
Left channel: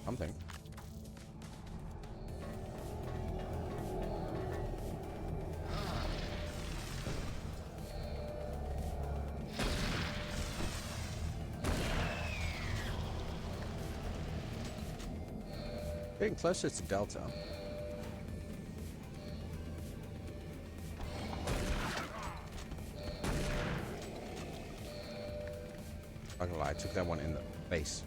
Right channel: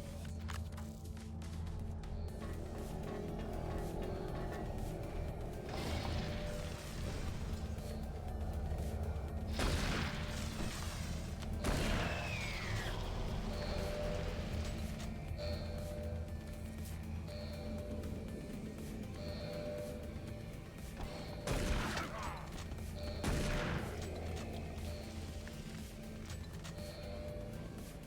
Something. Getting closer to Delta. Not gonna lie, I took that one in the face.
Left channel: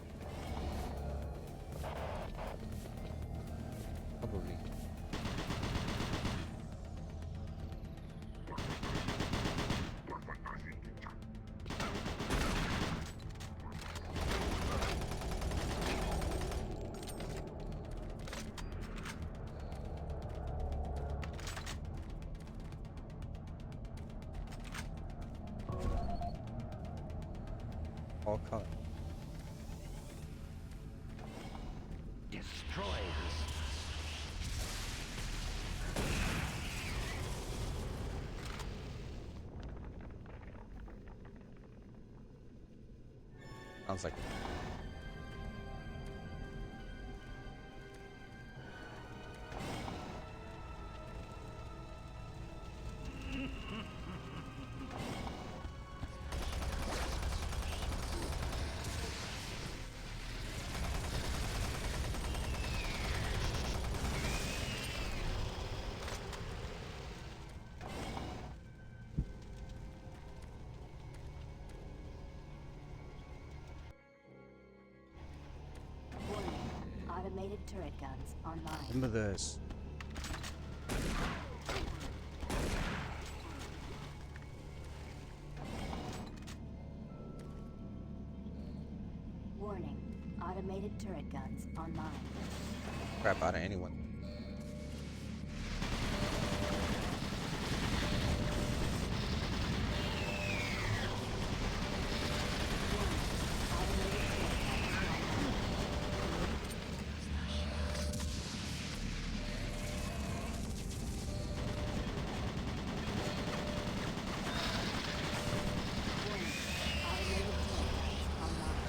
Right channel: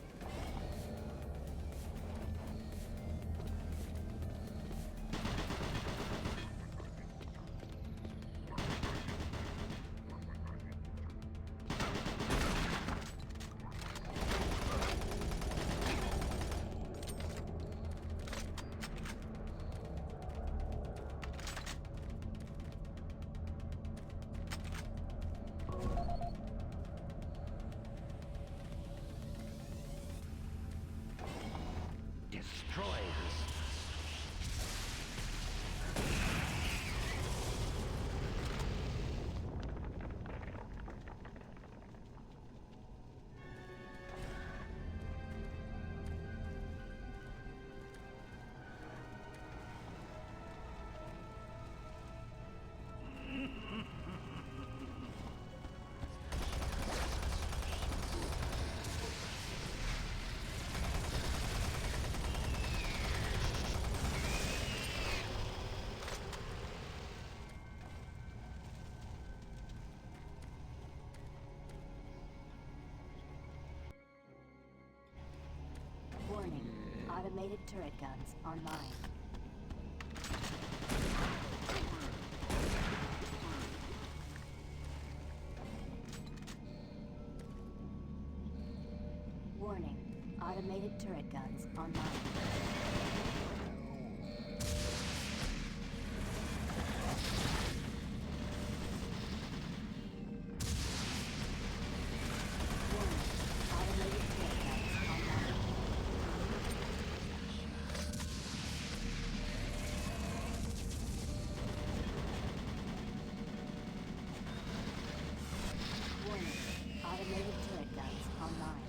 All color. Destroyers. Sounds like Warning. Automated turret guns online. remember this. Warning. Automated turret guns online. Crap out of anyone. Automated turret guns online. Warning. Automated turret guns online.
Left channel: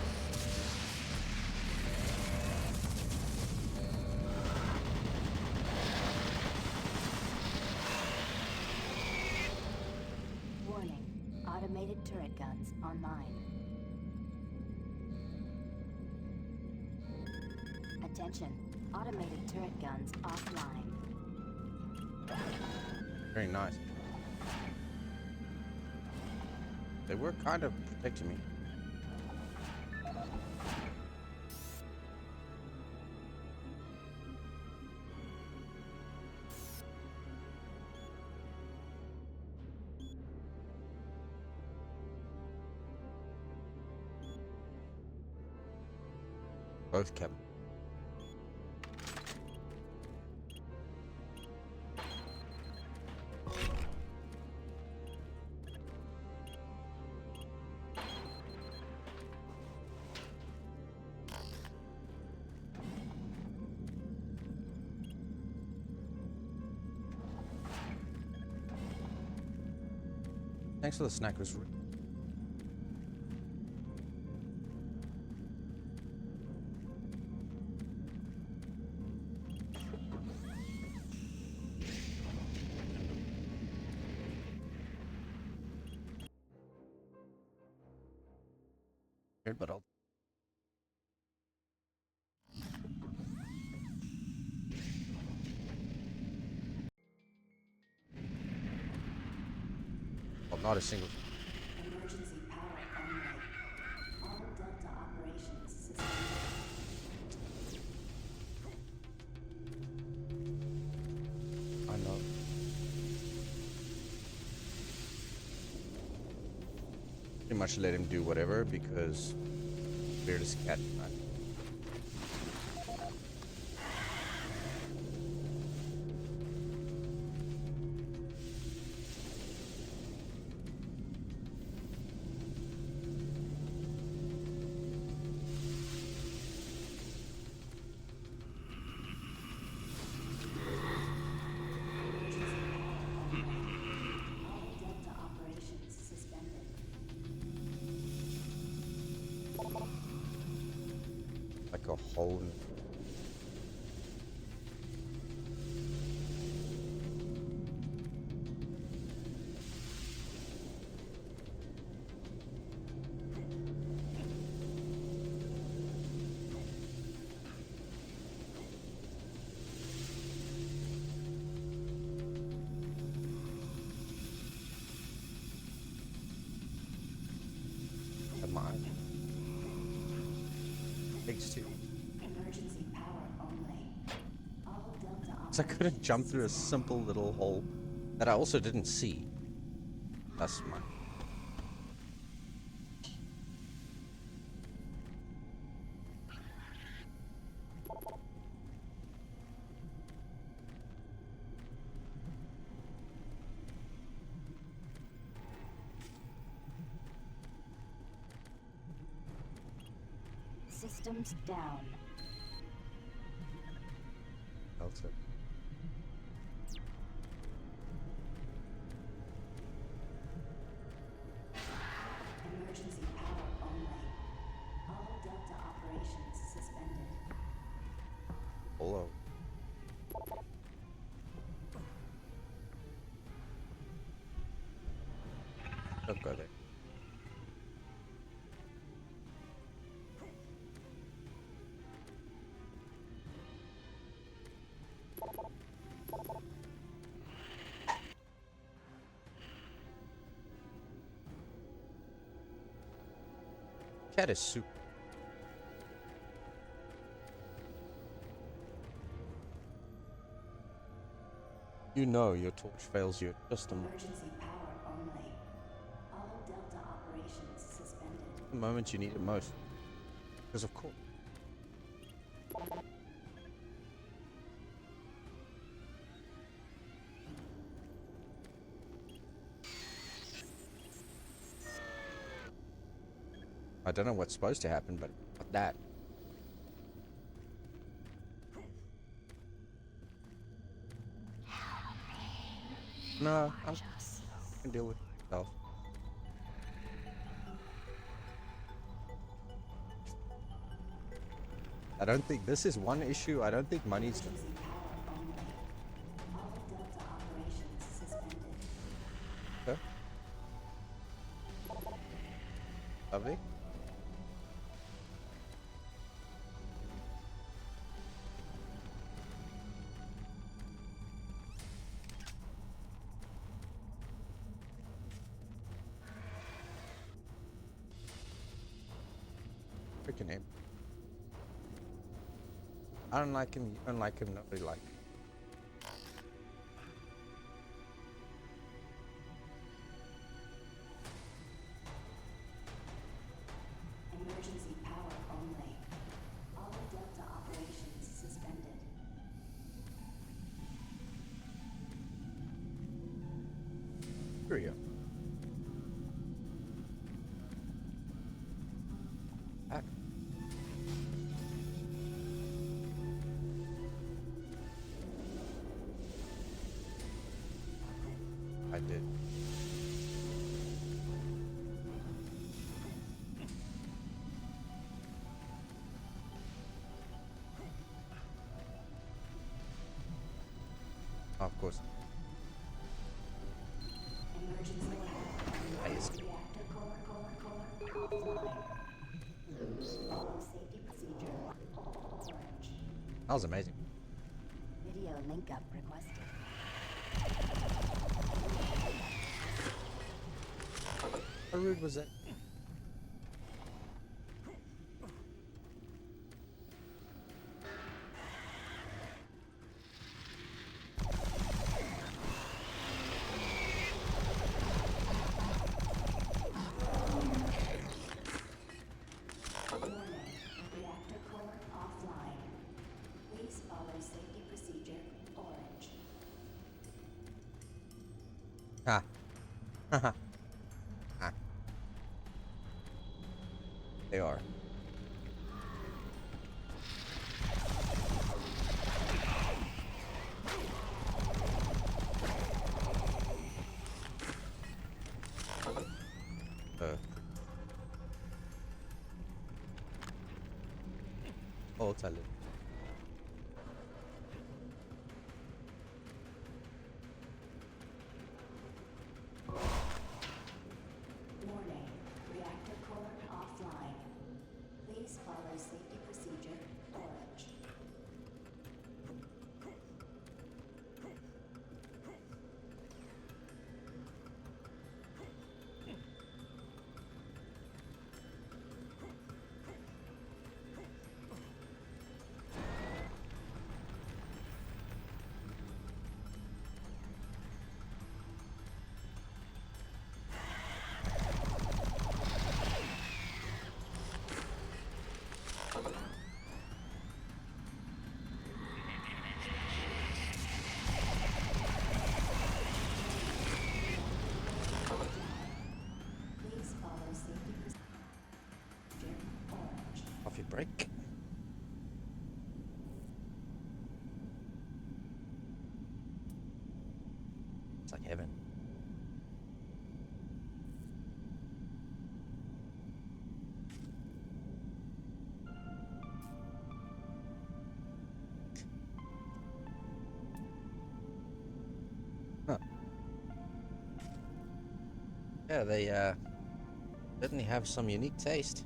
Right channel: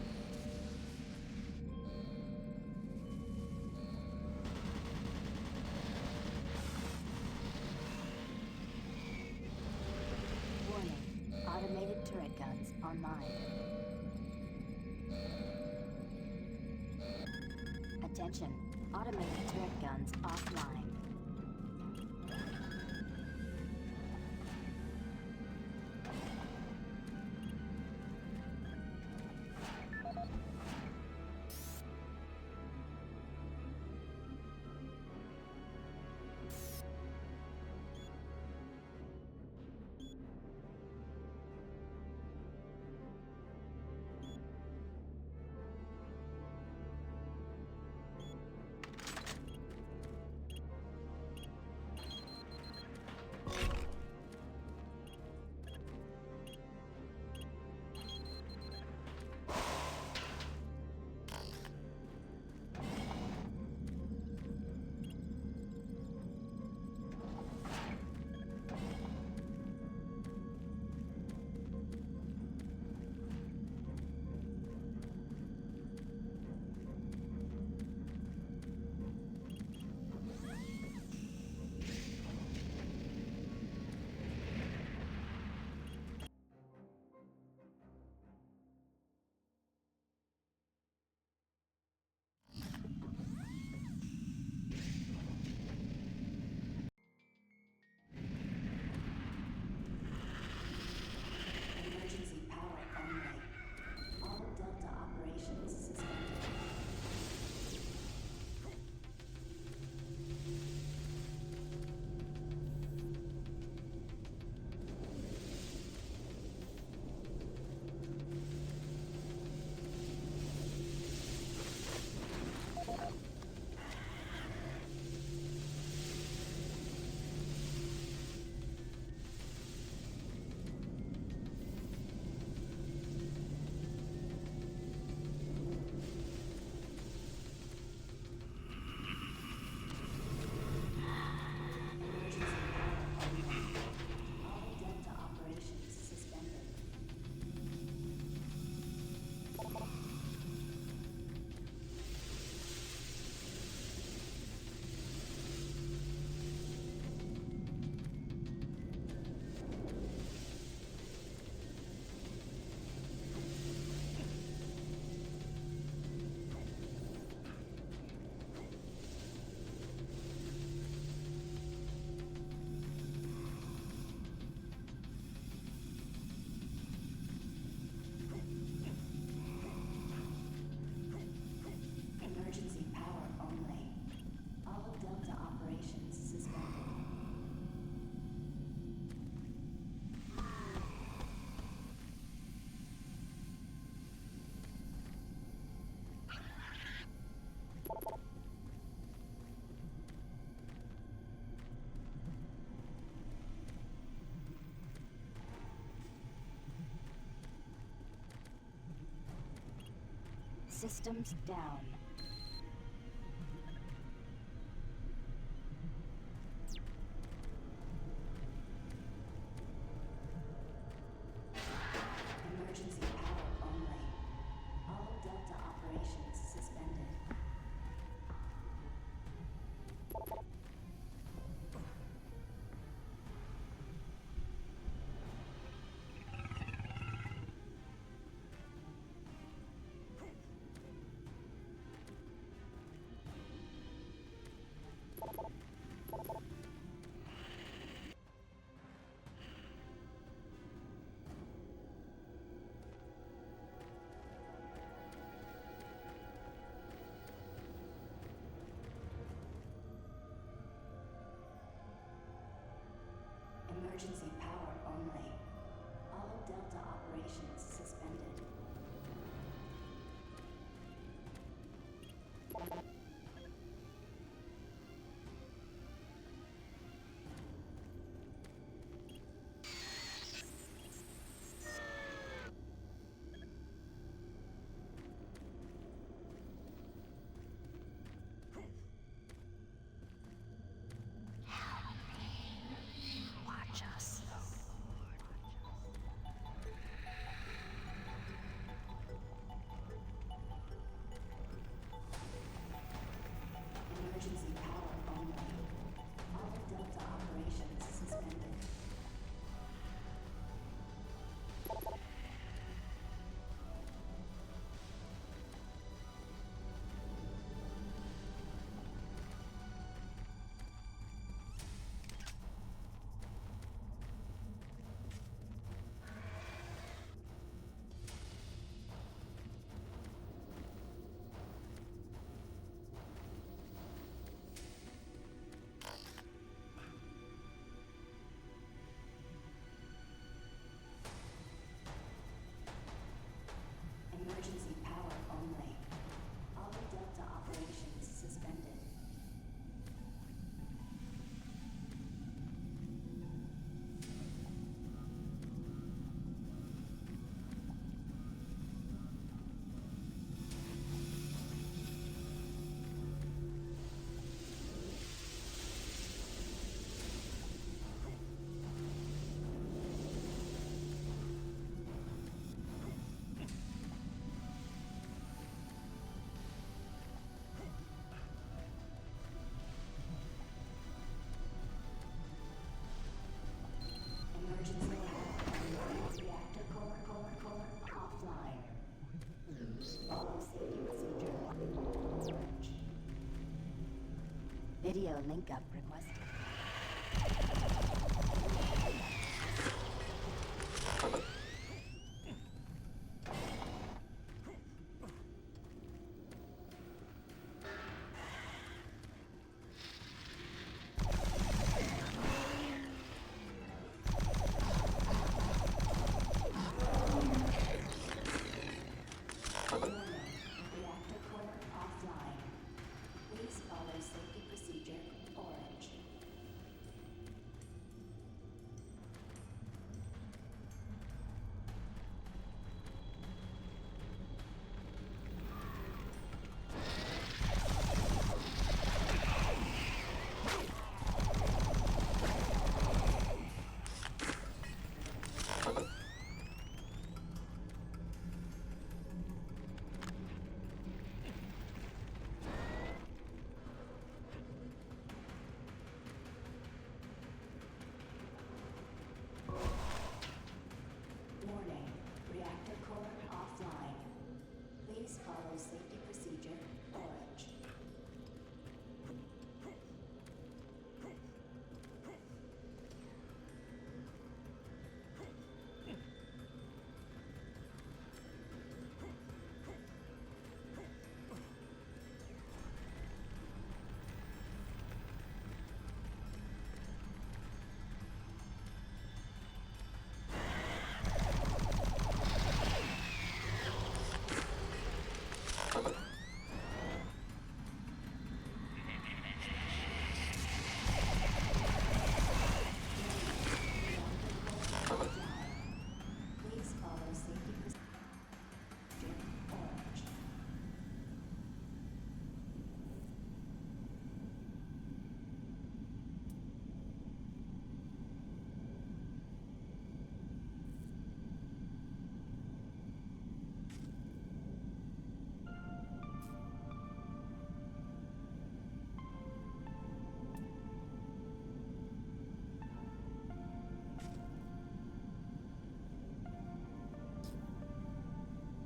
Warning. Automated turret guns online. Attention. Automated turret guns offline. Very nice. They were kind of protecting me. Both kept. Thanks for the snackers. But I'll not a single. Emergency power only. All Delta operations suspended. I know. Pretty much let him do whatever because weirdest cat. hole. Come on. Takes two. Emergency power only. All Delta So I couldn't jump through a simple little hole that I also didn't see. That's smart. Systems down. Delta. Emergency power only. All Delta operations suspended. Hello. Don't go there. Cat is super. You know your torch fails you just a Emergency power only. All Delta operations suspended. the moment you need it most. Because of course. I don't know what's supposed to happen, but that. No, I can deal with myself. I don't think this is one issue. I don't think money's. Emergency power only. All Delta operations suspended. Okay. Lovely. Freaking him. I don't like him. You don't like him. Nobody like him. Emergency power only. All Delta operations suspended. Here we go. Ah. I did. Of course. Emergency reactor core offline. Loose. Follow safety procedure. Orange. That was amazing. Video link up requested. How rude was that? Warning. Reactor core offline. Please follow safety procedure. Orange. Ah. Haha. Ah. They are. Oh, Delta Link. Warning, reactor core offline. Please follow safety procedure orange. Please follow safety procedure orange. Coffee break. It's like heaven. Huh. Yeah, they certainly have some unique taste.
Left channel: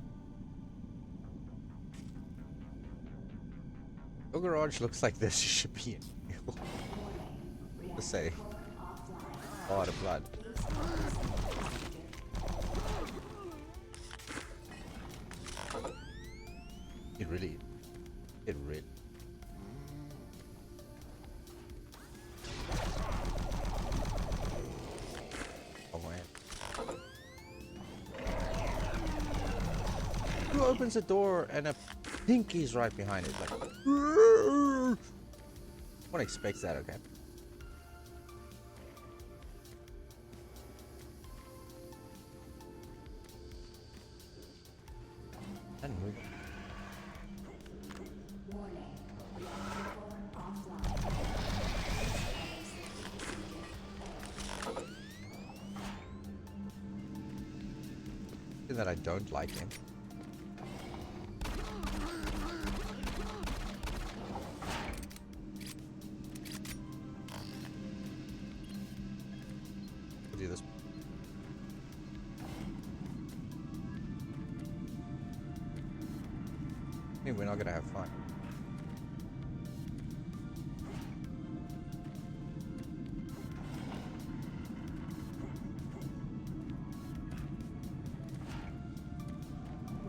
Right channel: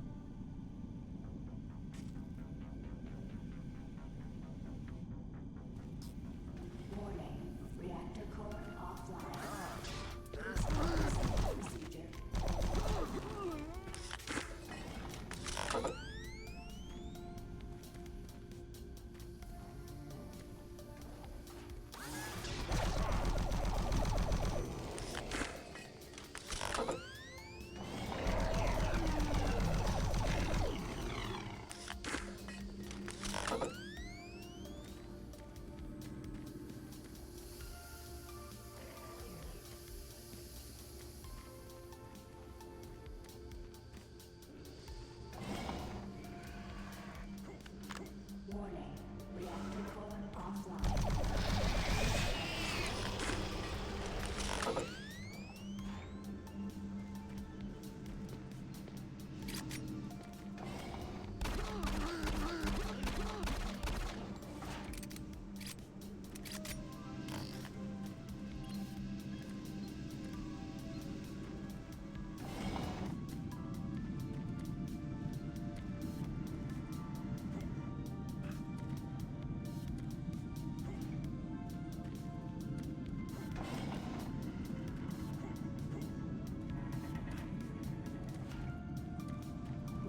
Your garage looks like this should be in. Let's say. Oh, the blood. It really. Oh man. Who opens the door and a pinky's right behind it? One expects that, okay. Warning, reactor core offline. Something that I don't like. Do this. I think we're not gonna have fun.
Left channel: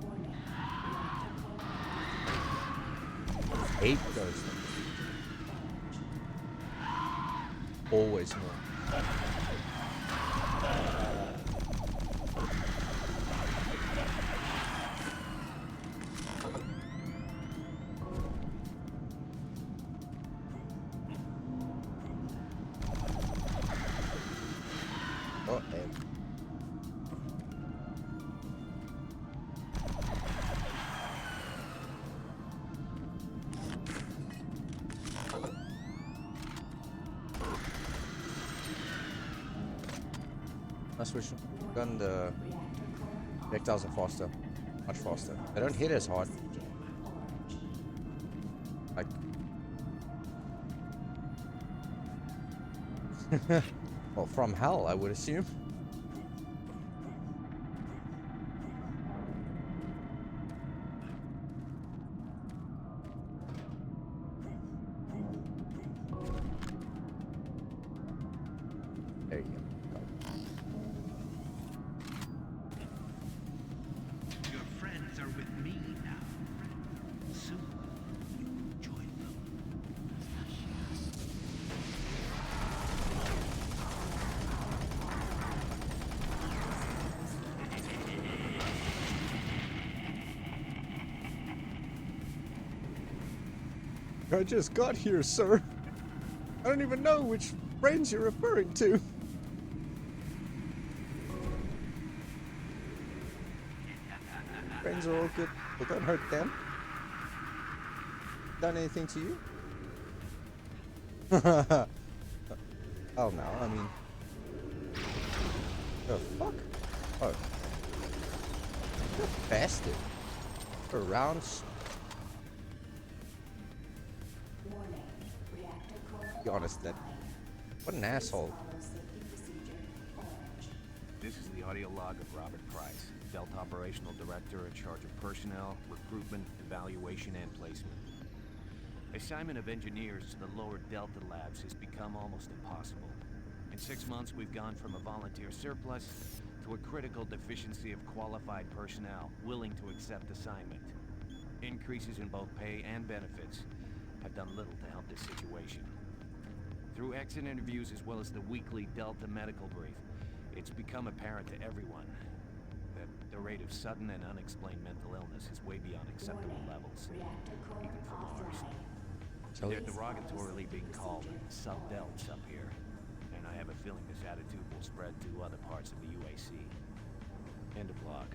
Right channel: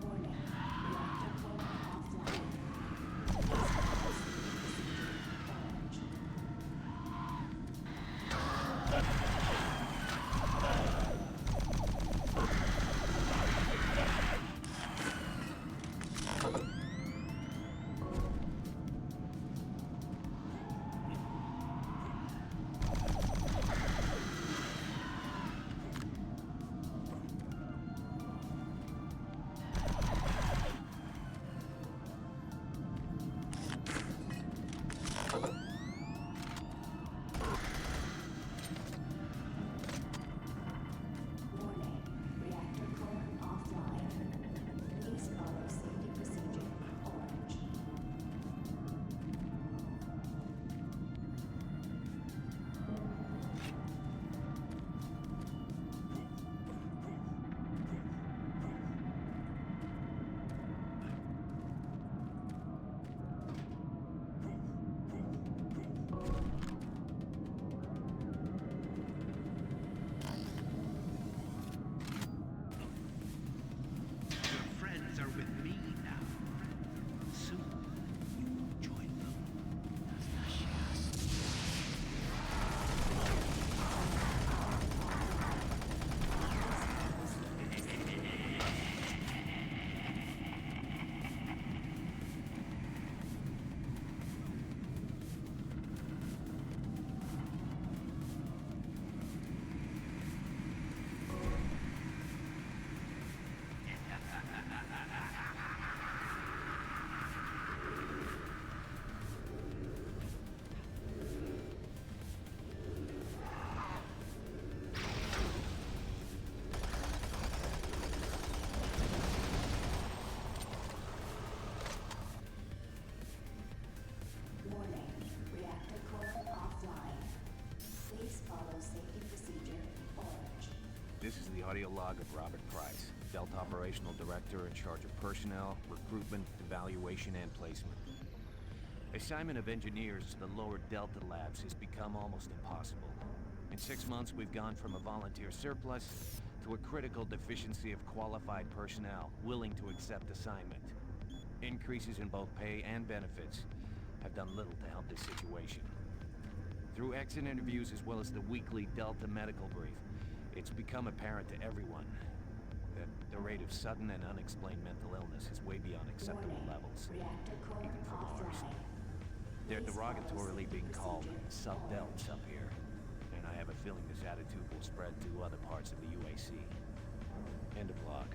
Warning, reactor core offline. Hate those. Always. Must wish done the projectiles are faster, much faster. They don't hit as hard. Like, well, from hell, I would assume. Your friends are with me now. Soon you will join them. I just got here, sir. I don't even know which friends you're referring to. Friends are all good, but don't hurt them. Done anything to you? Oh no, I mean... The fuck? Oh. Bastard. For rounds. be honest, that what an asshole. This is the audio log of Robert Price, Delta Operational Director in charge of personnel, recruitment, evaluation, and placement. Assignment of engineers to the lower Delta labs has become almost impossible. In 6 months, we've gone from a volunteer surplus to a critical deficiency of qualified personnel willing to accept assignment. Increases in both pay and benefits have done little to help this situation. Through exit interviews as well as the weekly Delta medical brief, it's become apparent to everyone that the rate of sudden and unexplained mental illness is way beyond acceptable levels, even for Mars. They're derogatorily being called sub-delts up here, and I have a feeling this attitude will spread to other parts of the UAC. End of log.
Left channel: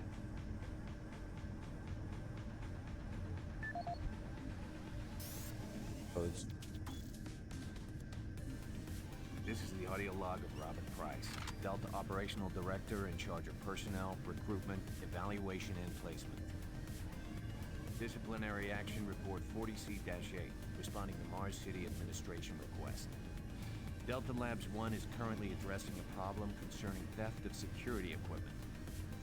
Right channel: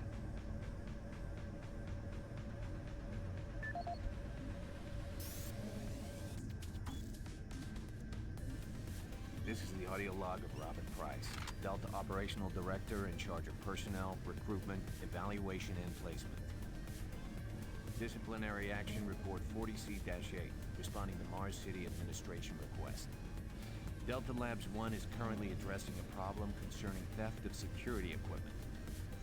This is the audio log of Robert Price, Delta Operational Director in charge of personnel, recruitment, evaluation, and placement. Disciplinary Action Report 40C-8, responding to Mars City Administration request. Delta Labs 1 is currently addressing a problem concerning theft of security equipment.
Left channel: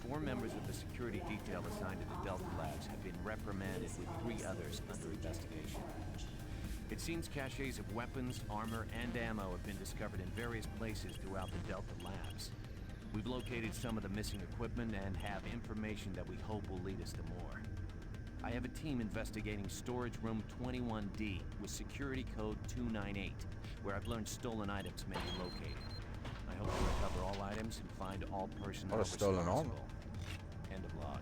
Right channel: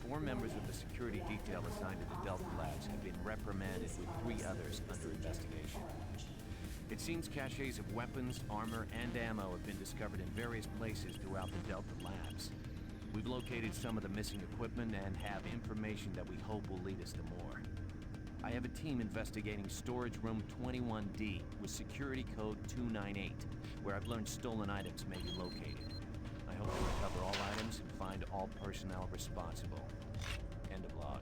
4 members of the security detail assigned to the Delta Labs have been reprimanded with 3 others under investigation. It seems caches of weapons, armor, and ammo have been discovered in various places throughout the Delta Labs. We've located some of the missing equipment and have information that we hope will lead us to more. I have a team investigating storage room 21D with security code 298, where I've learned stolen items may be located. I hope to recover all items and find all personnel responsible. End of log.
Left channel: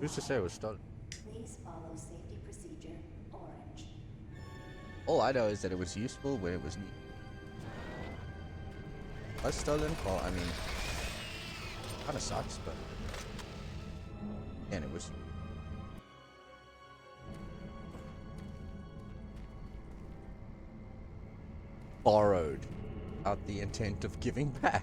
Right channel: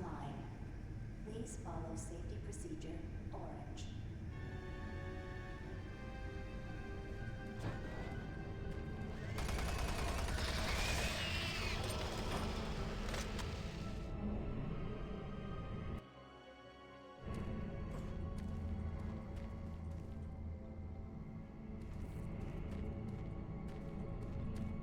Who's to say it was stolen? Please follow safety procedure orange. All I know is that it was useful when it was needed. Was stolen? Well, I mean, kind of sucks, but and it was. Borrowed, out the intent of giving back.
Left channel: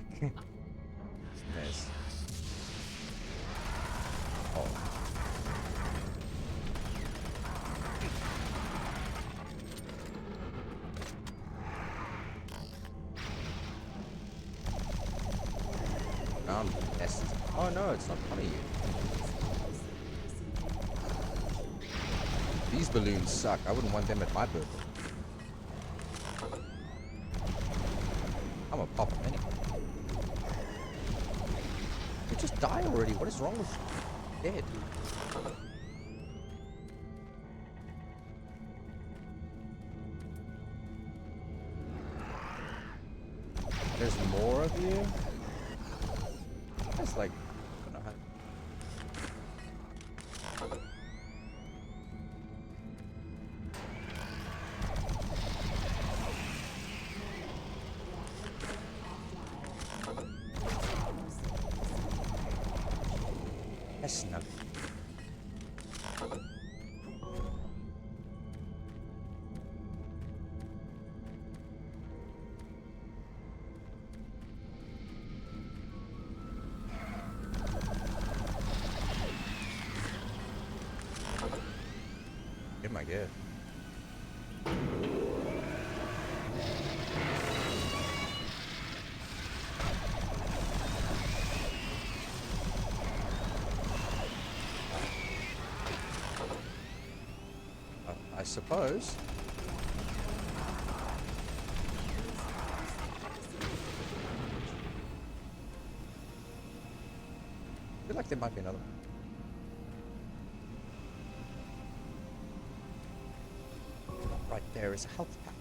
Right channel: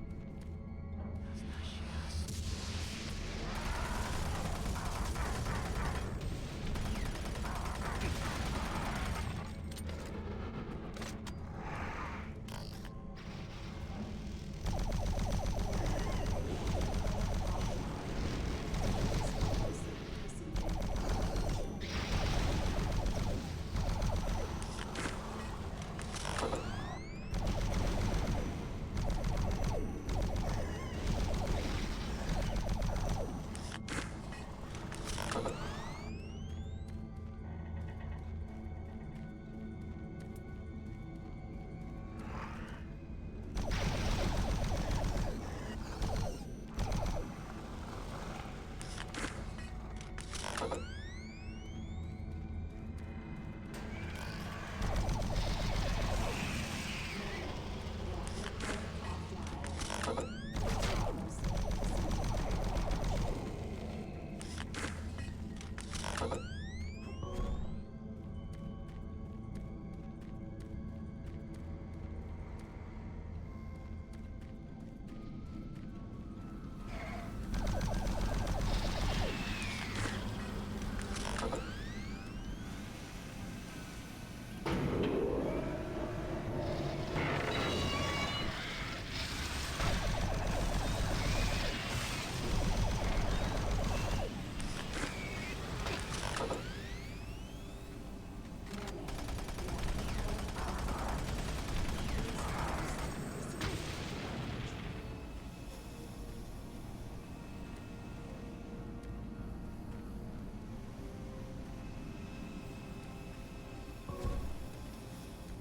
I wouldn't want them at my booth. I'm a pop. Just die already. What is wrong with you? Dead. There's more of you? It's like... suppose. I feel like there might be another one. Right there is a health pack.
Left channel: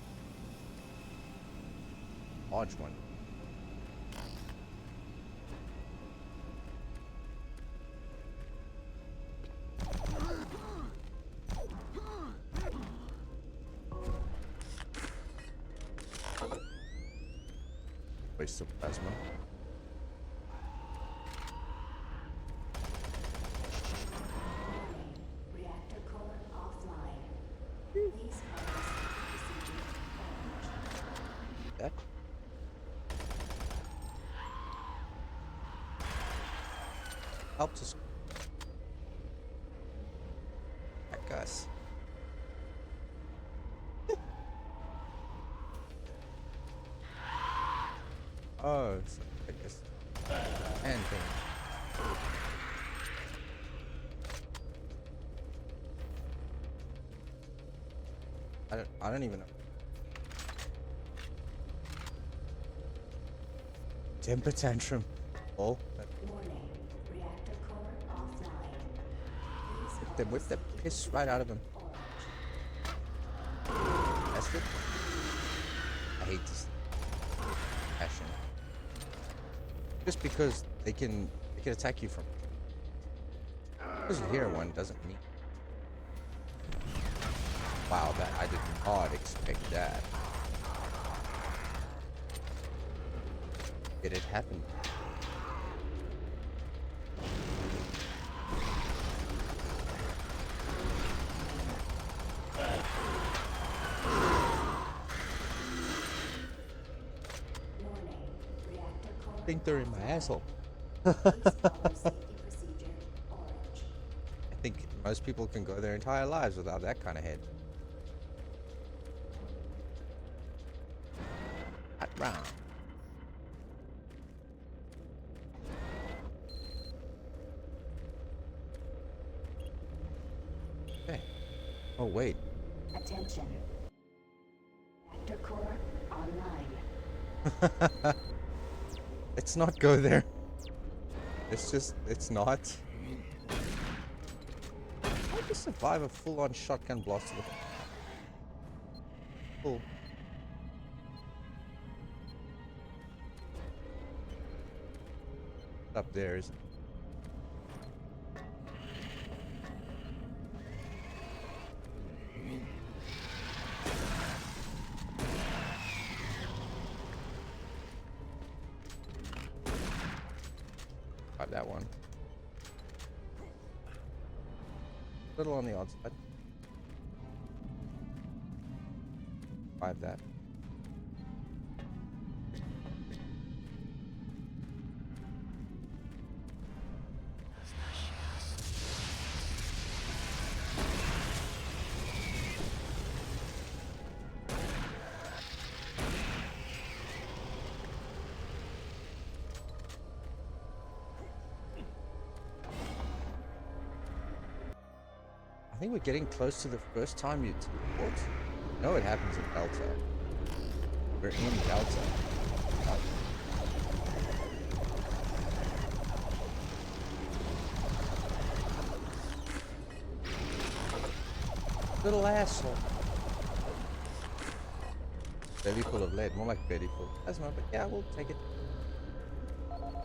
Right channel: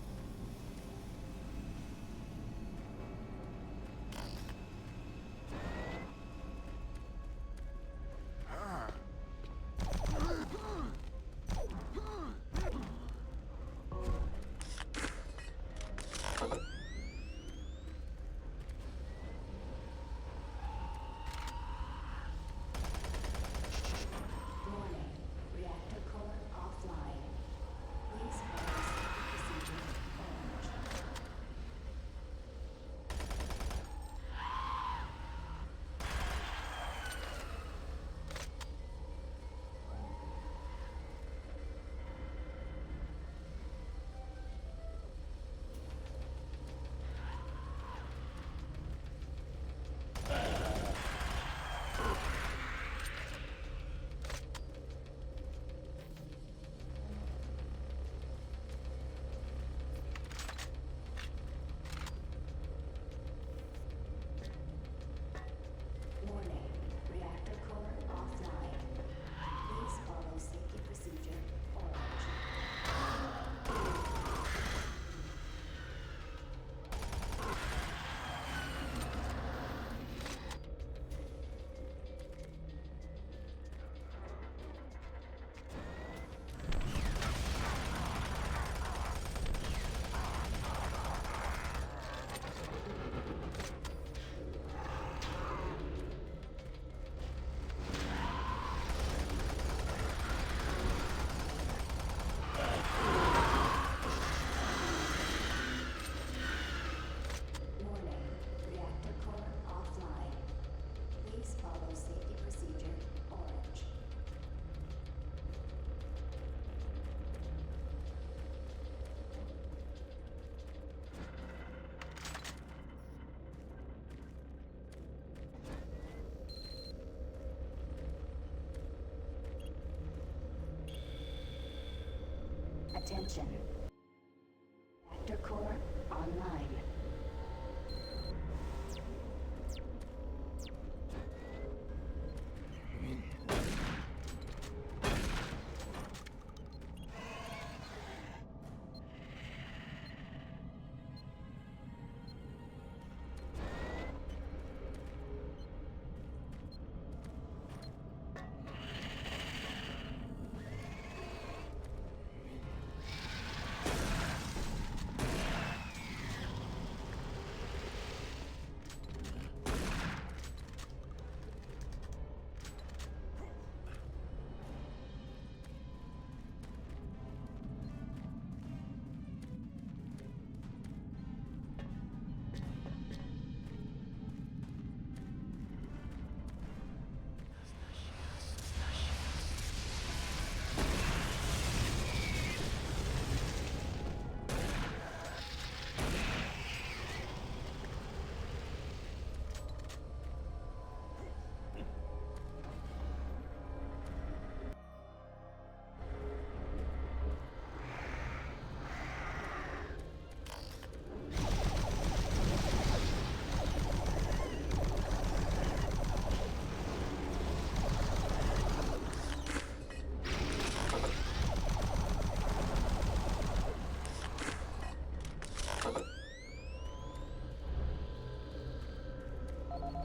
Large one. Waste of plasma. Warning. Reactor core offline. Please follow safety procedure orange. That? after school. I guess. Oh, it's like this. And I don't even know. Temper tantrum. Oh. Warning. Reactor core offline. Please They follow whipped the safety piss right out of him. Orange. That's good. I hate this. Just because they can attack you from because you hear one doesn't mean. Wow, that I did not expect that. Did it happen? Warning. Reactor core I think they're in my offline. asshole. Please follow safety procedure orange. I think most people can go their entire lives without that kind of head. Hot round. Okay. Oh wait. Attention. Reactor core online. Let's not go there. It's not. How to survive a full-on shotgun blast? Cool. Up there is. Got that one. Little on the outside. Five that. I think we're getting close to the first time you teleport. No, it happens in Delta. We're in Delta. Little asshole. Belly full of lead, more like belly full. That's not, but yeah, we'll take it. Come on.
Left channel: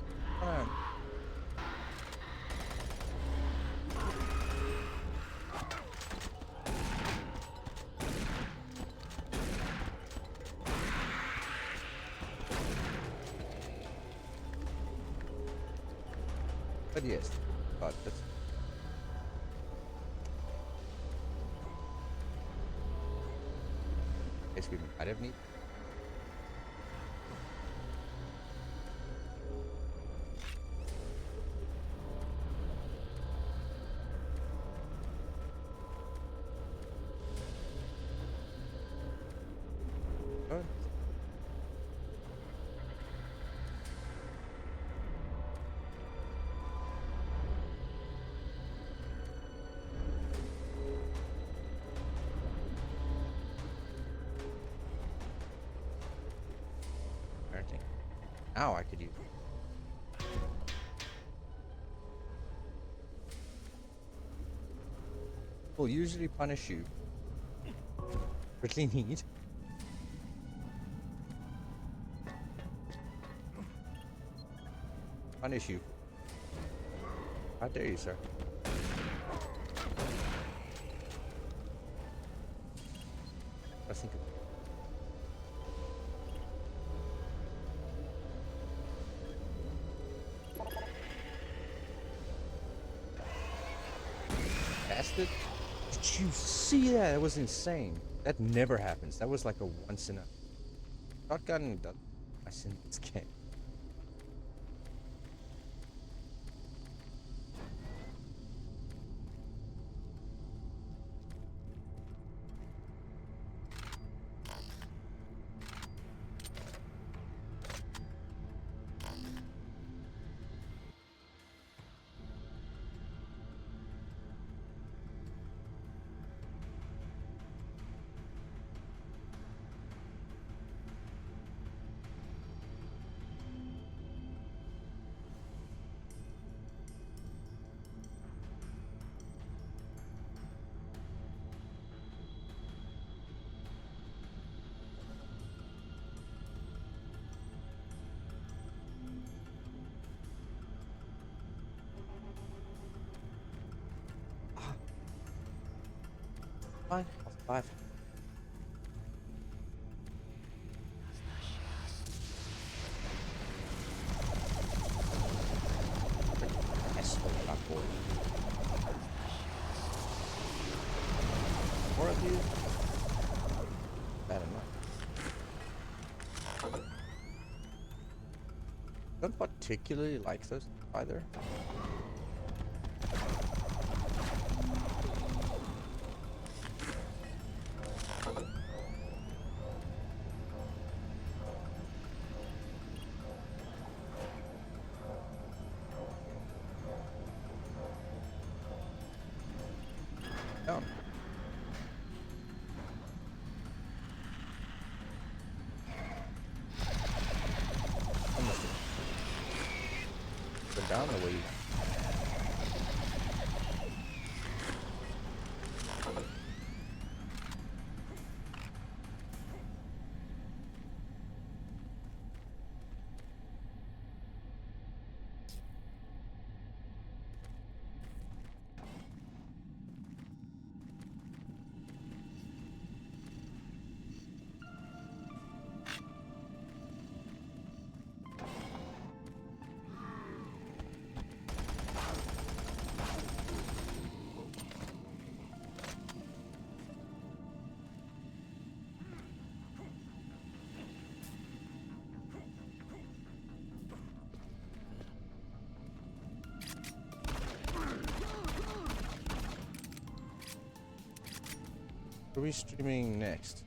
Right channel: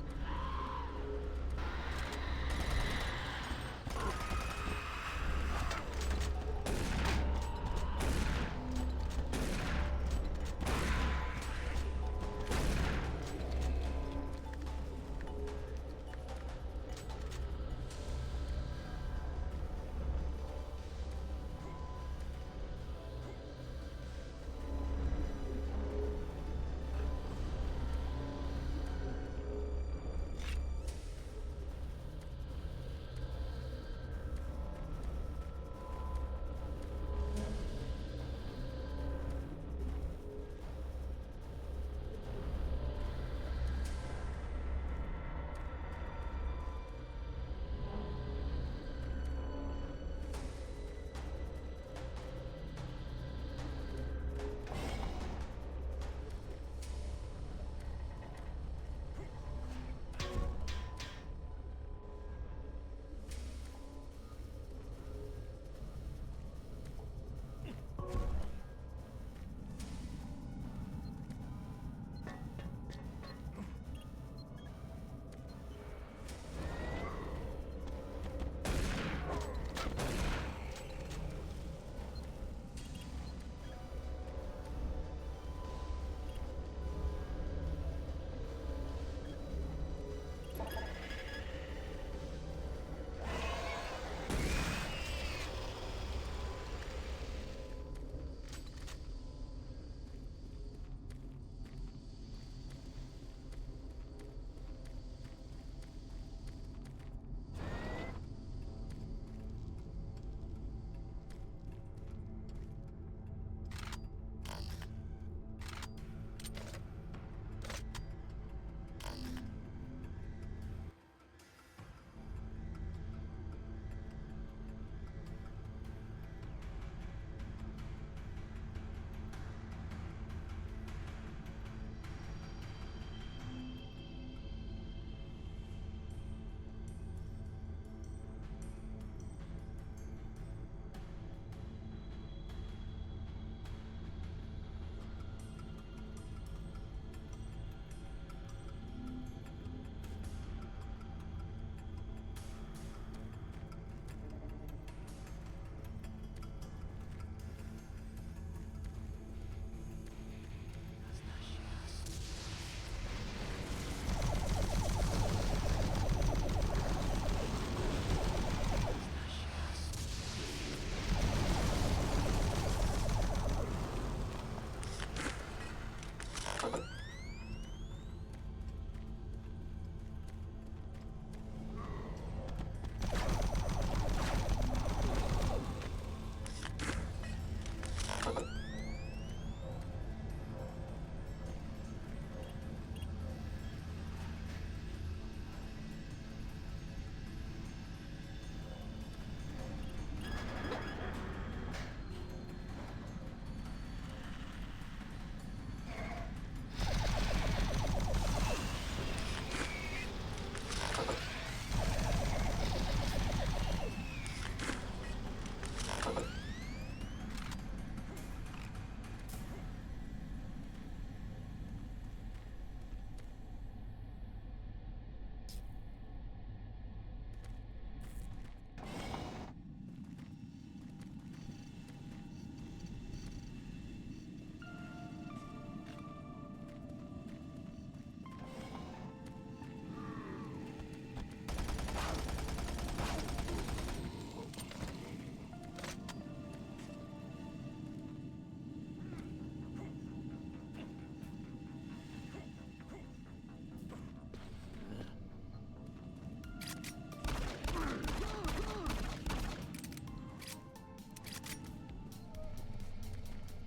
But yes, but this. Guess we I don't need. Oh. Now I could use it. Will usually punish you for clean heat. Punish you. How dare you, sir? Pressing. Bastard. Did you see that? That was insane. That never happens. That was like a once in a shotgun. Twice in this game. Fine, I'll survive. Don't particularly like those either. No. Go down a lead. What are we streaming next?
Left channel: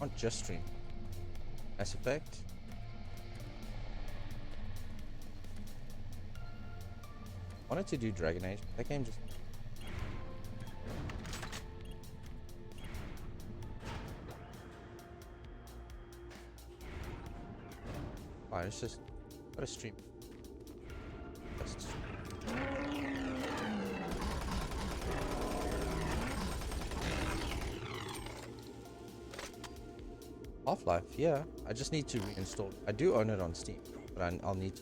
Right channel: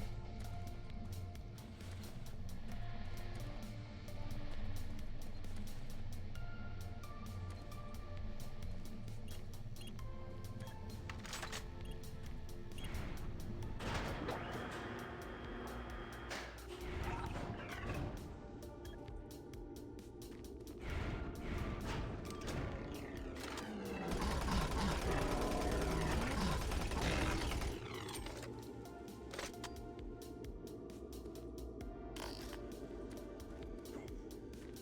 Not just stream. Mass Effect. Wanted to do Dragon Age. That game just. Alright, it's just. What a stream. Half-Life, yeah. I just need to reinstall. I do own it on Steam, but I'll need.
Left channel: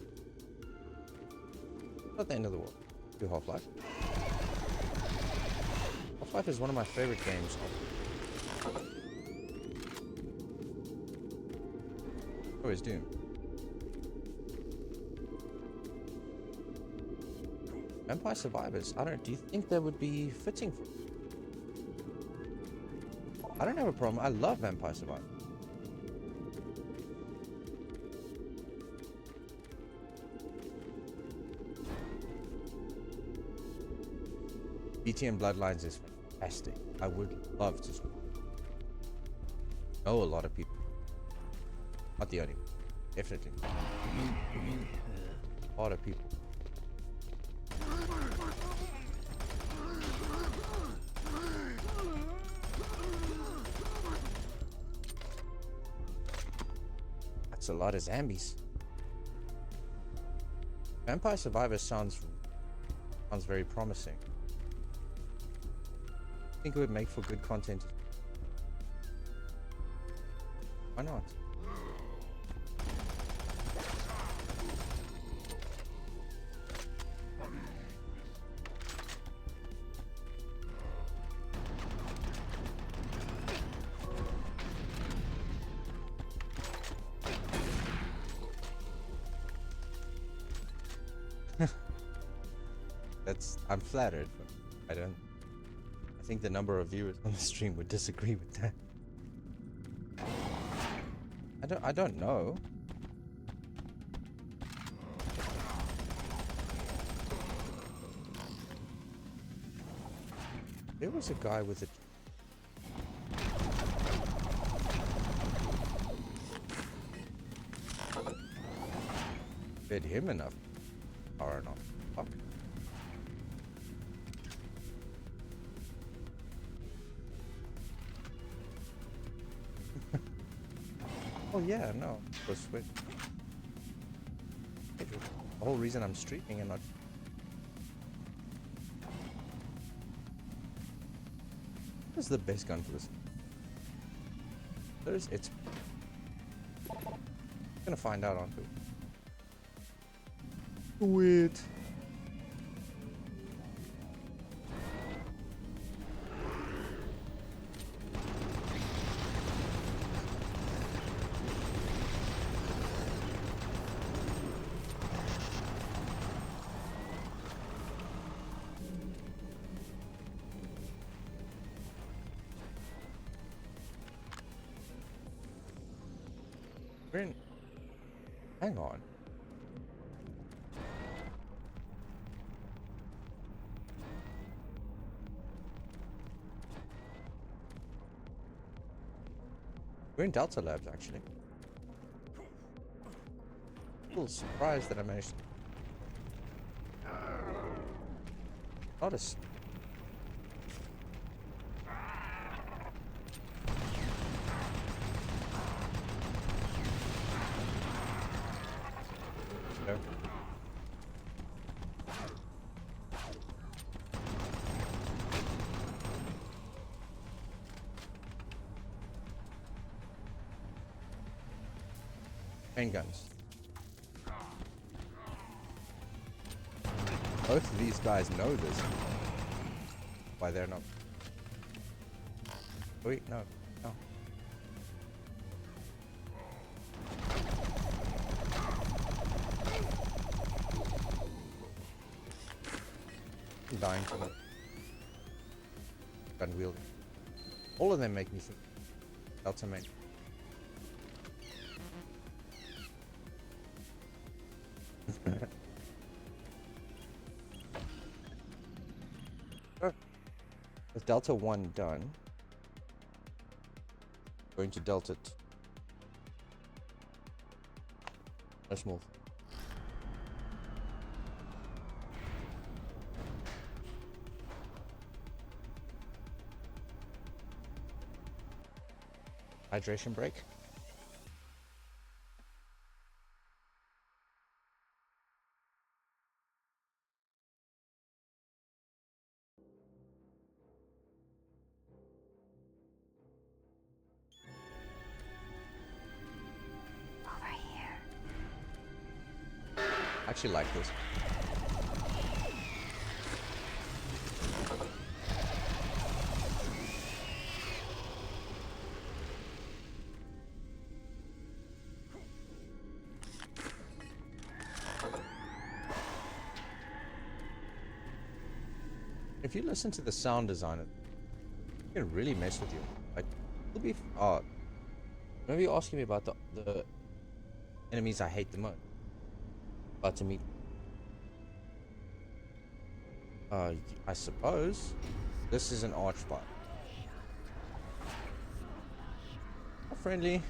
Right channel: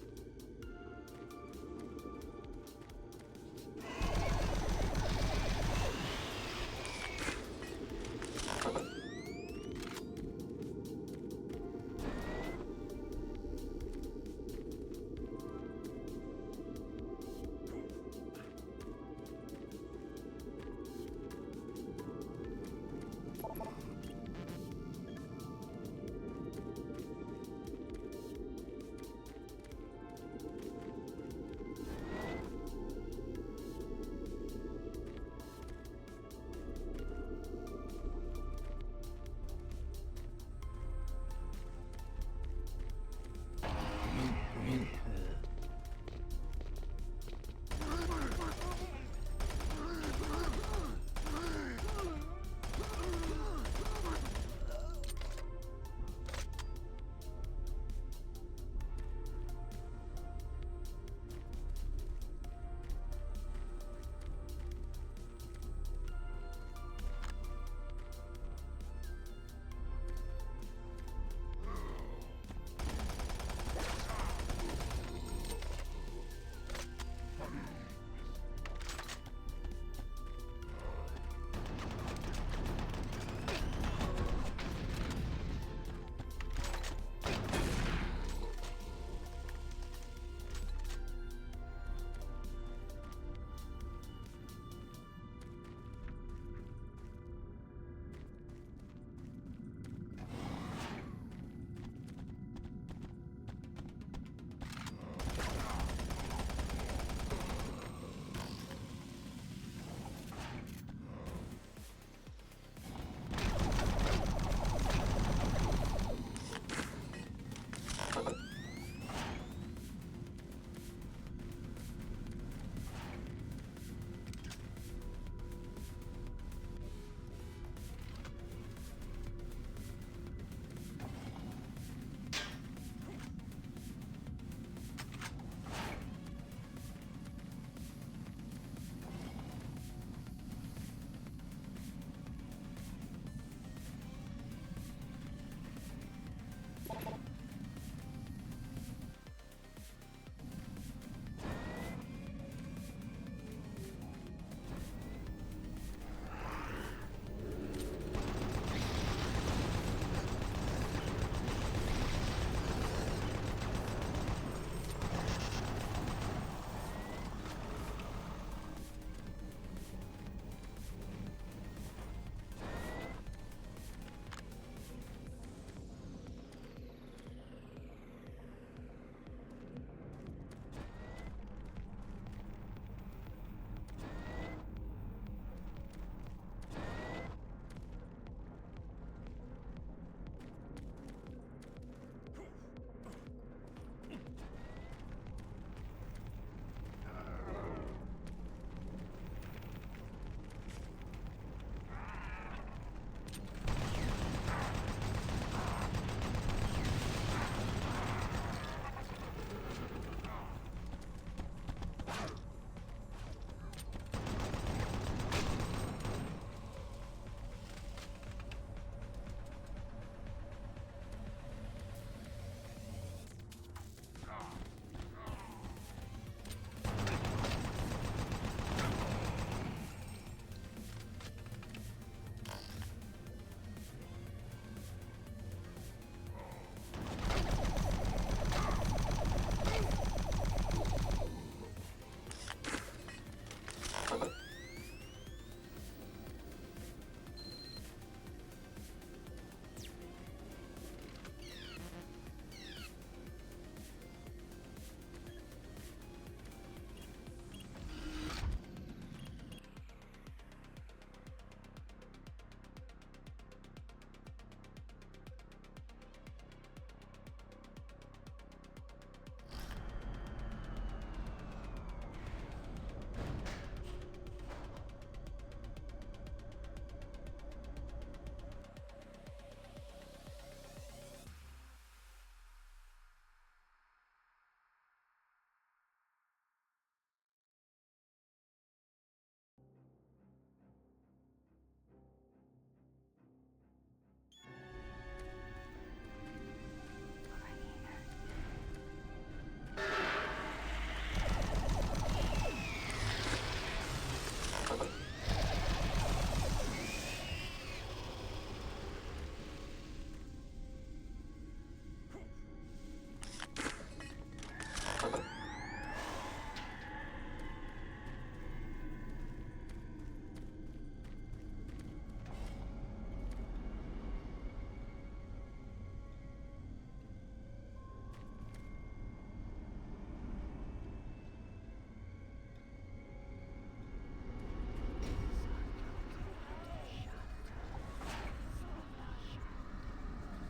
Not the end of the world. Do Half-Life. Half-Life is one of my favorite games. Always do. Vampire Survivors. I don't. Do you think that would be fitting? I don't have a problem. I love Vampire Survivors. BTM Bloodlines is fantastic. I would love to know a lot of people. Not the only one. Definitely. A lot of people. That's a lot of zombies. Vampire Survivors sounds very promising. I think it would make for good content. Why not? I'm flattered. I think the number of viewers on the stream would disagree with that. I don't know. There was a guy with a fed him enough or not. Fuck. Oh yeah, no. The whole reason I'm streaming and not. What is the best gun for this? It's. I'm gonna find out on it. Weird. We're in... Hang on. We're in Delta Labs, actually. A little surprised that I managed to... Not a... Handguns. Both of these guys know this. Why they're not? Wait, no. No. I'm dying. Gun wield. All of them make me sick. Delta make. With Delta 1 done, going to Delta 2. Let's move. Hydration break. I actually like this. If you listen to the sound design, it can really mess with you. Like, it'll be maybe you're asking me about the enemies I hate the most. About to meet. I suppose this is an archbot. Not friendly.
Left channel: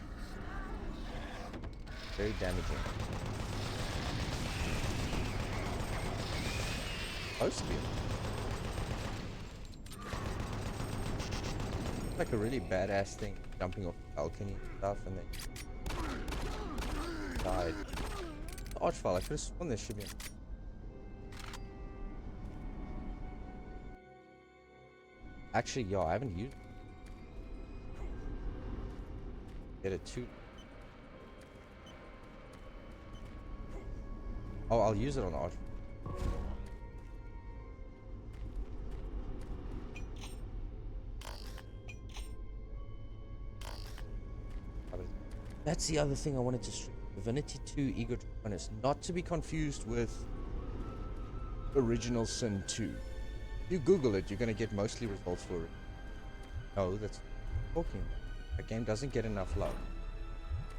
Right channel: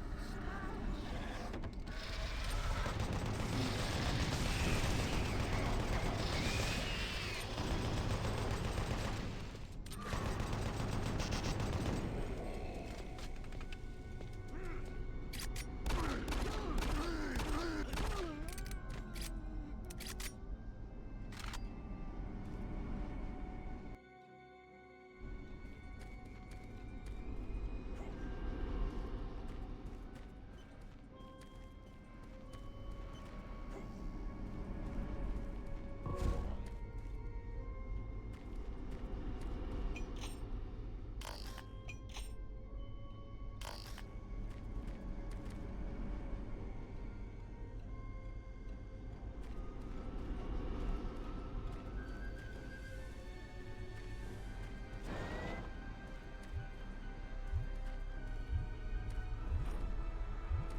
Very damaging. Close. Like a really badass thing, jumping off the balcony and stuff, and then died. Archfile, I could have sworn this should be. Actually, yo, I haven't used it. Get it too. Oh, I'll use it on Arch. That's the other thing I wanted to stress. Divinity 2 Ego Tritonus, not to be confused with Original Sin 2. If you Google it, you're gonna get mostly results for it. No, that's talking. The game doesn't get enough love.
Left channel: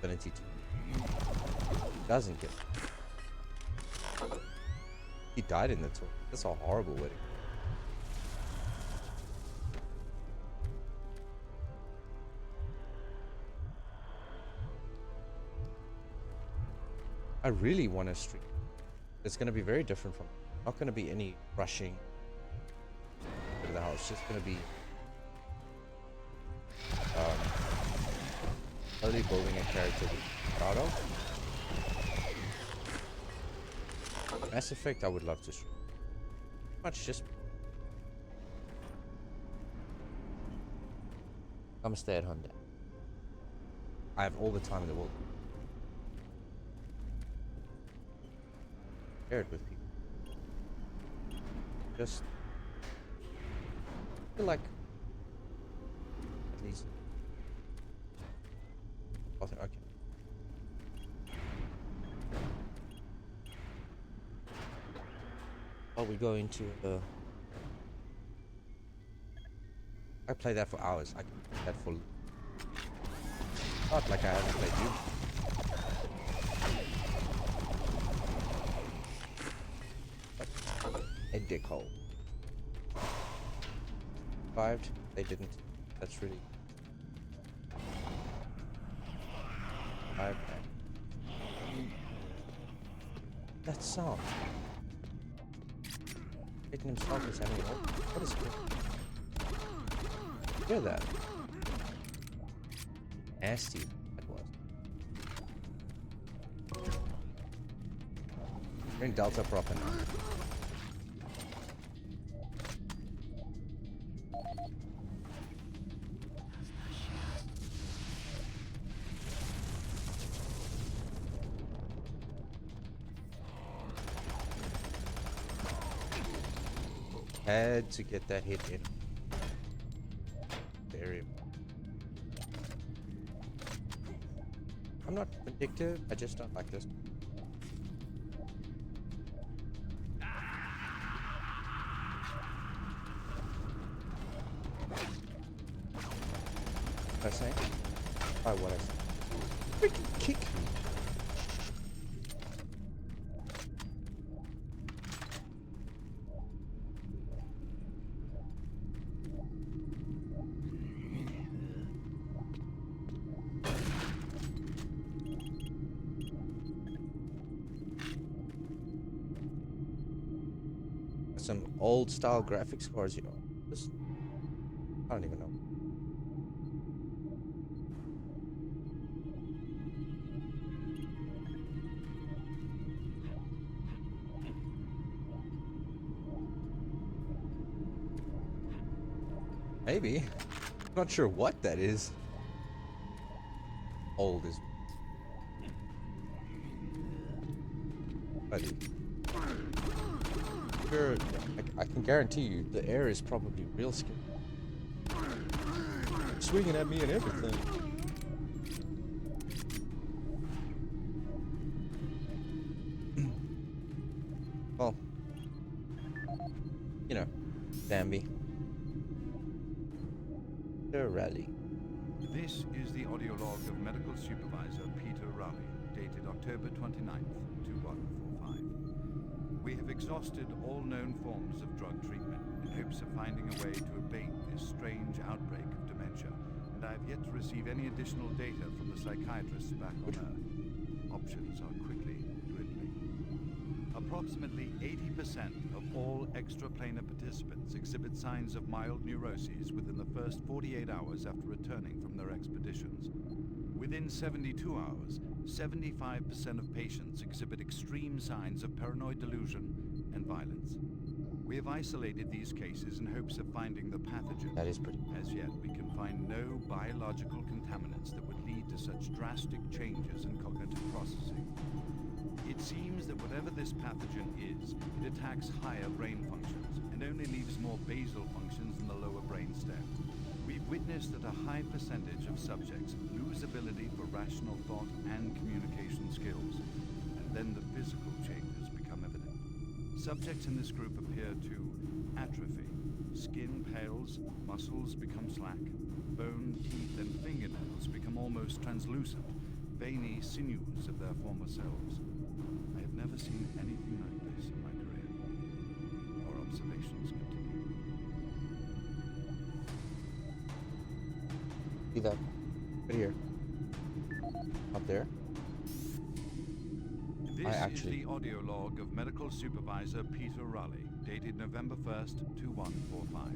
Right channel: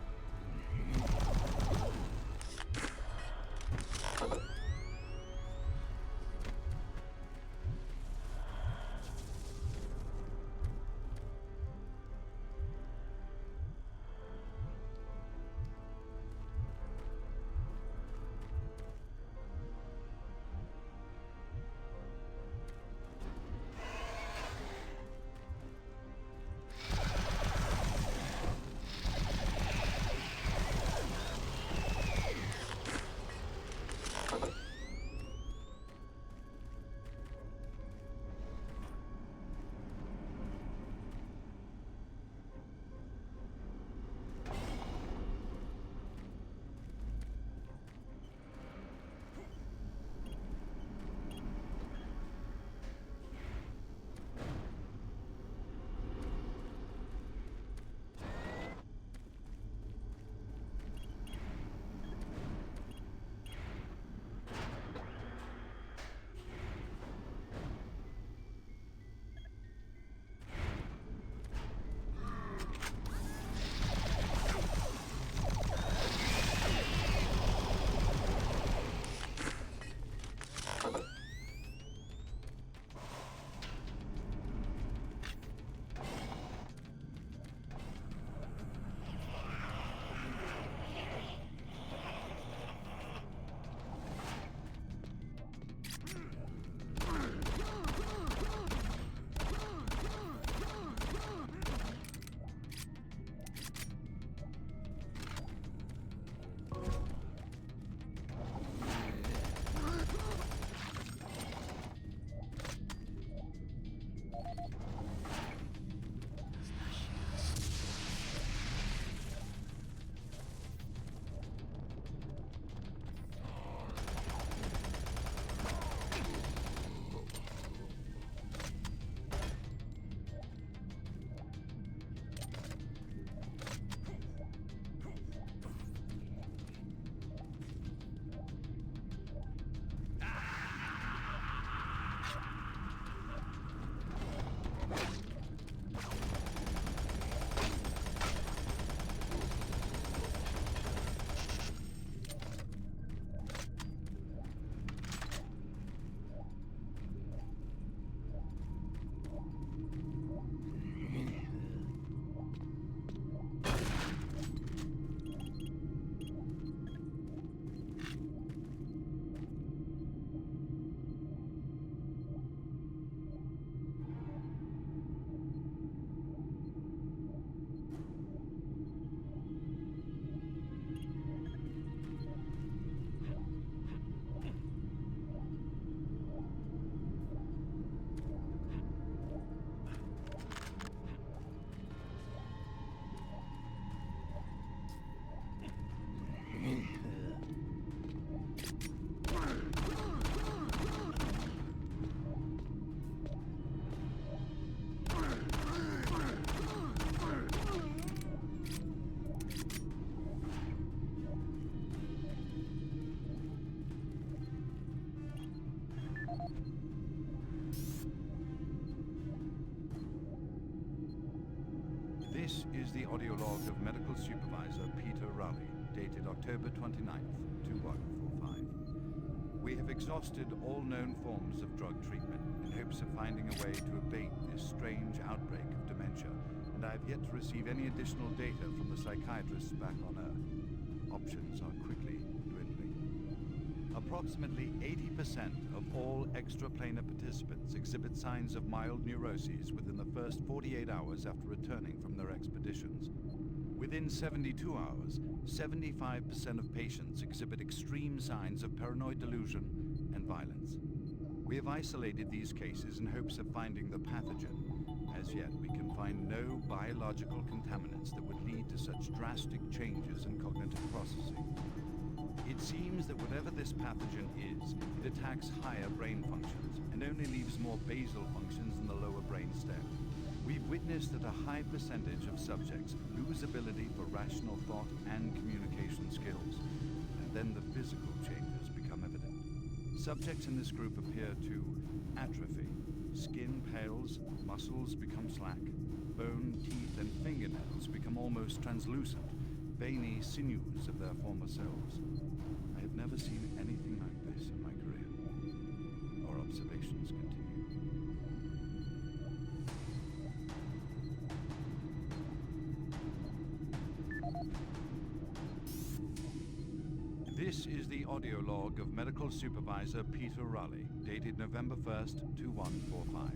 Divinity 2 doesn't get. He died in the 2. That's a horrible way. I really want to stream. It's going to be very different from. Not going to be any rushing to the house. It's just going to be slowly building a character. Mass Effect, I would love to stream. Much just. I'm a stay-at-home dad. I have all the time in the world. Share it with people. Just feel like please. Okay. Are we going to the? I play that for hours. I can play that fully. Not like I haven't played you. song. Making himself is having hear that? Nasty. That was. Bring Delta proper. Had to get that hit in. Very important. I'm not vindictive, I just don't like this. What I say? Oh, what I say. Kick. Some old style graphics cards, you know. Just, I don't even know. Maybe. Not sure what that is. Old is. But I can guarantee you the air is probably real scary. Swinging at me and everything. Well, you know, Bambi. The rally. This is the audio log of Medical Supervisor Peter Raleigh, dated October 29th, 2145. We have exhausted all known forms of drug treatment in hopes of finding a way to abate this strange outbreak of dementia, and I have yet to receive any additional data from the psychiatrists back on Earth. Options are quickly dwindling. Approximately 80% of all extraplanar participants exhibit signs of mild neuroses within the first 48 hours after returning from their expeditions. Within 72 hours, 75% of patients exhibit extreme signs of paranoid delusion and violence. We have isolated these cases in hopes of finding the pathogen. That is pretty. As yet, we can find no biological contaminants that would lead to such drastic changes in cognitive processing. It seems that whatever this pathogen is, it attacks higher brain functions and only leaves more basal functions in the lower brain stem. We've witnessed that a high percentage of subjects lose ability for rational thought and communication skills, and then the physical changes become evident. Subjects in this group appear to atrophy. Skin pales, muscles become slack, bone, teeth, and fingernails become almost translucent, veiny sinews of their former selves. I have never seen anything like this in my career. Our observations continue. See that? Right here. Up there. This is the audio log of Medical Supervisor Peter Raleigh, dated November 1st, 2145.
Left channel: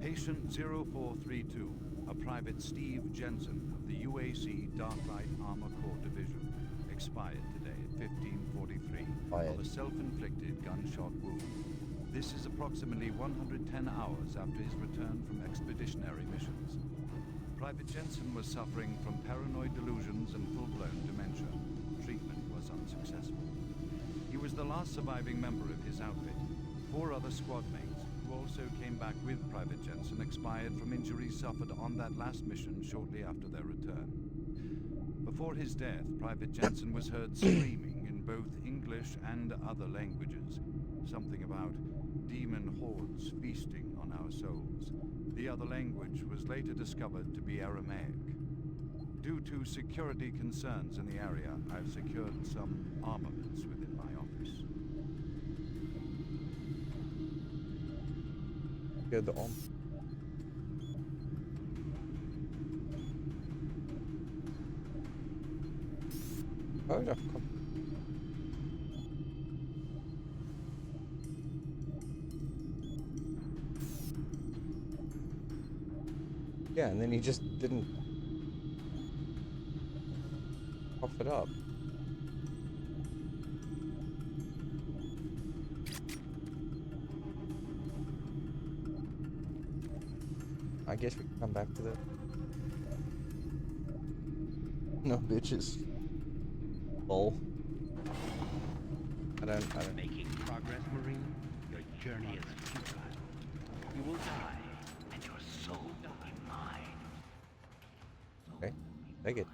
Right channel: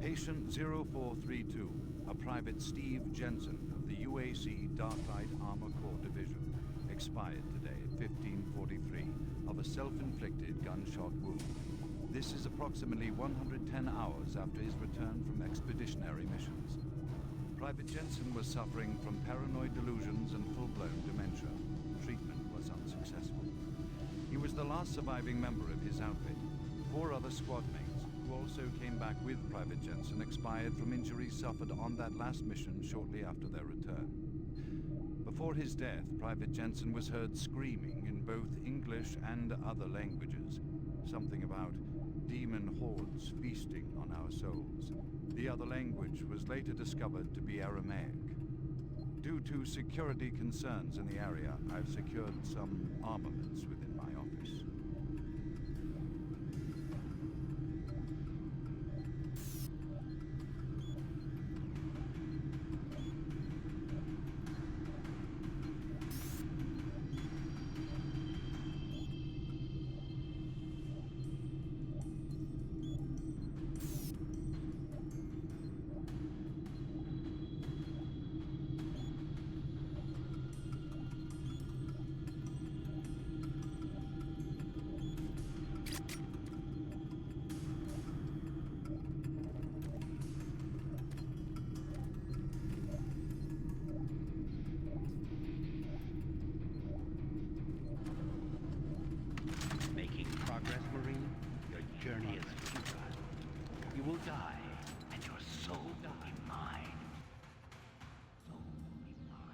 Patient 0432, a Private Steve Jensen of the UAC Darklight Armor Corps Division, expired today at 15:43 of a self-inflicted gunshot wound. This is approximately 110 hours after his return from expeditionary missions. Private Jensen was suffering from paranoid delusions and full-blown dementia. Treatment was unsuccessful. He was the last surviving member of his outfit. 4 other squad mates, who also came back with Private Jensen, expired from injuries suffered on that last mission shortly after their return. Before his death, Private Jensen was heard screaming in both English and other languages. Something about demon hordes feasting on our souls. The other language was later discovered to be Aramaic. Due to security concerns in the area, I've secured some armaments within my office. Here the arm. Oh yeah. then he just didn't cough it up. I guess we can come back to that. No bitches. Lol. I don't. Making progress, Marine? Your journey is futile. You will die, and your soul will be mine. Okay, take it.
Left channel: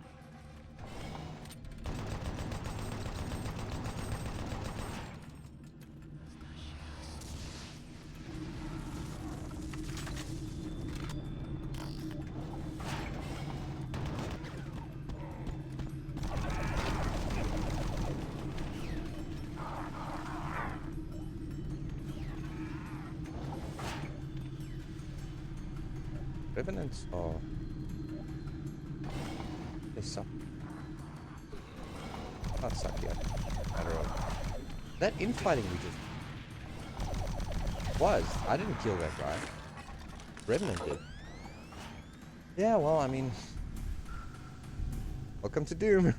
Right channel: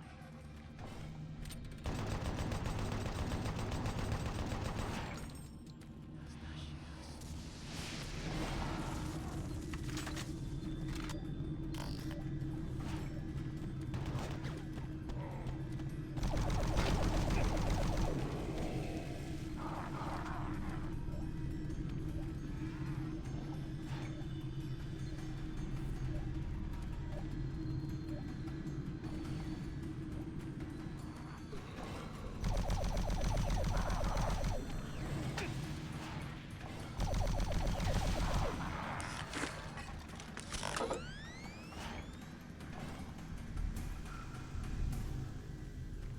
Revenants are... they suck. Not suck yet. That infighting we did was. I didn't kill that guy. Revenant did. Yeah, well, I mean... welcome to Doom.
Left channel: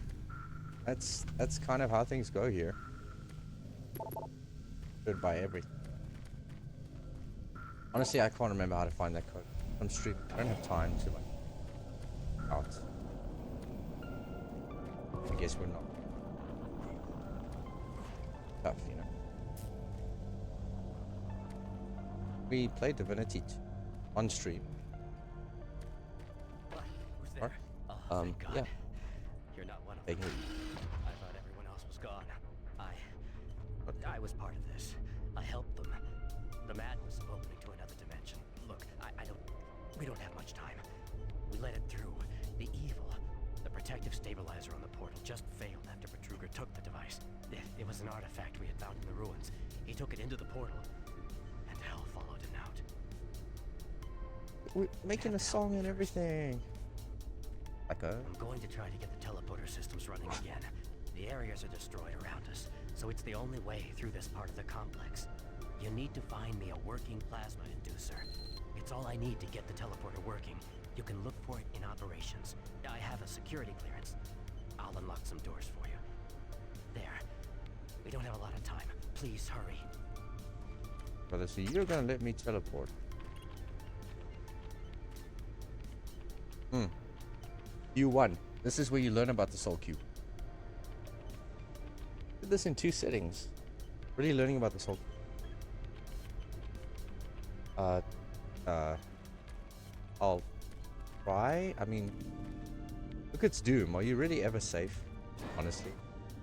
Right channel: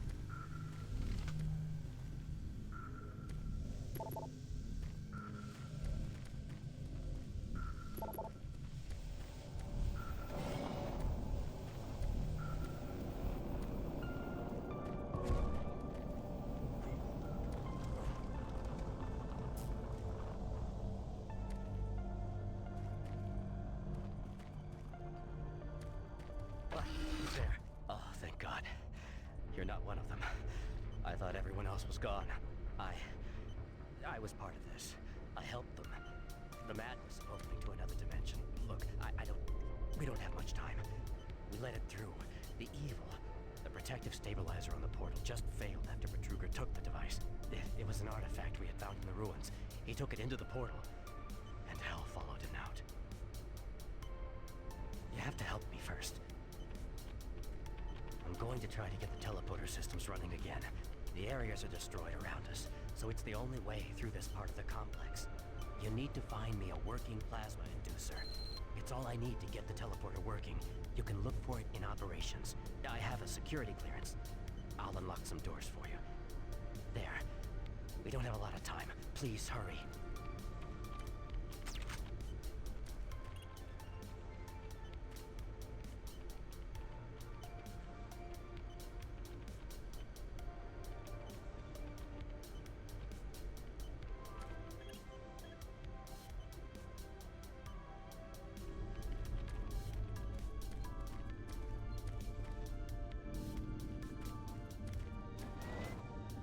That's kind of how things go here. Good by everything. Honestly, I can't remember how to find that code. On stream. I don't have time to like out. I guess we're not tough, you know. We played Divinity 2 on stream. What? Who's there? Oh, thank God. Yeah. You're not one of them. I thought everyone else was gone. I was part of this. I helped them. The madness of opening to another dimension. Look, we don't have much time. We let it through. The evil, the protective stabilizer on the portal just failed after Betruger took the device. It was an artifact we had found in the ruins. He took it into the portal, and hell followed him out. We're making a song and everything. I'm going to try to get the teleporter systems running again. The areas are destroyed around us, so it's the only way through this part of the complex. You need to find me a working plasma inducer. It's all I need to get the teleporter working. You can look for it in operations. I have a security clearance. I'll unlock some doors for you. There. We don't have a lot of time. Please hurry. Brother, so you're gonna let me teleport? You won. This is where you learn about the Soul Cube. Did this in 2 settings. Really learning about the Soul Cube. I'll try. I mean, look, it's Doom. Are you really ever safe? Honestly.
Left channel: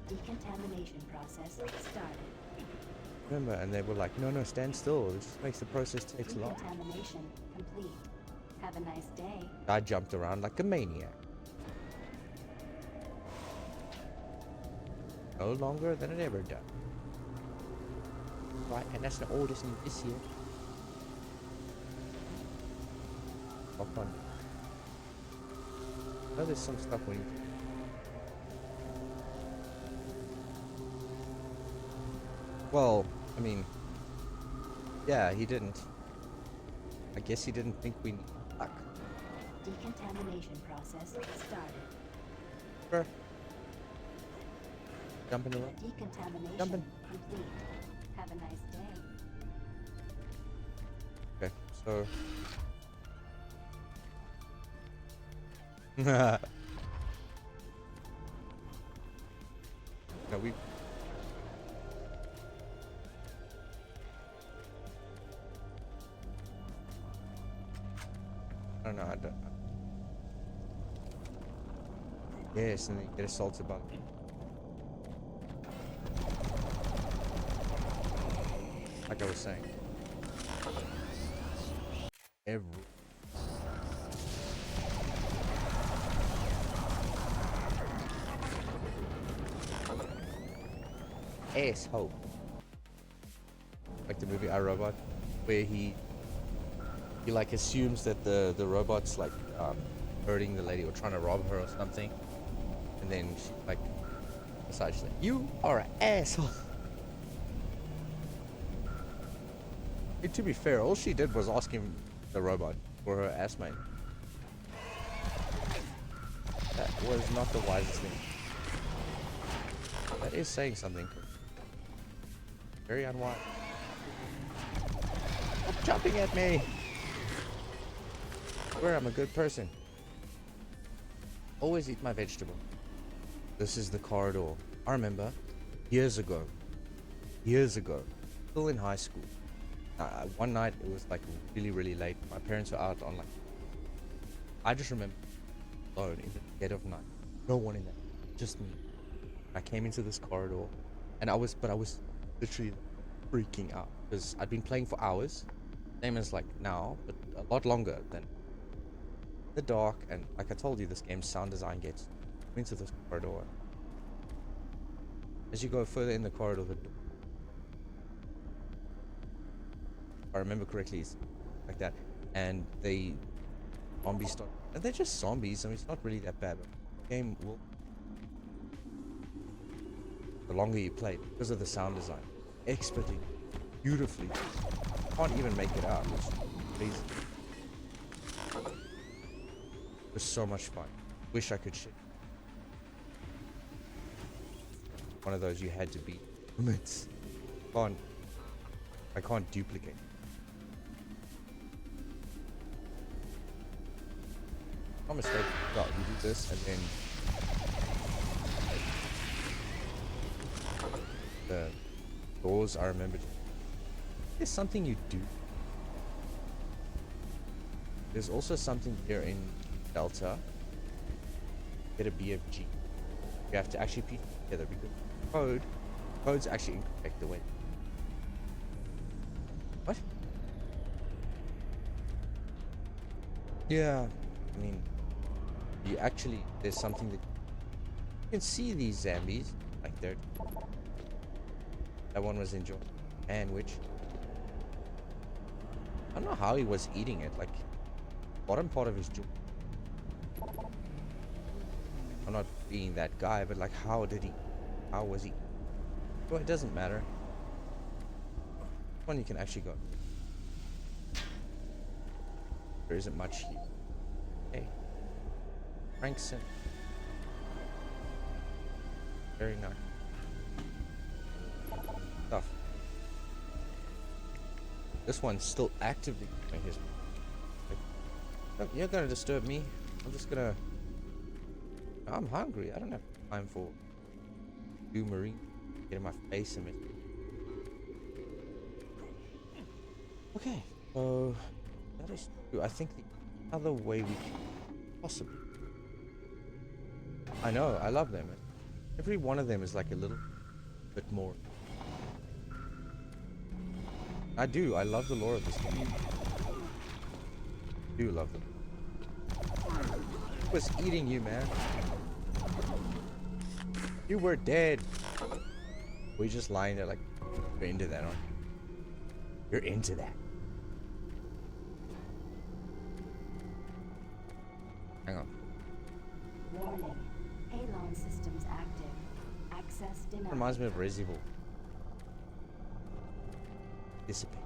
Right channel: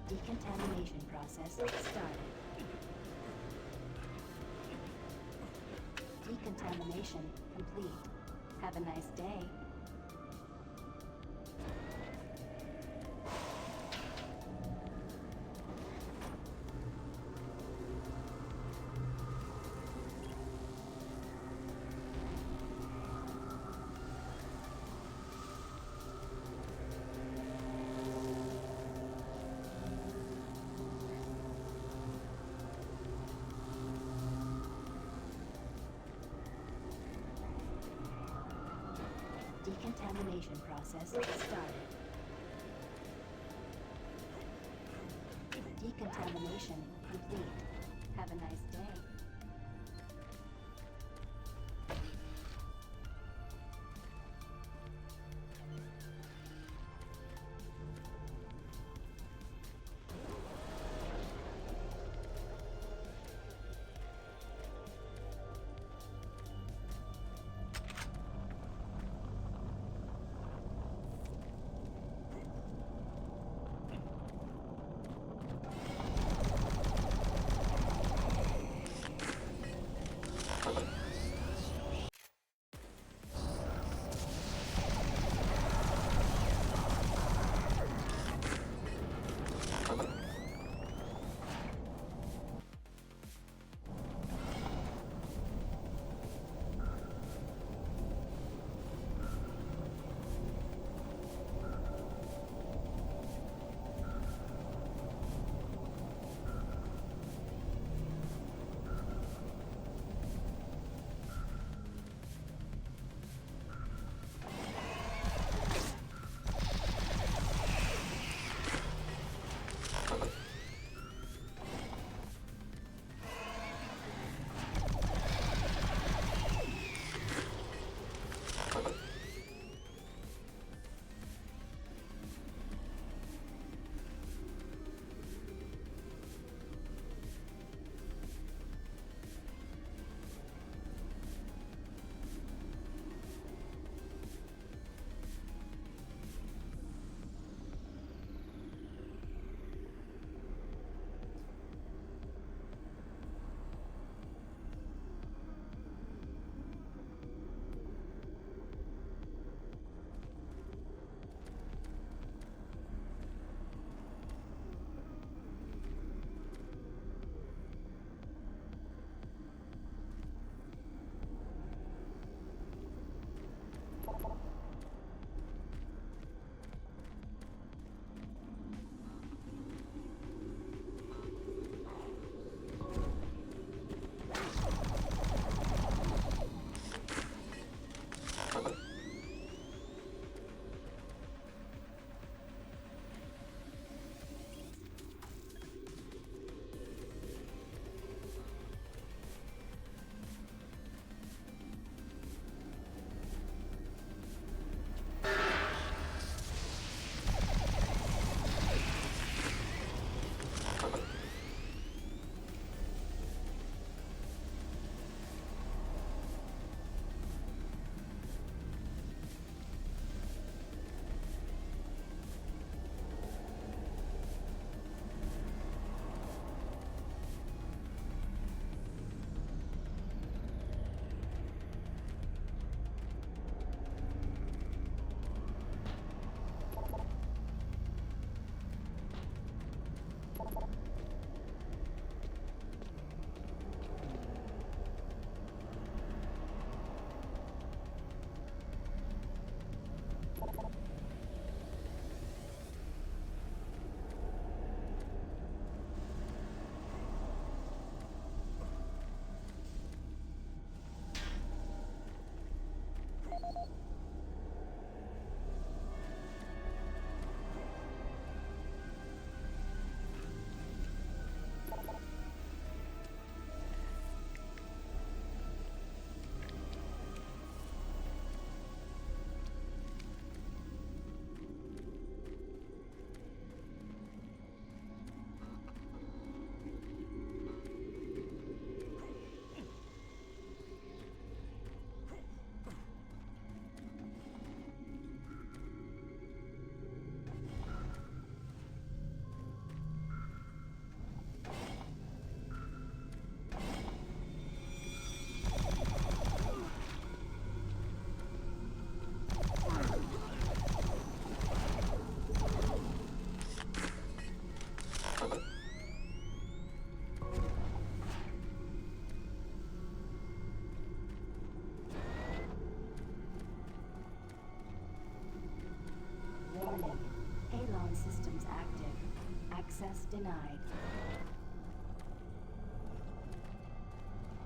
Decontamination process started. Remember, and they were like, no, stand still. This makes the process take too long. Decontamination complete. Have a nice day. I jumped around like a maniac. No longer than it ever done. Right, and that's the oldest in this year. Oh, fun. Oh, there's some stuff in here. Well, I mean, yeah, he didn't. I guess he didn't think we need luck. Decontamination process started. Sure. Jumping in. Decontamination complete. Have a nice day. Okay, so. No, we. I don't know. I don't. Yes, and then you get assaulted by. Like I was saying. Every. Asshole. Like the movie I, Robot, where he like assumes that the robot's like hurting the lady or trying to rob her or something, and then she, like decides that you are an asshole. And to be fair, all she did was ask him, the robot, for her ass mate. is saying something. Very unwise. Jumping at me! I swear I'm a good person. Always eat my vegetable. This is the corridor. I remember years ago, still in high school. One night it was like really late. My parents were out on like. I just remember alone in the dead of night, no one in there, just me. I came into this corridor, and I was literally freaking out because I'd been playing for hours, same as like now, but a lot longer than the dark. And like I told you, this game's sound design gets into this corridor. As you go further in the corridor, if I remember correctly, it's like that, and they zombies start, and they're just zombies. I mean, it's not really that bad, but the game will, the longer you play, because of the sound design, expertly, beautifully, can't even make it out. It's crazy. It was so much fun. Wish I could share. One of those you had to be limits. I can't duplicate. I'm mistaken. Well, you do this and then the doors. I remember. There's something you do. There's also something here in Delta. Get a BFG. You have to actually piece together. Codes actually affect the way. What? Yeah, I mean, you actually, there's something that you can see these zombies like there. That one was enjoying sandwich. I don't know how he was eating it, like bottom part of his jaw. I'm not being that guy, but like how did he? How was he? Well, it doesn't matter. This one you can actually go. There isn't much. Hey, Frankson. Very nice. Stuff. This one's still actively doing his. You're gonna disturb me. I'm just gonna. I'm hungry. I don't have time for you, Marine. Get in my face a minute. Okay. That is true. I think the other way we possibly. I know. I love them. Every one of them is like a little bit more. I do. I love the lore of this game. I do love it. It was eating you, man. You were dead. We just lying there like, you're into that, huh? You're into that. Hang on. Warning. Halon systems active. Access denied. Reminds me of Resident Evil. Dissipate.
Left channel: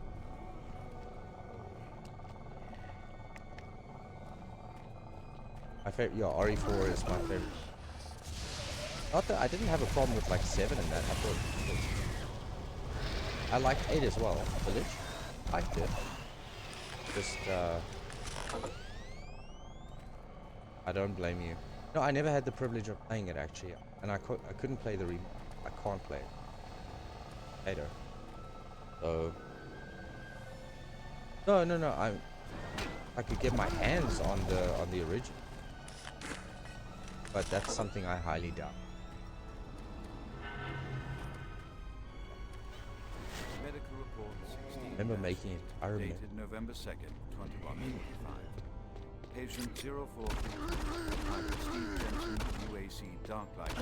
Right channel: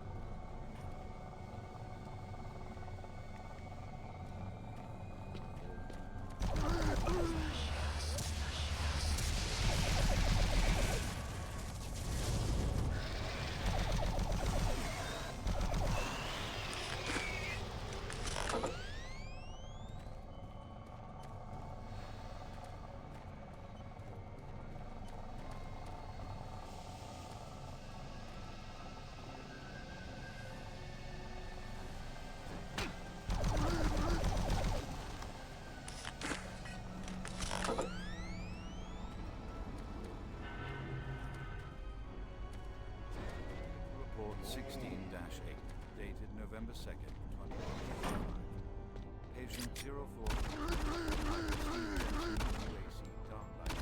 My favorite, yeah, RE4 is my favorite. Not that I didn't have a problem with like 7 and that. I like 8 as well. I like it. Just I don't blame you. No, I never had the privilege of playing it actually, and I couldn't play the I can't play it later. So no. I could get my hands on the original, but that's something I highly doubt. Medical report 16 Remember making it. I remember. dated November 2nd, 2185. Patient 04 Steve Jensen, UAC Darklight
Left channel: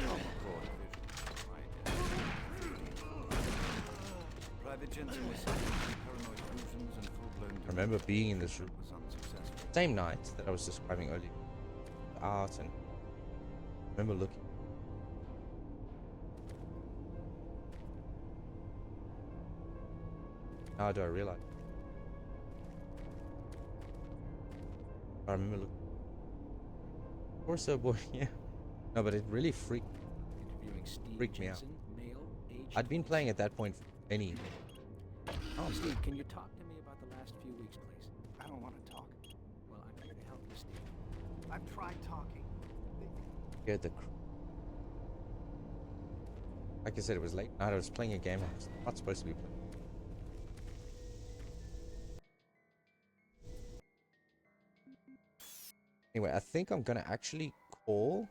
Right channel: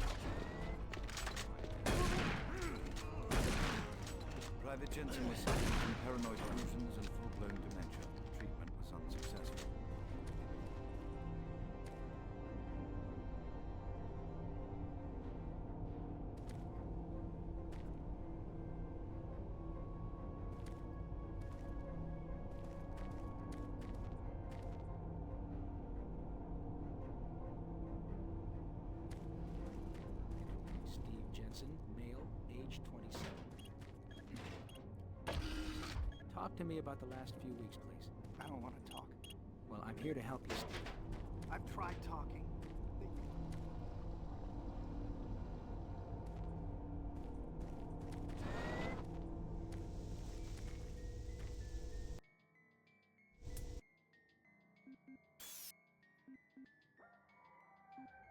Private Jensen was suffering from paranoid delusions and full-blown delusions. I remember being in this room. Was unsuccessful. Same night that I was describing earlier. Out and I remember looking. Now do I realize? I remember looking. Of course, boy, yeah. No, but it really freaked me. like Steve Freaked me out. Jensen, male, age I'd been playing at that point for many. Oh, Steve, can you talk to me about the last few weeks, please? I don't want to talk. Well, I'm here to help you, Steve. I've tried talking. Scared the. Like I said, it was late night. I was playing a game I was not supposed to be playing. Anyway, I think I'm gonna actually call.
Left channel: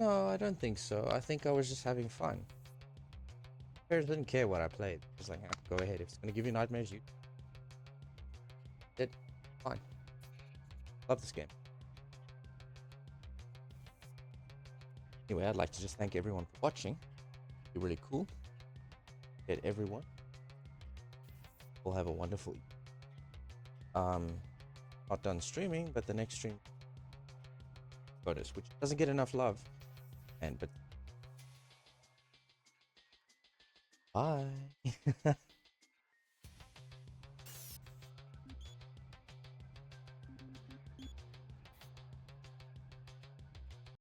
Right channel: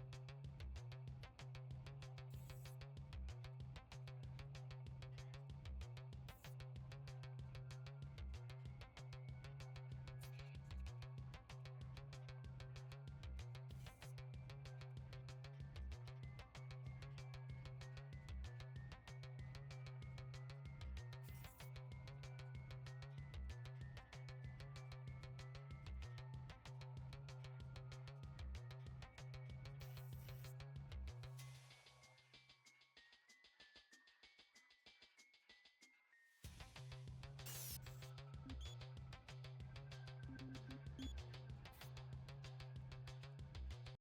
No, I don't think so. I think I was just having fun. Parents didn't care what I played. It's like, go ahead. If it's gonna give you nightmares, you did. Fine. Love this game. Anyway, I'd like to just thank everyone for watching. You're really cool. Get everyone. We'll have a wonderful. Not done streaming, but the next stream. VODs, which doesn't get enough love. But bye.